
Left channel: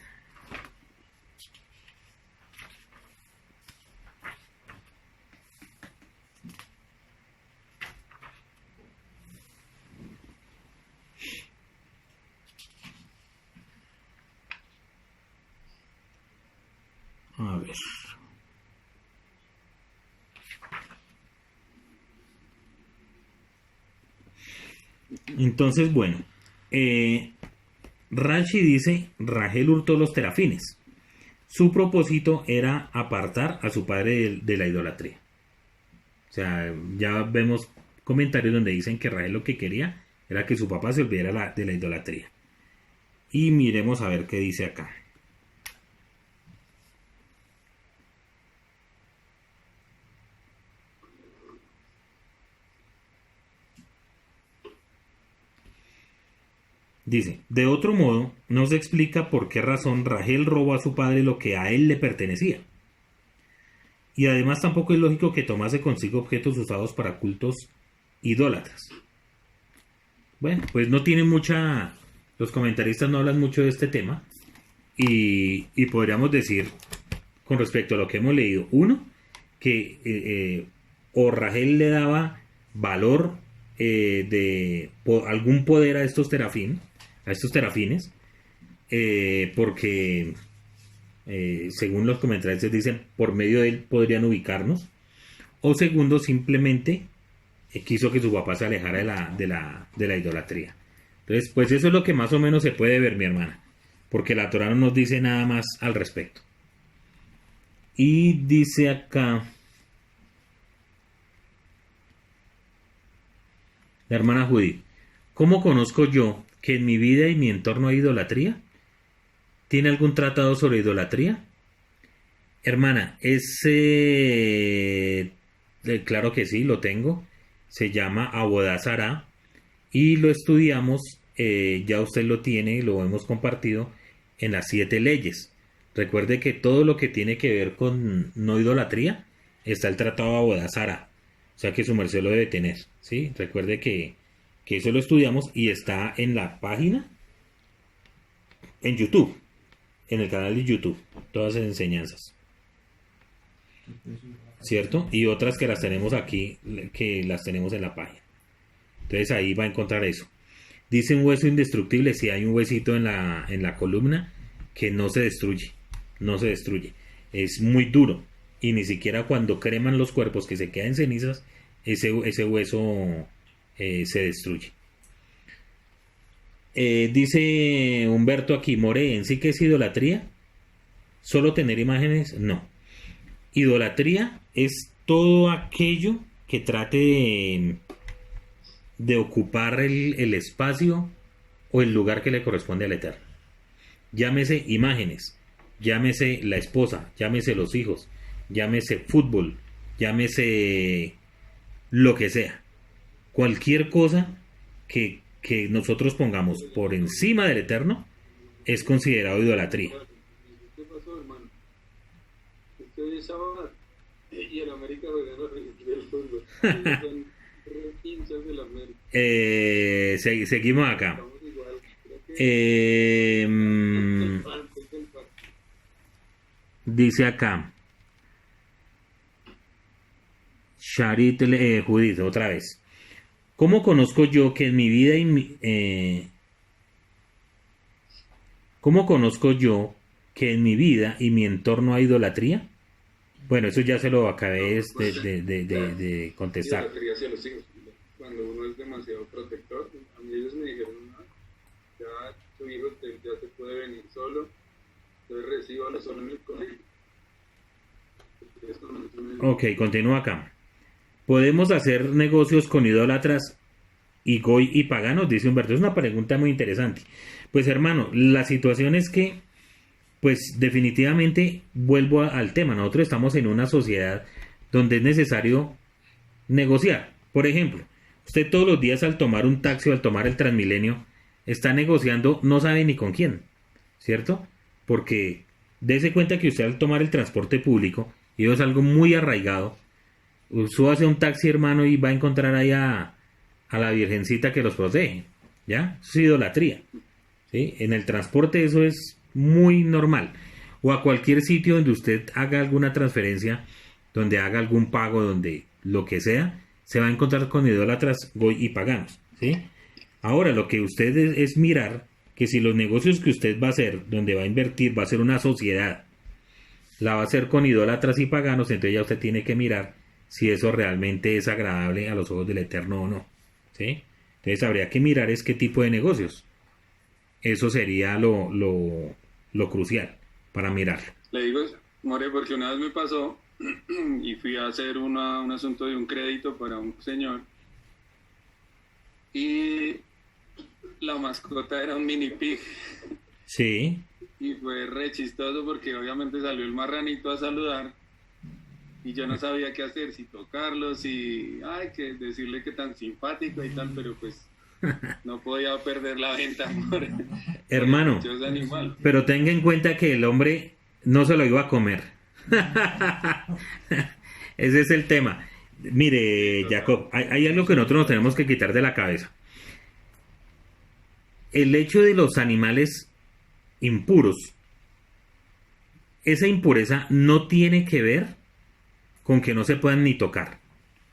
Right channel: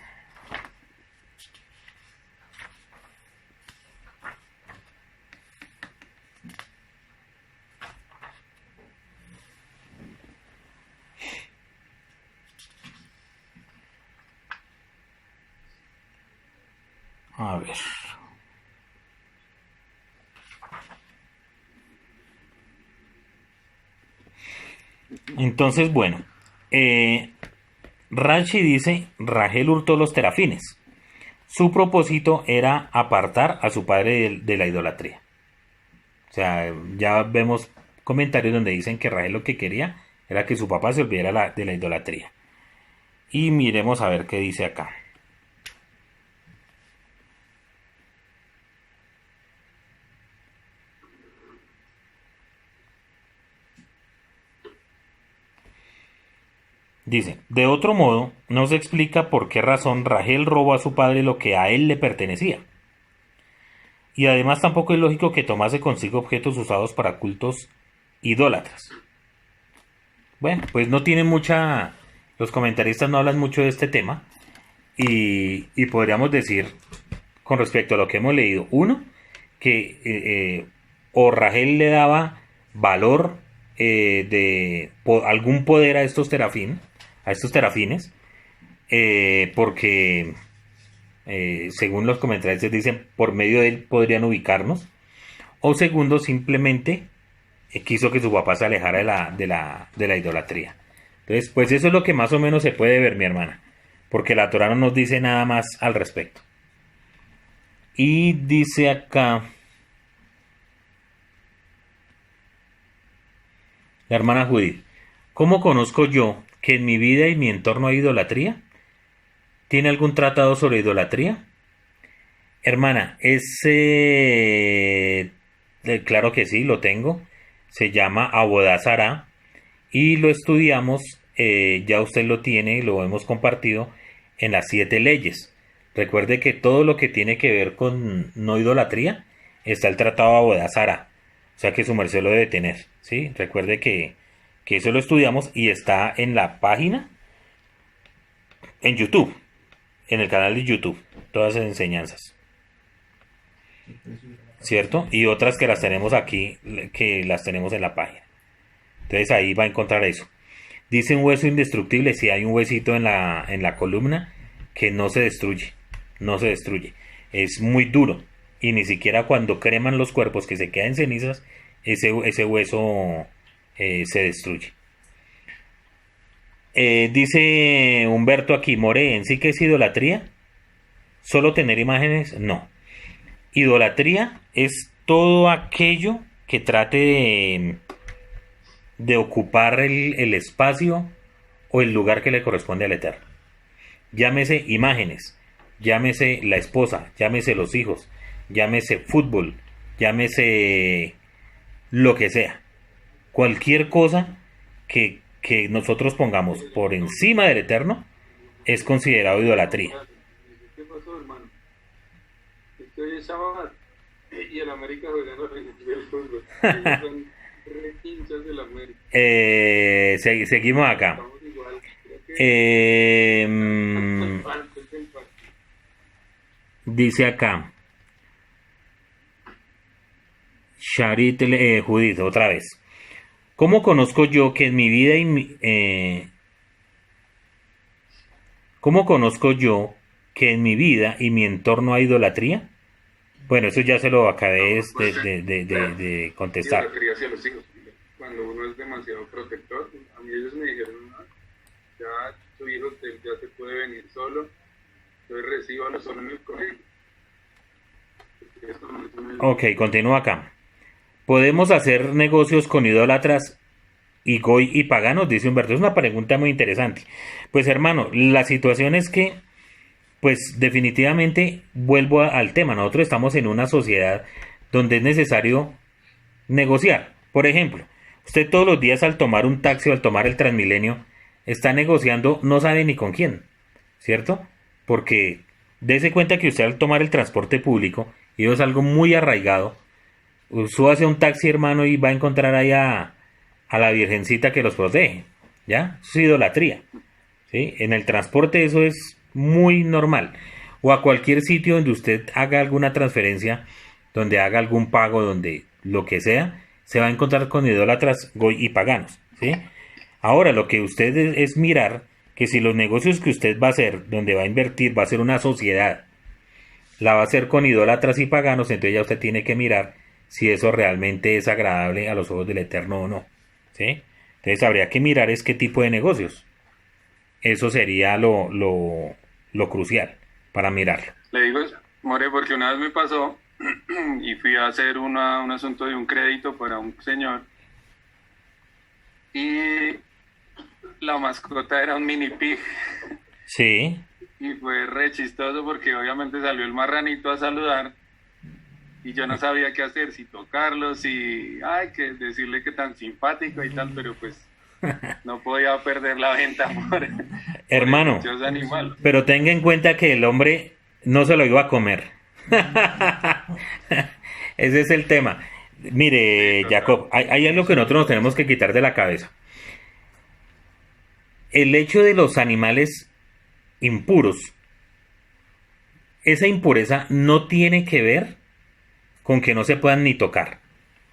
A ver. Entonces, bueno. Rashi dice, Rachel hurtó los terafines. Su propósito era apartar a su padre de la idolatría. O sea, ya vemos comentarios donde dicen que Rachel lo que quería era que su papá se olvidara de la idolatría. Y miremos a ver qué dice acá. Dice, de otro modo, no se explica por qué razón Rachel robó a su padre lo que a él le pertenecía. Y además tampoco es lógico que tomase consigo objetos usados para cultos idólatras. Bueno, pues no tiene mucha... Los comentaristas no hablan mucho de este tema. Y podríamos decir, con respecto a lo que hemos leído, uno, que o Rachel le daba valor algún poder a estos terafines, porque según los comentarios dicen, por medio de él podrían ubicarnos, o segundo, simplemente quiso que su papá se alejara de la idolatría. Entonces, pues eso es lo que más o menos se puede ver, mi hermana, porque la Torá no nos dice nada más al respecto. Y dice acá la hermana Judith, ¿cómo conozco yo que en mi vida y mi entorno hay idolatría? ¿Tiene algún tratado sobre idolatría? Hermana, claro que sí, lo tengo. Se llama Abodá Zará y lo estudiamos, ya usted lo tiene, lo hemos compartido en las 7 leyes. Recuerde que todo lo que tiene que ver con no idolatría está el tratado Abodá Zará. O sea que su merced lo debe tener, ¿sí? Recuerde que eso lo estudiamos y está en la página en YouTube. en el canal de YouTube, todas esas enseñanzas, ¿cierto? Y otras que las tenemos aquí, que las tenemos en la página. Entonces ahí va a encontrar eso. Dice un hueso indestructible, si hay un huesito en la columna que no se destruye, no se destruye. Es muy duro y ni siquiera cuando creman los cuerpos que se quedan cenizas, ese hueso se destruye. Dice Humberto aquí, More, ¿en sí que es idolatría? ¿Solo tener imágenes? No. Idolatría es todo aquello que trate de ocupar el espacio o el lugar que le corresponde al Eterno. Llámese imágenes, llámese la esposa, llámese los hijos, llámese fútbol, llámese lo que sea. Cualquier cosa que nosotros pongamos por encima del Eterno es considerado idolatría. ¿Qué pasó, hermano? Estoy en Shabbat y el América juega el fútbol. Ellos son re hinchas del América. Seguimos acá. Estamos igual. Creo que es el parte. Dice acá Sharit Judith, otra vez. ¿Cómo conozco yo que en mi vida ¿Cómo conozco yo que en mi vida y mi entorno hay idolatría? Bueno, eso ya se lo acabé de contestar. Idolatría hacia los hijos. Cuando uno es demasiado protector, a mí ellos me dijeron, no, ya tu hijo ya se puede venir solo, entonces recíbalo solo en el colegio. Ok, continúa acá. ¿Podemos hacer negocios con idólatras y goy y paganos? Dice Humberto. Es una pregunta muy interesante. Pues hermano, la situación es que, pues definitivamente vuelvo al tema. Nosotros estamos en una sociedad donde es necesario negociar. Por ejemplo, usted todos los días al tomar un taxi o al tomar el Transmilenio está negociando, no sabe ni con quién, ¿cierto? Porque dése cuenta que usted al tomar el transporte público, y eso es algo muy arraigado, súbase a un taxi, hermano, y va a encontrar ahí a la virgencita que los protege, ¿ya? Eso es idolatría, ¿sí? En el transporte eso es muy normal. O a cualquier sitio donde usted haga alguna transferencia, donde haga algún pago, donde lo que sea, se va a encontrar con idólatras, goy y paganos, ¿sí? Ahora, lo que usted es mirar que si los negocios que usted va a hacer, donde va a invertir, va a ser una sociedad, la va a hacer con idólatras y paganos, entonces ya usted tiene que mirar si eso realmente es agradable a los ojos del Eterno o no, ¿sí? Entonces habría que mirar es qué tipo de negocios. Eso sería lo crucial para mirarlo. Le digo, More, porque una vez me pasó y fui a hacer un asunto de un crédito para un señor y la mascota era un mini pig. Sí. Y fue re chistoso porque obviamente salió el marranito a saludar y yo no sabía qué hacer, si tocarlo, si que decirle que tan simpático y tal, pero pues no podía perder la venta por hermano, ese animal. Pero tenga en cuenta que el hombre no se lo iba a comer. Ese es el tema. Mire, Jacob, hay algo que nosotros nos tenemos que quitar de la cabeza. El hecho de los animales impuros, esa impureza no tiene que ver con que no se puedan ni tocar.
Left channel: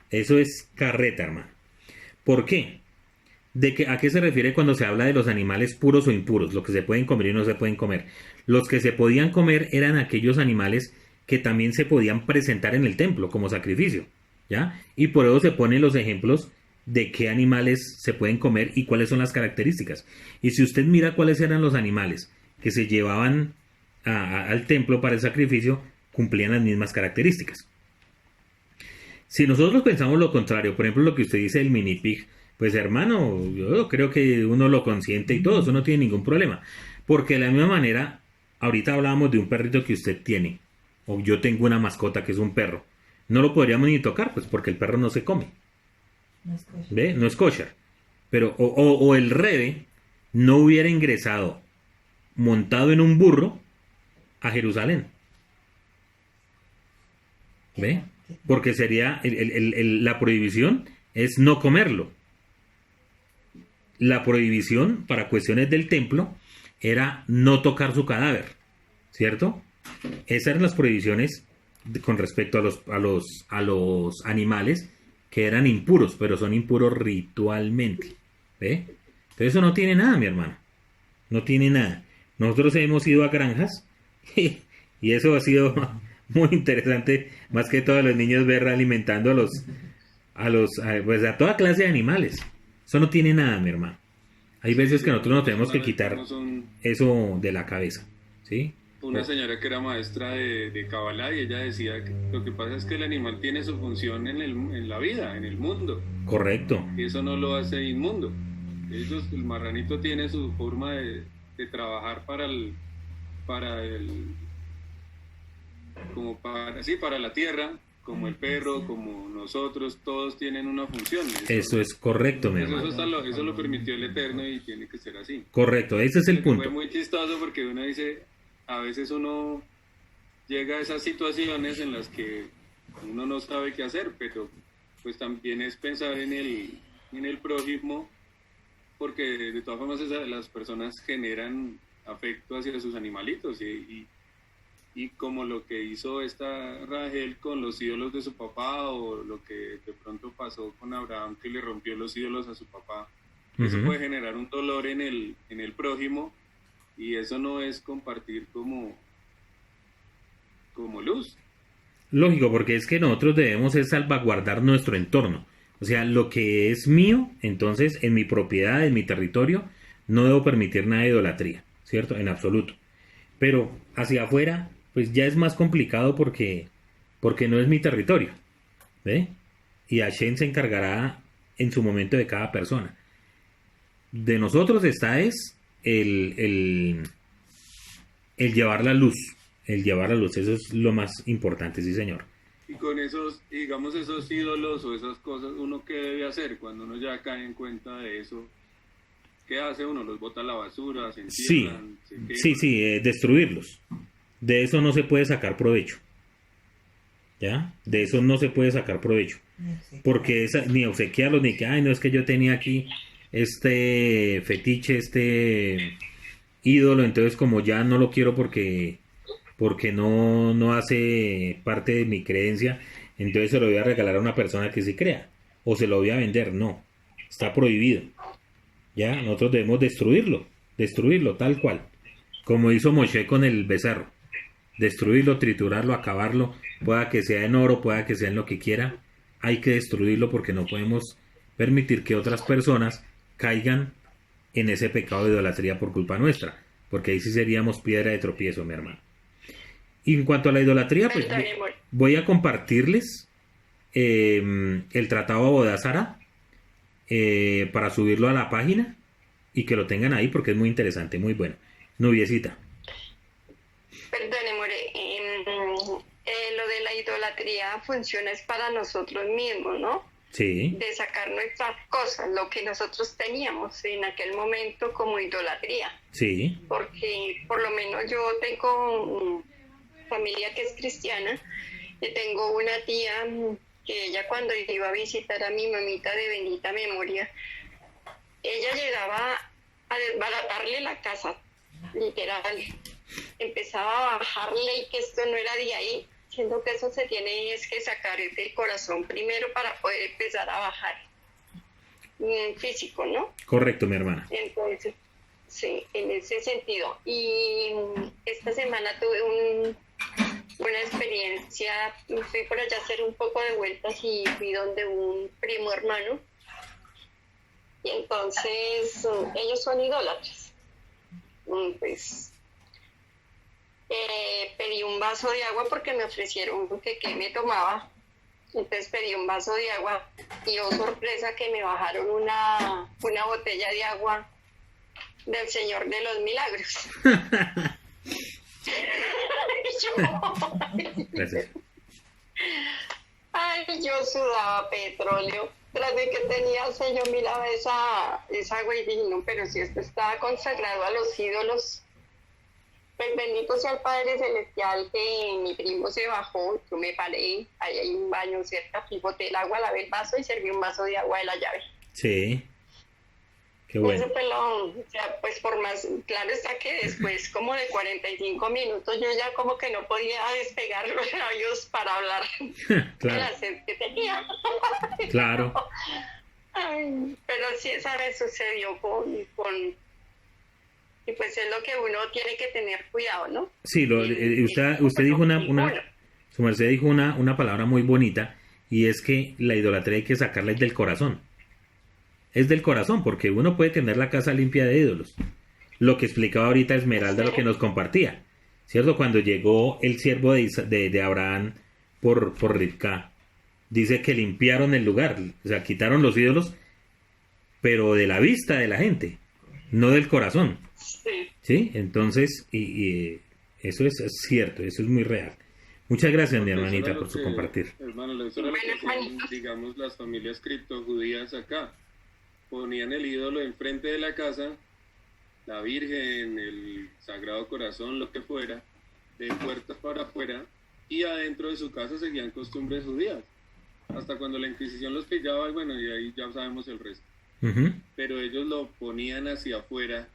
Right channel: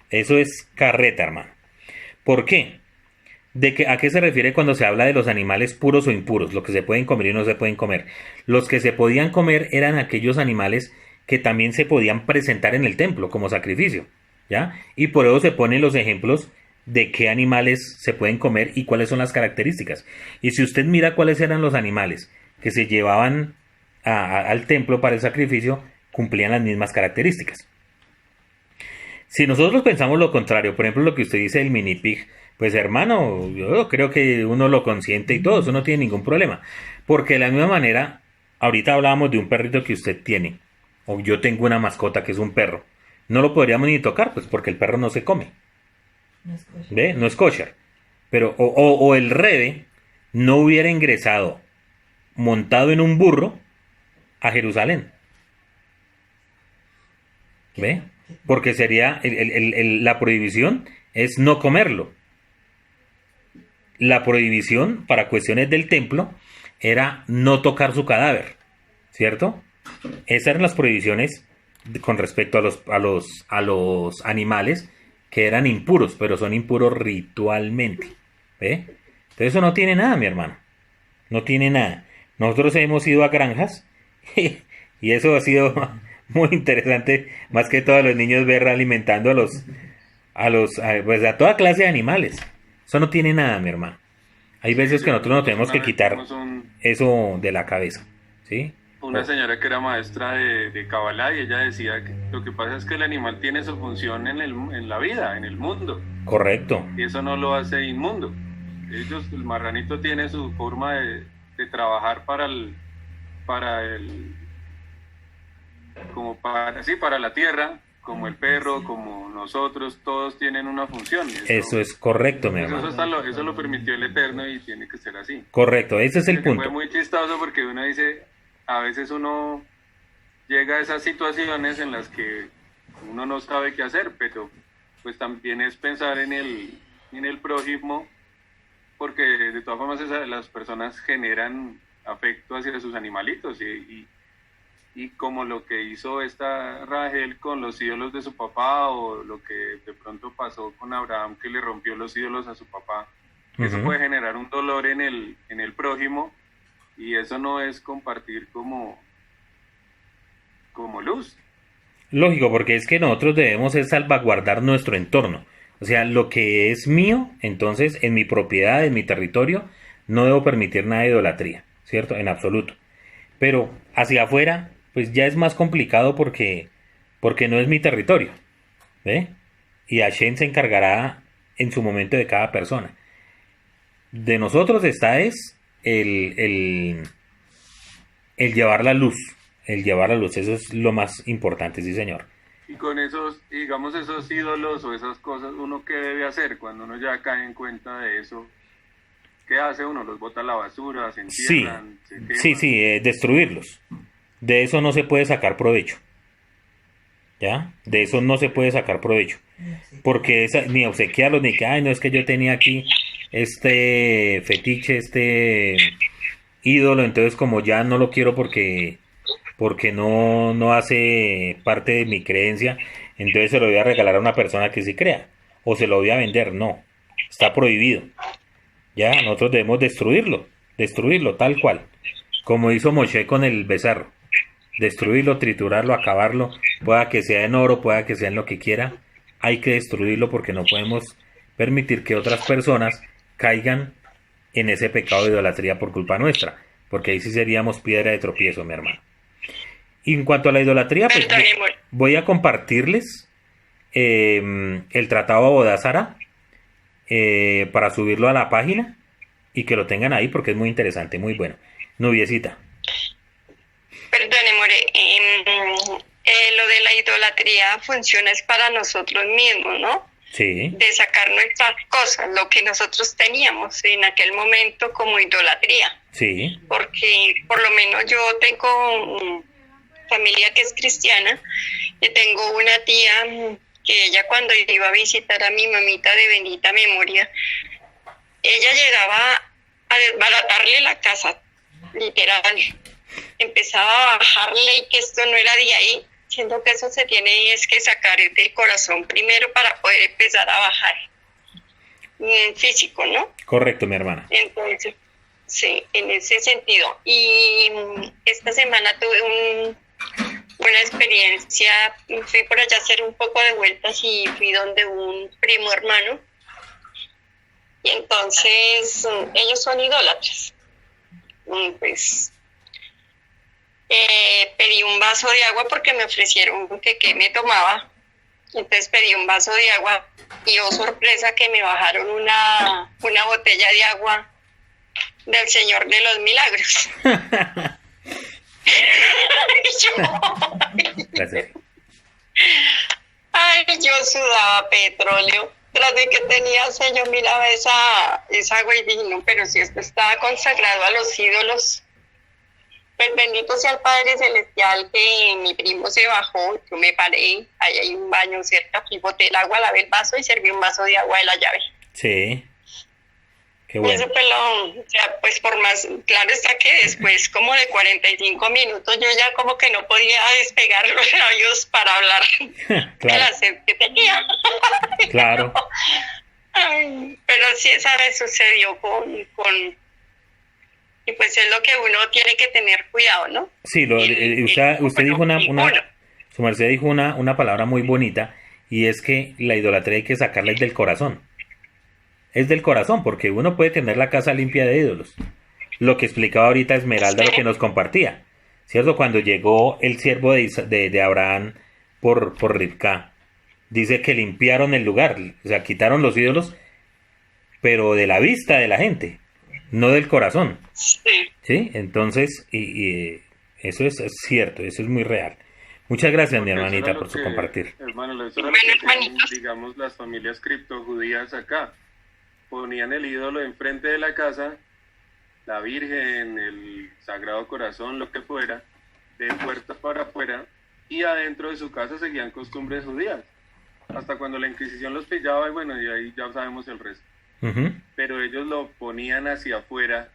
Eso es carreta, hermano. ¿Por qué? ¿A qué se refiere cuando se habla de los animales puros o impuros? Lo que se pueden comer y no se pueden comer. Los que se podían comer eran aquellos animales que también se podían presentar en el templo como sacrificio, ¿ya? Y por eso se ponen los ejemplos de qué animales se pueden comer y cuáles son las características. Y si usted mira cuáles eran los animales que se llevaban al templo para el sacrificio, cumplían las mismas características. Si nosotros pensamos lo contrario, por ejemplo lo que usted dice del mini pig, pues hermano, yo creo que uno lo consiente y todo, eso no tiene ningún problema. Porque de la misma manera, ahorita hablábamos de un perrito que usted tiene, o yo tengo una mascota que es un perro, no lo podríamos ni tocar, pues porque el perro no se come. No es kosher. ¿Ve? No es kosher. Pero, o el rebe no hubiera ingresado montado en un burro a Jerusalén. ¿Ve? Porque sería, la prohibición es no comerlo. La prohibición para cuestiones del templo era no tocar su cadáver. ¿cierto? Esas eran las prohibiciones con respecto a los animales que eran impuros, pero son impuros ritualmente. ¿Ve? Entonces eso no tiene nada, mi hermano. No tiene nada. Nosotros hemos ido a granjas y eso ha sido muy interesante, más que todos los niños ver alimentando pues a toda clase de animales. Eso no tiene nada, mi hermano. Hay veces que nosotros nos tenemos que quitar eso de la cabeza, ¿sí? Una señora que era maestra de Kabbalah y ella decía que lo que pasa es que el animal tiene su función en la vida, en el mundo. Correcto. Y eso no lo hace inmundo. El marranito tiene su forma de trabajar para la tierra, como el perro, como nosotros, todos tienen una función. Eso es correcto, mi hermano. Eso lo permitió el Eterno y tiene que ser así. Correcto, ese es el punto. Fue muy chistoso porque uno dice, a veces uno llega a esas situaciones en las que uno no sabe qué hacer, pero pues también es pensar en el prójimo, porque de todas formas las personas generan afecto hacia sus animalitos y como lo que hizo esta Rahel con los ídolos de su papá, o lo que de pronto pasó con Abraham, que le rompió los ídolos a su papá, eso puede generar un dolor en el prójimo, y eso no es compartir como luz. Lógico, porque es que nosotros debemos es salvaguardar nuestro entorno. O sea, lo que es mío, entonces, en mi propiedad, en mi territorio, no debo permitir nada de idolatría, ¿cierto? En absoluto. Pero hacia afuera, pues ya es más complicado porque no es mi territorio, ¿ve? Y Hashem se encargará en su momento de cada persona. De nosotros está el llevar la luz. El llevar la luz, eso es lo más importante, sí, señor. Y con esos ídolos o esas cosas, ¿uno qué debe hacer? Cuando uno ya cae en cuenta de eso, ¿qué hace uno? ¿Los bota a la basura? ¿Se entierran? Sí, destruirlos. De eso no se puede sacar provecho. ¿Ya? De eso no se puede sacar provecho. Porque ni obsequiarlos, ni que, ay, no, es que yo tenía aquí este fetiche, este ídolo, entonces como ya no lo quiero porque no hace parte de mi creencia, entonces se lo voy a regalar a una persona que sí crea, o se lo voy a vender. No, está prohibido. Ya, nosotros debemos destruirlo tal cual, como hizo Moshe con el becerro. Destruirlo, triturarlo, acabarlo, pueda que sea en oro, pueda que sea en lo que quiera, hay que destruirlo porque no podemos permitir que otras personas caigan en ese pecado de idolatría por culpa nuestra, porque ahí sí seríamos piedra de tropiezo, mi hermano. Y en cuanto a la idolatría, pues voy a compartirles el tratado Abodá Zará para subirlo a la página y que lo tengan ahí porque es muy interesante, muy bueno. Nubiecita. Perdone, More, lo de la idolatría funciona es para nosotros mismos, ¿no? Sí. De sacar nuestras cosas, lo que nosotros teníamos en aquel momento como idolatría. Sí. Porque por lo menos yo tengo familia que es cristiana y tengo una tía que ella cuando iba a visitar a mi mamita de bendita memoria, ella llegaba a desbaratarle la casa, literal. Empezaba a bajarle y que esto no era de ahí, siendo que eso se tiene es que sacar del corazón primero para poder empezar a bajar físico, ¿no? Correcto, mi hermana. Entonces, sí, en ese sentido. Y esta semana tuve una experiencia, fui por allá a hacer un poco de vueltas y fui donde un primo hermano. Y entonces ellos son idólatras. Pues pedí un vaso de agua porque me ofrecieron que me tomaba. Entonces pedí un vaso de agua y oh sorpresa que me bajaron una botella de agua del Señor de los Milagros. Gracias. Ay, yo sudaba petróleo. Tras de que tenía yo miraba esa agua y dije, no, pero si esto estaba consagrado a los ídolos, pues bendito sea el Padre Celestial que mi primo se bajó, yo me paré, ahí hay un baño cerca, y boté el agua, lavé el vaso y serví un vaso de agua de la llave. Sí. Qué bueno. Eso pues o sea, pues por más, claro está que después como de 45 minutos yo ya como que no podía despegar los labios para hablar de Claro, la sed que tenía. claro. Ay, pero sí, esa vez sucedió y pues es lo que uno tiene que tener cuidado, ¿no? Sí, usted dijo Bueno, y bueno, su merced dijo una palabra muy bonita, y es que la idolatría hay que sacarla del corazón. Es del corazón, porque uno puede tener la casa limpia de ídolos. Lo que explicaba ahorita Esmeralda, lo que nos compartía, ¿cierto? Cuando llegó el siervo de Abraham por Ribca, dice que limpiaron el lugar, o sea, quitaron los ídolos, pero de la vista de la gente, no del corazón. sí. ¿Sí? Entonces, eso es cierto, eso es muy real. Muchas gracias, mi Porque eso era hermanita, lo por su que, compartir. hermano, eso era lo Bueno, que hacían, hermanitos. digamos, las familias criptojudías acá. Ponían el ídolo enfrente de la casa, la Virgen, el Sagrado Corazón, lo que fuera, de puertas para afuera, y adentro de su casa seguían costumbres judías. Hasta cuando la Inquisición los pillaba, y bueno, y ahí ya sabemos el resto. Ujú, Pero ellos lo ponían hacia afuera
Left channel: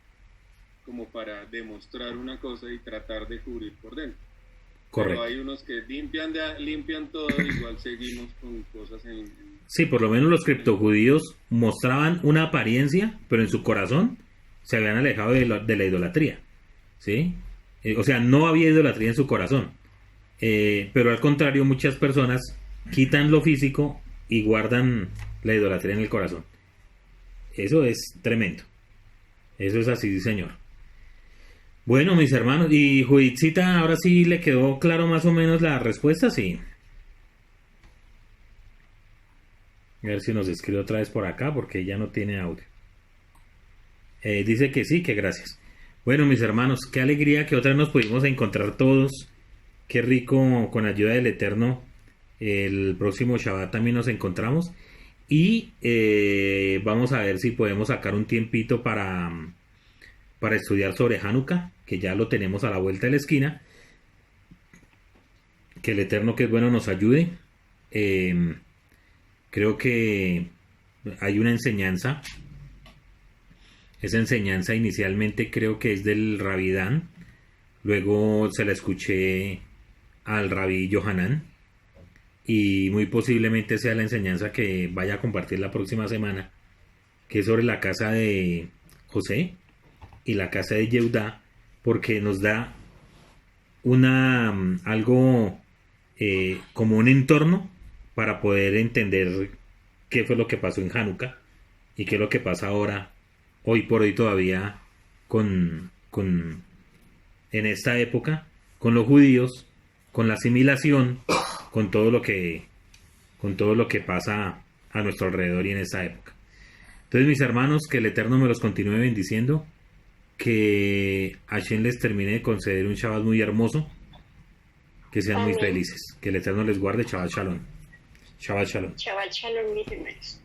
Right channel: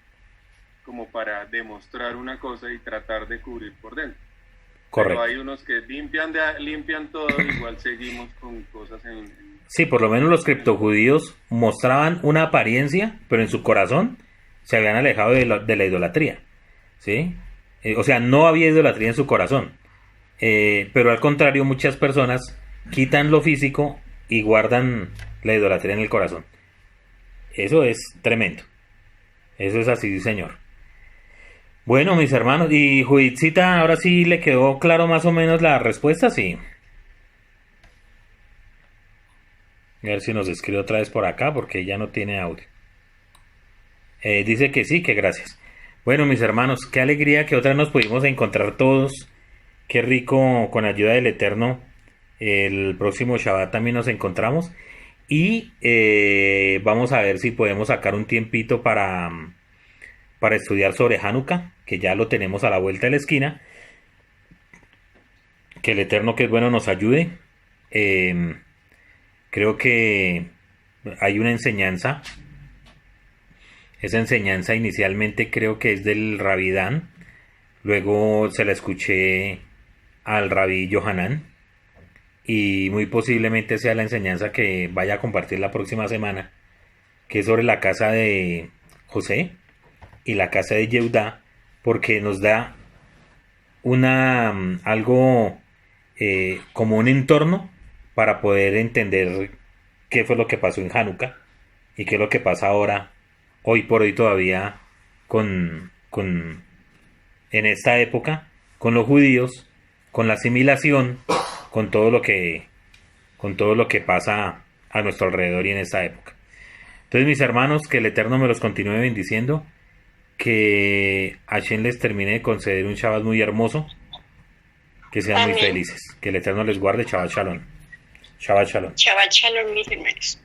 como para demostrar una cosa y tratar de cubrir por dentro. Pero correcto. hay unos que limpian todo, igual seguimos con cosas en Sí, por lo menos los criptojudíos mostraban una apariencia, pero en su corazón se habían alejado de la idolatría. ¿Sí? O sea, no había idolatría en su corazón. Pero al contrario, muchas personas quitan lo físico y guardan la idolatría en el corazón. Eso es tremendo. Eso es así, señor. Bueno, mis hermanos, y Judithcita, ahora sí le quedó claro más o menos la respuesta, sí. A ver si nos escribe otra vez por acá, porque ya no tiene audio. Dice que sí, que gracias. Bueno, mis hermanos, qué alegría que otra vez nos pudimos encontrar todos. Qué rico, con ayuda del Eterno. El próximo Shabbat también nos encontramos. Y vamos a ver si podemos sacar un tiempito para estudiar sobre Hanukkah, que ya lo tenemos a la vuelta de la esquina. Que el Eterno, que es bueno, nos ayude. Creo que hay una enseñanza. Esa enseñanza inicialmente creo que es del Rabí Dan. Luego se la escuché al Rabí Yohanan. Y muy posiblemente sea la enseñanza que vaya a compartir la próxima semana, que es sobre la casa de José y la casa de Yehudá, porque nos da algo como un entorno para poder entender qué fue lo que pasó en Hanukkah y qué es lo que pasa ahora, hoy por hoy todavía, en esta época, con los judíos, con la asimilación, con todo lo que pasa a nuestro alrededor y en esta época. Entonces, mis hermanos, que el Eterno me los continúe bendiciendo, que Hashem les termine de conceder un Shabbat muy hermoso, que sean muy Amén. felices, que el Eterno les guarde. Shabbat Shalom. Shabbat Shalom. Shabbat shalom, mis hermanos.